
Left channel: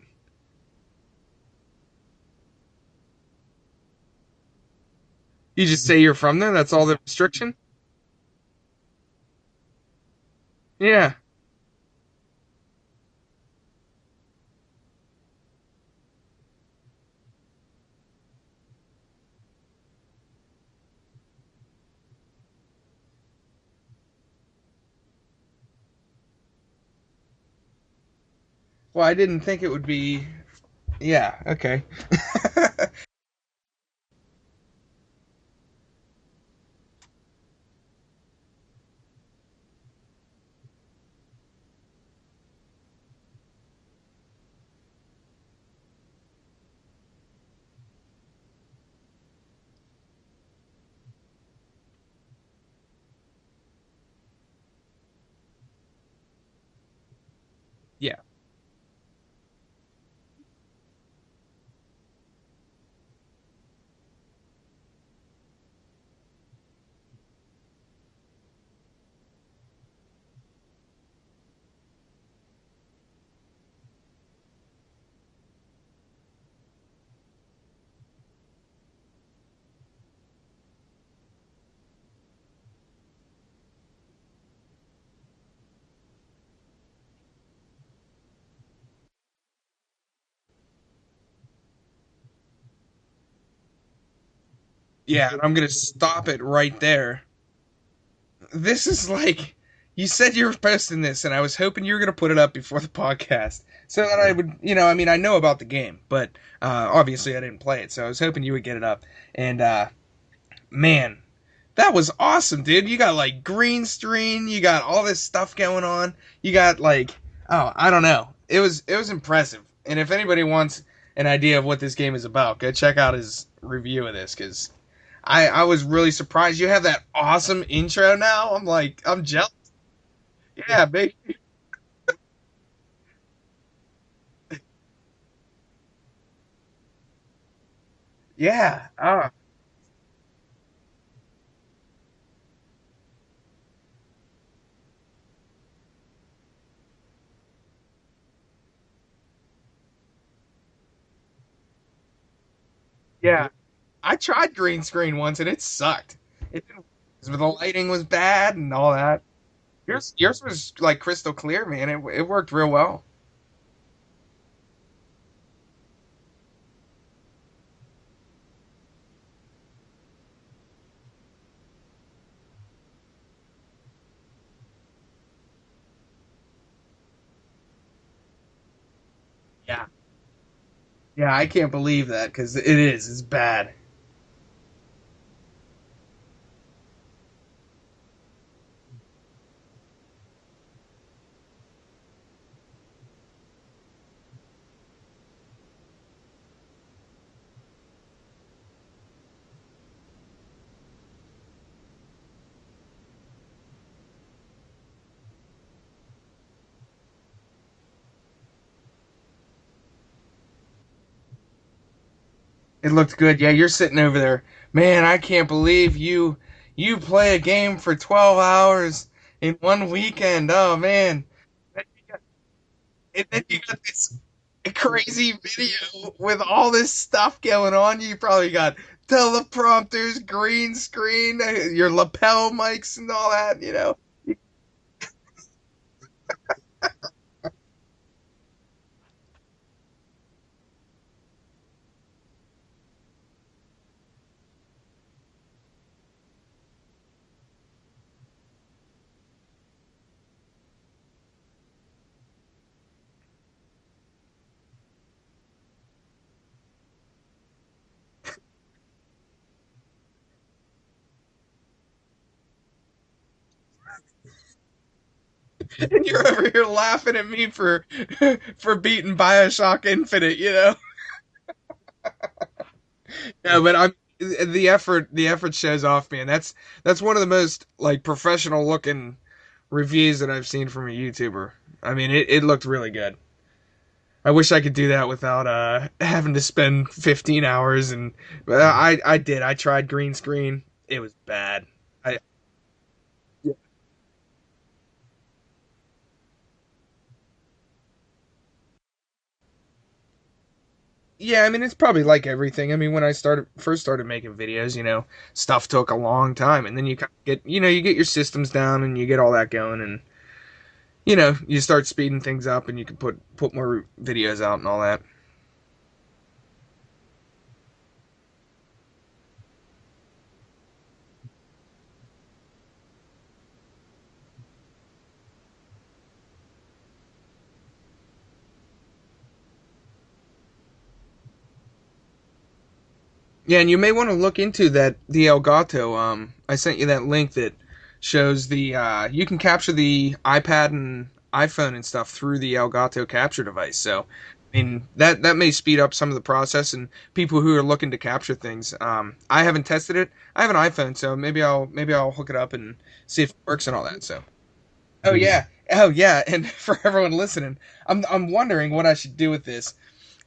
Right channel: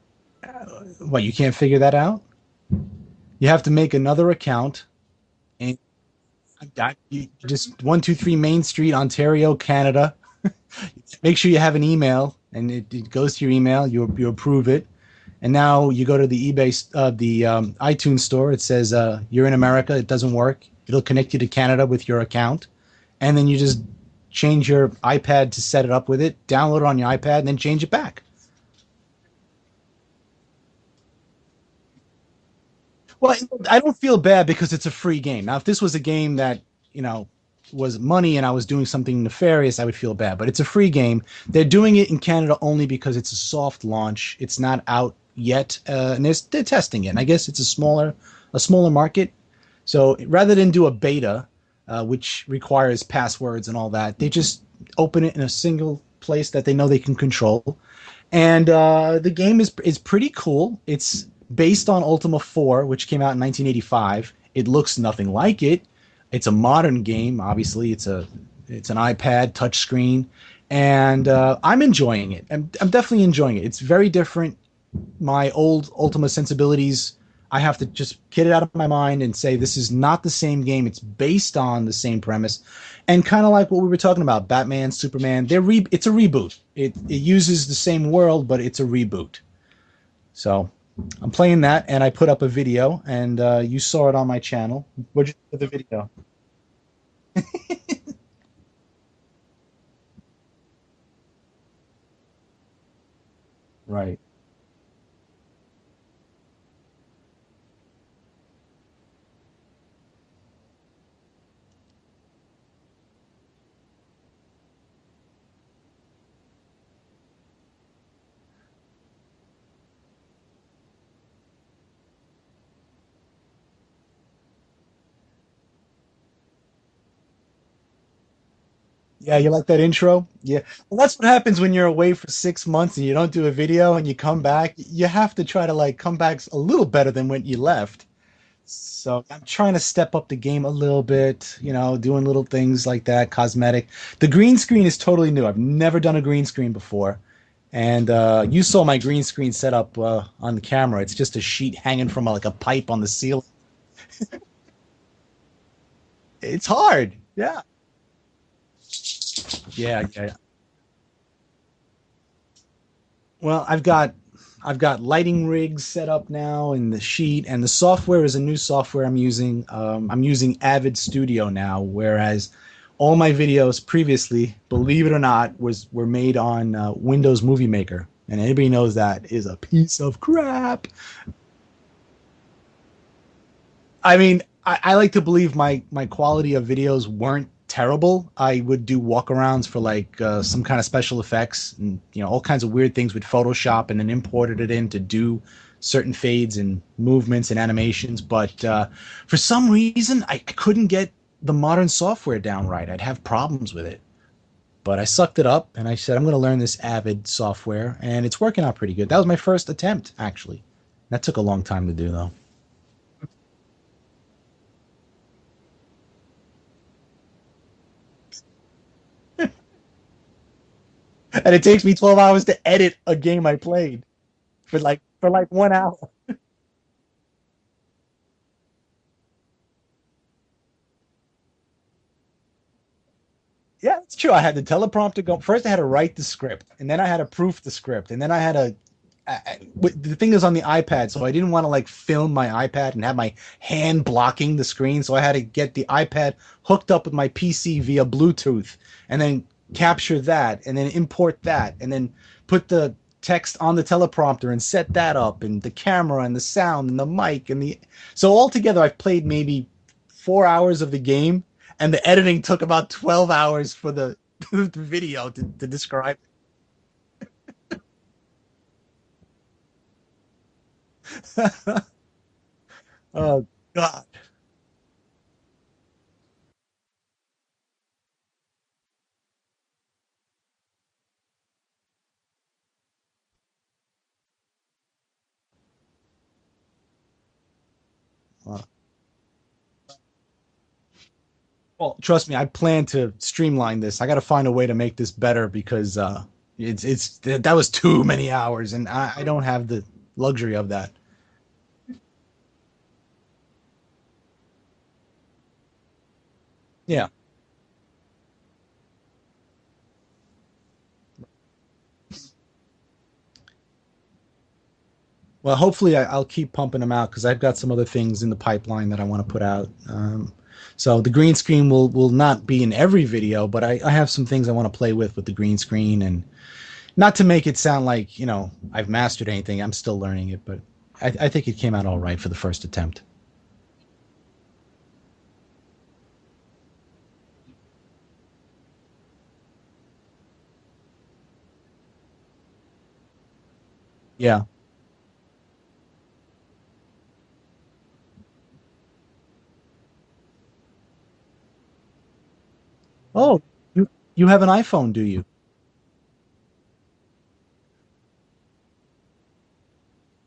what, you can't figure that out? You have to make another account. You And just say you're from there. That's all the you restriction. just 123 Main Street, Ontario, Canada. Yeah. Make sure you have an email, and it goes to your email. You approve it, and now you go to the iTunes store. It says you're in America. It doesn't work. It'll connect you to Canada with your account, and then you just change your iPad to set it up with it. Download it on your iPad, and then change it back. Well, I didn't think it would be. Yeah. Okay. Well, I don't feel bad because it's a free game. Now, if this was a game that, was money and I was doing something nefarious, I would feel bad. But it's a free game. They're doing it in Canada only because it's a soft launch. It's not out yet, and they're testing it. And I guess it's a smaller market. So rather than do a beta, which requires passwords and all that, they just open it in a single place that they know they can control. Yeah. And the game is pretty cool. It's based on Ultima 4, which came out in 1985. It looks nothing like it. It's a modern game. Obviously, it's an iPad touchscreen, and I'm enjoying it. I'm definitely enjoying it. It's very different. My old Ultima sensibilities, I have to just get it out of my mind and say this is not the same game. It's based on the same premise, and kind of like what we were talking about, Batman, Superman. It's a reboot. It uses the same world, but it's a reboot. So I'm playing that, and I put up a video, and you saw it on my channel. Yeah, and I'm gonna stop it right there. This is like, you said you were posting this, and I was hoping you were gonna put it up before the podcast, so that I would, I mean, I know about the game, but obviously I didn't play it, so I was hoping you would get it up. And man, that was awesome, dude. You got like green screen, you got all this stuff going on, you got like, oh, I don't know, it was impressive. And if anybody wants an idea of what this game is about, go check out his review of this, because I was really surprised. You have that awesome intro now. I'm jealous. Yeah, you like that intro? Yeah. Yeah, Well, that's what happens when you're away for 6 months and you don't do a video and you come back. You have to try to like come back a little better than when you left. Yeah. So I'm trying to step up the game a little bit, doing little things like that, cosmetic. The green screen is totally new. I've never done a green screen before. And you saw my green screen setup on the camera. It's just a sheet hanging from like a pipe on the ceiling. Yeah. I tried green screen once and it sucked. It's hard. The lighting was bad and all that. Yeah. Yours was like crystal clear, man. It worked real well. Well, I've got lighting rigs set up now in the sheet, and the software is a new software I'm using. I'm using Avid Studio now, whereas all my videos previously, believe it or not, were made on Windows Movie Maker, and anybody knows that is a piece of crap. Yeah, I can't believe that, because it's bad. I mean, I like to believe my quality of videos weren't terrible. I would do walkarounds for like some kind of special effects and all kinds of weird things with Photoshop, and then imported it in to do certain fades and movements and animations. But for some reason, I couldn't get the modern software down right. I'd have problems with it. But I sucked it up and I said, I'm going to learn this Avid software, and it's working out pretty good. That was my first attempt, actually. That took a long time to do, though. It looked good. Yeah, you're sitting over there. Man, I can't believe you play a game for 12 hours in one weekend. Oh, man. And it takes me 12 hours to edit a game I played. Crazy for like 1 hour. With all this stuff going on. You probably got teleprompters, green screen, your lapel mics and all that, Yeah, it's true. I had the teleprompter go. First, I had to write the script, and then I had to proof the script, and then I had to the thing is on the iPad, so I didn't want to like film my iPad and have my hand blocking the screen, so I had to get the iPad hooked up with my PC via Bluetooth, and then capture that, and then import that, and then put the text on the teleprompter and set that up, and the camera and the sound and the mic and so altogether I've played maybe 4 hours of the game, and the editing took about 12 hours for the the video to describe You're it. over here laughing at me for beating Bioshock Infinite, you know. Oh No, but God. the effort shows off, man. That's one of the most like professional looking reviews that I've seen from a YouTuber. I mean, it looked really good. I wish I could do that without having to spend 15 hours and I did. I tried green screen. It was bad. Well, trust me, I plan to streamline this. I got to find a way to make this better because that was too many hours, and I don't have the luxury of that. Yeah, I mean it's probably like everything. I mean when I first started making videos, stuff took a long time, and then Yeah. you get your systems down and you get all that going, and you start speeding things up, and you can put more videos out and all that. Well, hopefully I'll keep pumping them out because I've got some other things in the pipeline that I want to put out. So the green screen will not be in every video, but I have some things I want to play with the green screen, and not to make it sound like I've mastered anything. I'm still learning it, but I think it came out all right for the first attempt. Yeah, and you may want to look into the Elgato. I sent you that link that shows you can capture the iPad and iPhone and stuff through the Elgato capture device. So Yeah. I mean that may speed up some of the process, and people who are looking to capture things. I haven't tested it. I have an iPhone, so maybe I'll hook it up and see if it works and all that. So you have an iPhone, do you? Oh yeah, and for everyone listening, I'm wondering what I should do with this.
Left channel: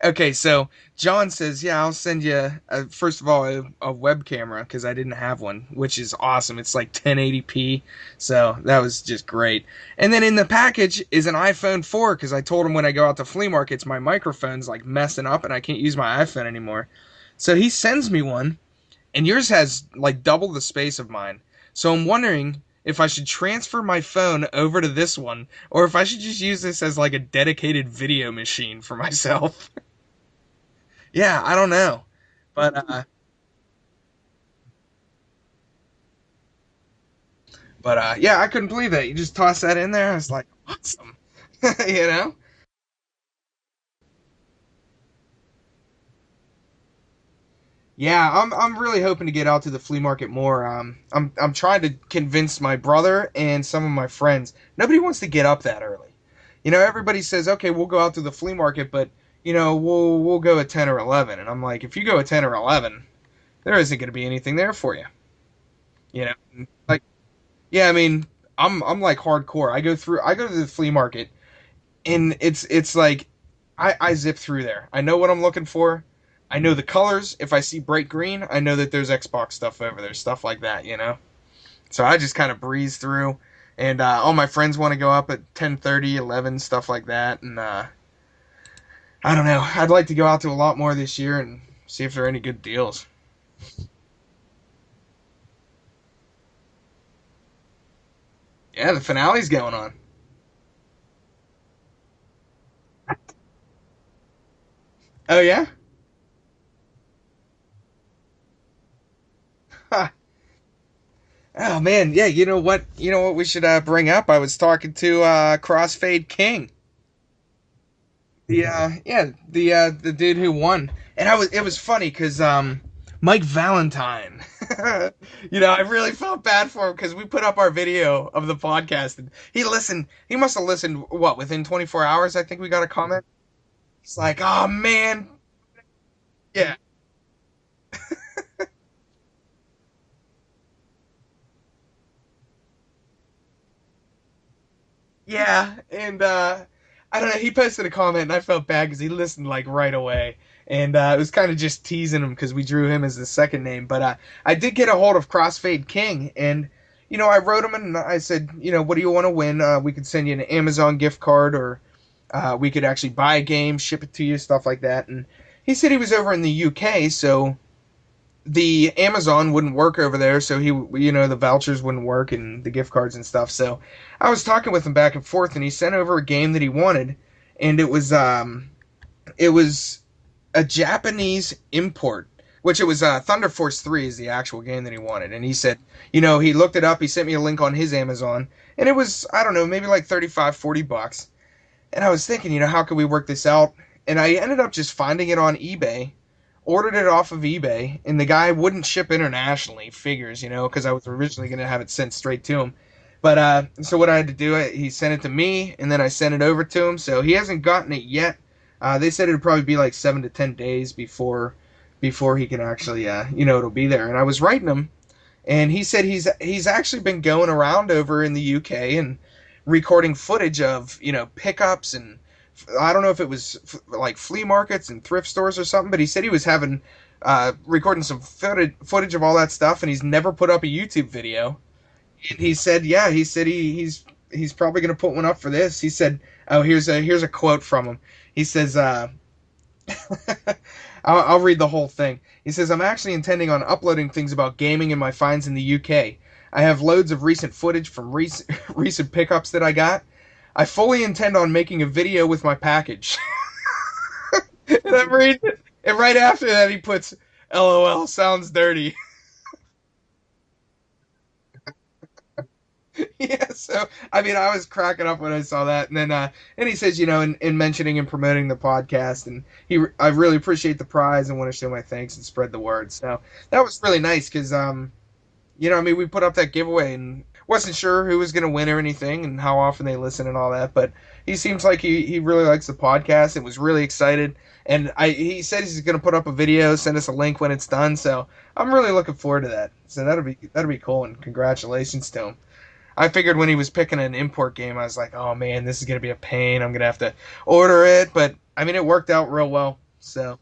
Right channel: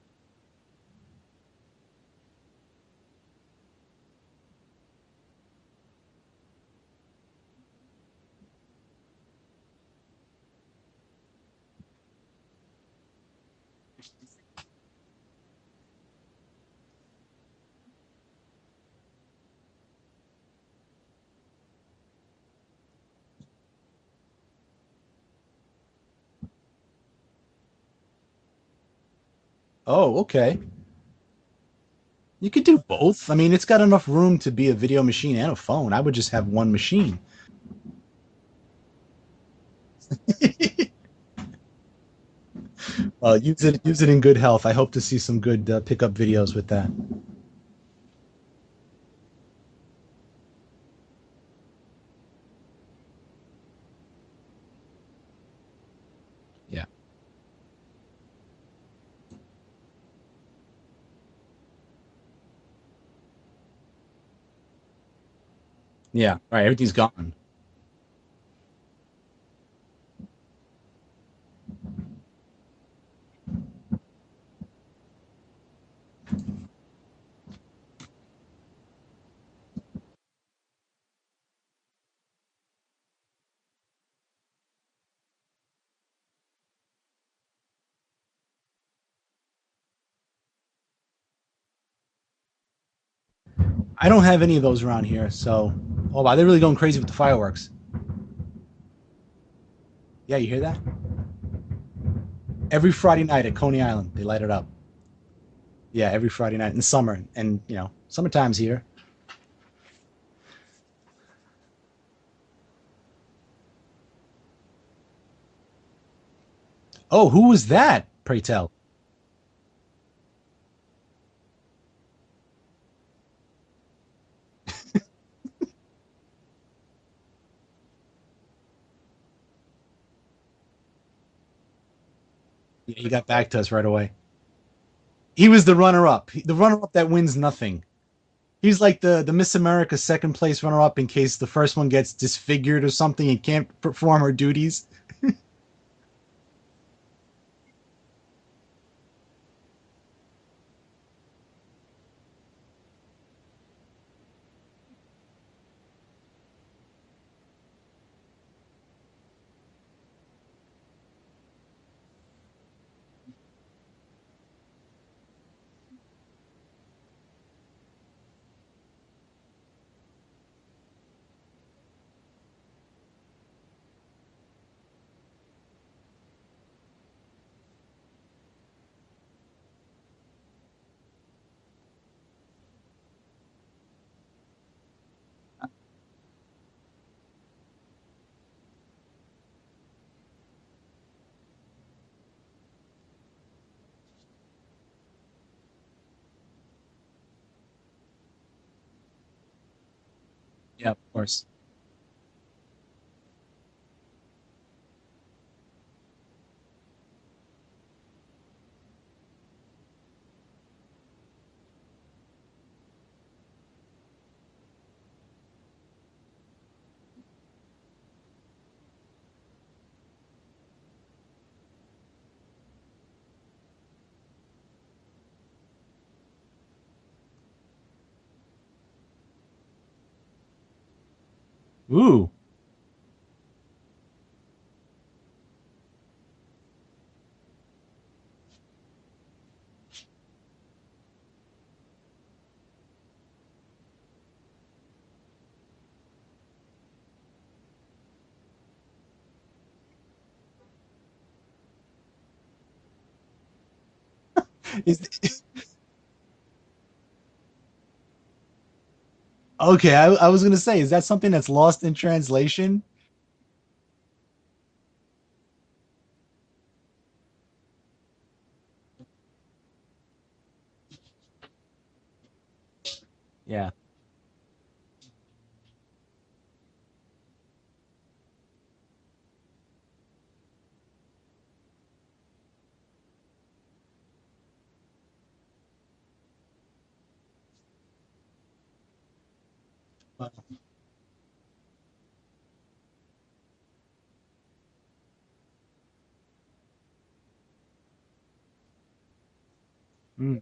Okay, so John says, yeah, I'll send you, first of all, a web camera, because I didn't have one, which is awesome. It's like 1080p, so that was just great. And then in the package is an iPhone 4, because I told him when I go out to flea markets, my microphone's like messing up, and I can't use my iPhone anymore. So he sends me one, and yours has like double the space of mine. So I'm wondering if I should transfer my phone over to this one, or if I should just use this as like a dedicated video machine for myself. Oh, okay. Yeah, I don't know. You can do both. I mean, it's got enough room to be a video machine and a phone. I would just have one machine. But yeah, I couldn't believe that. You just toss that in there. It's like awesome. Use it in good health. I hope to see some good pickup videos with that. Yeah, I'm really hoping to get out to the flea market more. I'm trying to convince my brother and some of my friends. Nobody wants to get up that early. Everybody says, okay, we'll go out to the flea market, but we'll go at 10 or 11. And I'm like, if you go at 10 or 11, there isn't going to be anything there for you. Yeah, right. Everything's gone. Yeah, I mean, I'm like hardcore. I go to the flea market, and it's like I zip through there. I know what I'm looking for. I know the colors. If I see bright green, I know that there's Xbox stuff over there, stuff like that, So I just kind of breeze through, and all my friends want to go up at 10:30, 11, stuff like that, and I don't know. I'd like to go out to a lot more this year and see if there are any good deals. I don't have any of those around here, so... Oh, wow, they're really going crazy with the fireworks. Yeah, the finale's going on. Yeah, you hear that? Every Friday night at Coney Island, they light it up. Oh, yeah? Yeah, every Friday night in summer, and summertime's here. Oh man, yeah. You know what we should bring up? I was talking to Crossfade King. Oh, who was that? Pray tell. Yeah, the dude who won, and it was funny because Mike Valentine. I really felt bad for him because we put up our video of the podcast, and he listened. He must have listened. What, within 24 hours? I think we got a comment. He got back to us right away. It's like, oh man. He was the runner-up. The runner-up that wins nothing. He's like the Miss America second place runner-up in case the first one gets disfigured or something and can't perform her duties. Yeah, and I don't know. He posted a comment, and I felt bad because he listened like right away. And it was kind of just teasing him because we drew him as the second name. But I did get a hold of Crossfade King. And, I wrote him and I said, what do you want to win? We could send you an Amazon gift card, or we could actually buy a game, ship it to you, stuff like that. And he said he was over in the UK, so the Amazon wouldn't work over there. So the vouchers wouldn't work and the gift cards and stuff. So I was talking with him back and forth, and he sent over a game that he wanted. And it was a Japanese import, which it was Thunder Force 3 is the actual game that he wanted. And he said, he looked it up, he sent me a link on his Amazon, and it was, I don't know, maybe like $35-$40. And I was thinking, how could we work this out? And I ended up just finding it on eBay, ordered it off of eBay, and the guy wouldn't ship internationally, figures, because I was originally going to have it sent straight to him. But so what I had to do, he sent it to me, and then I sent it over to him. So he hasn't gotten it yet. They said it'd probably be like 7 to 10 days before he can actually, it'll be there. And I was writing him, and he said he's actually been going around over in the UK and recording footage of pickups, and I don't know if it was like flea markets and thrift stores or something, but he said he was having recording some footage of all that stuff, and he's never put up a YouTube video. Ooh. And he said, he's probably gonna put one up for this. He said, oh, here's a quote from him. He says, I'll read the whole thing. He says, I'm actually intending on uploading things about gaming and my finds in the UK. I have loads of recent footage from recent pickups that I got. I fully intend on making a video with my package. And I'm reading it, and right after that he puts, LOL, sounds dirty. Okay, I was gonna say, is that something that's lost in translation? Yeah, so I mean, I was cracking up when I saw that, and then and he says, in mentioning and promoting the podcast, and I really appreciate the prize and want to show my thanks and spread the word. So that was really nice because we put up that giveaway and wasn't sure who was gonna win or anything and how often they listen and all that, but he seems like he really likes the podcast and was really excited. And he said he's gonna put up a video, send us a link when it's done. So I'm really looking forward to that. So that'll be cool, and congratulations to him. I figured when he was picking an import game, I was like, oh man, this is gonna be a pain. I'm gonna have to order it, but I mean, it worked out real well. So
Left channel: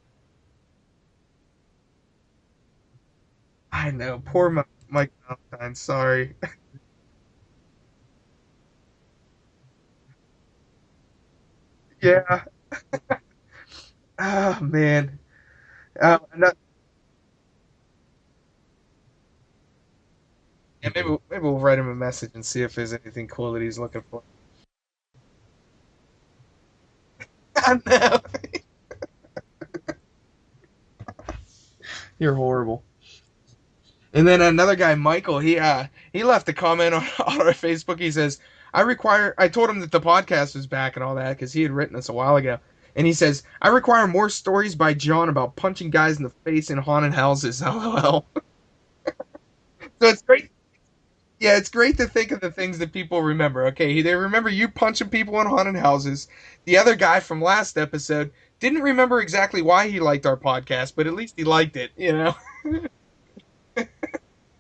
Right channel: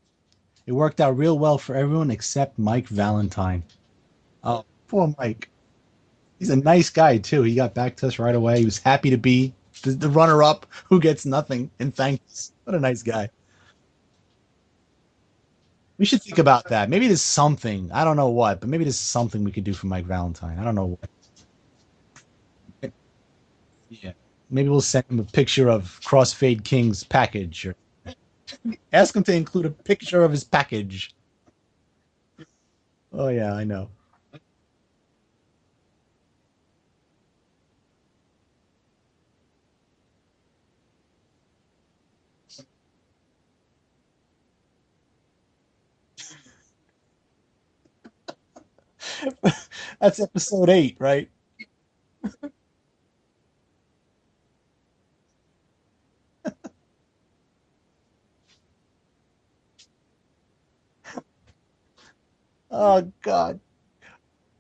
it worked out real well for everyone except Mike Valentine. I know, poor Mike. I'm sorry. He's a nice guy too. He got back to us right away. He was happy to be the runner-up who gets nothing in thanks. Yeah. What a nice guy. Oh man. We should think about that. Maybe there's something. I don't know what, but maybe there's something we could do for Mike Valentine. I don't know. Yeah, maybe we'll write him a message and see if there's anything cool that he's looking for. Maybe we'll send him a picture of Crossfade King's package. I know. Ask him to include a picture of his package. You're horrible. Oh yeah, I know. And then another guy, Michael, he left a comment on our Facebook. He says, I told him that the podcast was back and all that because he had written us a while ago. And he says, I require more stories by John about punching guys in the face in haunted houses. LOL. That's episode 8, right? Yeah, it's great to think of the things that people remember. Okay, they remember you punching people in haunted houses. The other guy from last episode didn't remember exactly why he liked our podcast, but at least he liked it, Oh, God.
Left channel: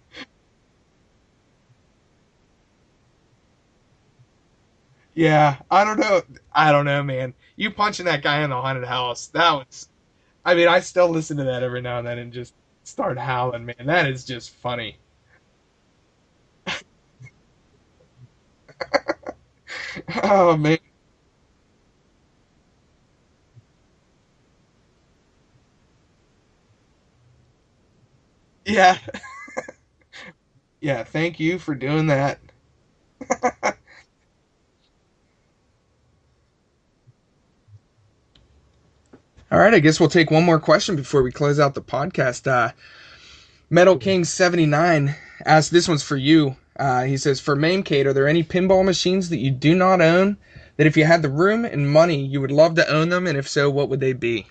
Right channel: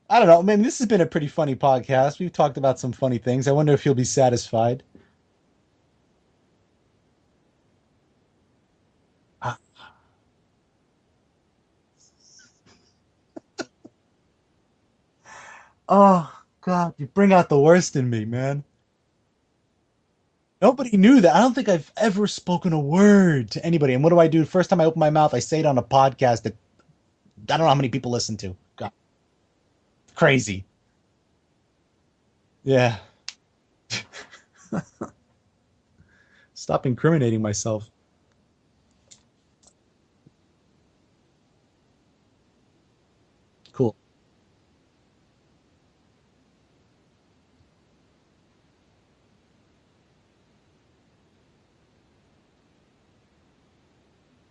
I don't know. Man, this has been a pretty funny podcast. We've talked about some funny things. I wonder if you'll be satisfied. Yeah, I don't know, man. You punching that guy in the haunted house, I still listen to that every now and then and just start howling, man. That is just funny. Oh, God, you bring out the worst in me, man. Oh, man. Nobody knew that. I don't think I've ever spoken a word to anybody. And what do I do? First time I open my mouth, I say it on a podcast that I don't know how many people listen to. Yeah. Crazy. Yeah, thank you for doing that. Yeah. Stop incriminating myself. All right, I guess we'll take one more question before we close out the podcast. Metal King 79 asked, this one's for you. He says, for MAMECADE, are there any pinball machines that you do not own that if you had the room and money, you would love to own them? And if so, what would they be?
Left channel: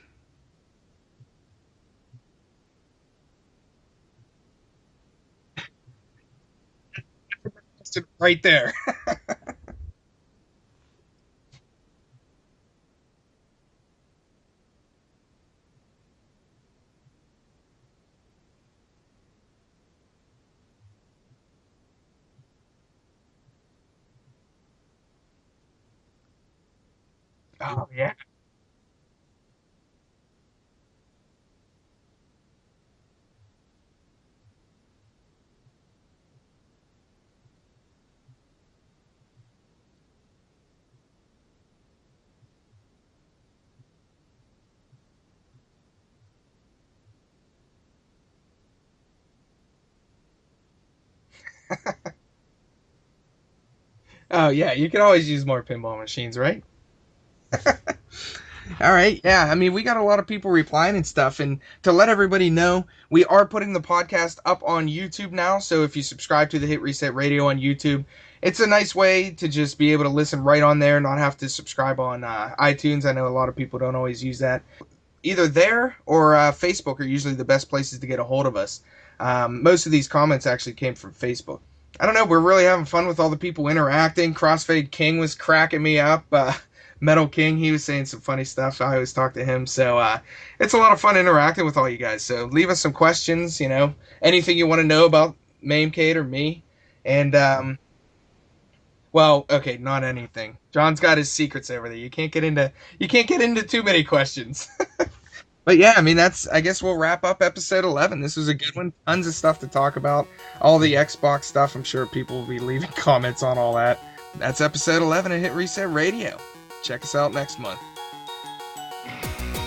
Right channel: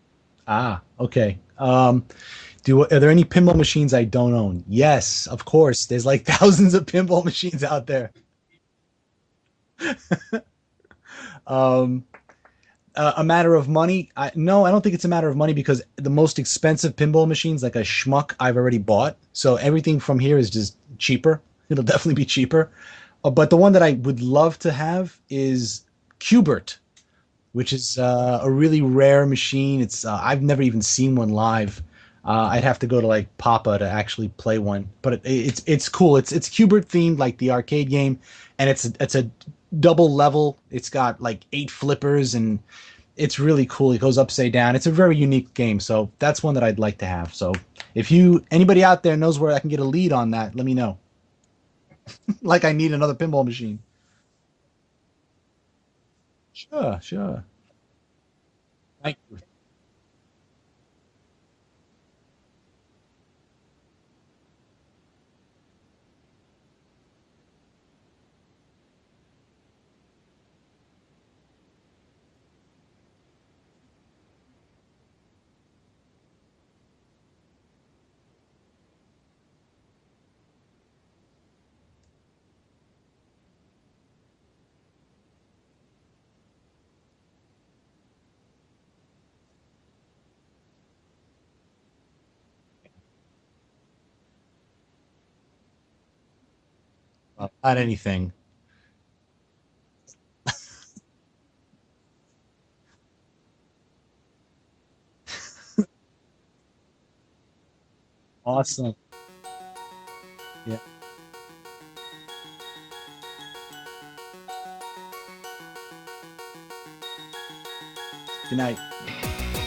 Okay. Are there any pinball machines I don't own? Yes, of course. There's like thousands of pinball machines out there. Right there. A matter of money? No, I don't think it's a matter of money because the most expensive pinball machines, like a schmuck, I've already bought. So everything from here is just cheaper. It'll definitely be cheaper. But the one that I would love to have is Qbert, which is a really rare machine. It's I've never even seen one live. I'd have to go to like Papa to actually play one, but it's cool. It's Qbert themed, like the arcade game, and it's a double level. It's got like 8 flippers, and it's really cool. It goes upside down. It's a very unique game, so that's one that I'd like to have. So if anybody out there knows where I can get a lead on that, let me know. Like I need another pinball machine. Oh yeah, you can always use more pinball machines, right? Sure. All right, yeah. I mean, we got a lot of people replying and stuff, and to let everybody know, we are putting the podcast up on YouTube now. So if you subscribe to the Hit Reset Radio on YouTube, it's a nice way to just be able to listen right on there, not have to subscribe on iTunes. I know a lot of people don't always use that. Either there or Facebook are usually the best places to get a hold of us. Most of these comments actually came from Facebook. I don't know. We're really having fun with all the people interacting. Crossfade King was cracking me up. Metal King, he was saying some funny stuff. I always talk to him. So it's a lot of fun interacting with all you guys. So leave us some questions, anything you want to know about MAMECADE or me. And Not anything. well, okay, not anything. John's got his secrets over there. You can't get into too many questions. But yeah, I mean, I guess we'll wrap up episode 11. This was a good one. Tons of stuff to talk about. All the Xbox stuff. I'm sure people will be leaving comments on all that. That's episode 11 of Hit Reset Radio. Check us out next month. Good night.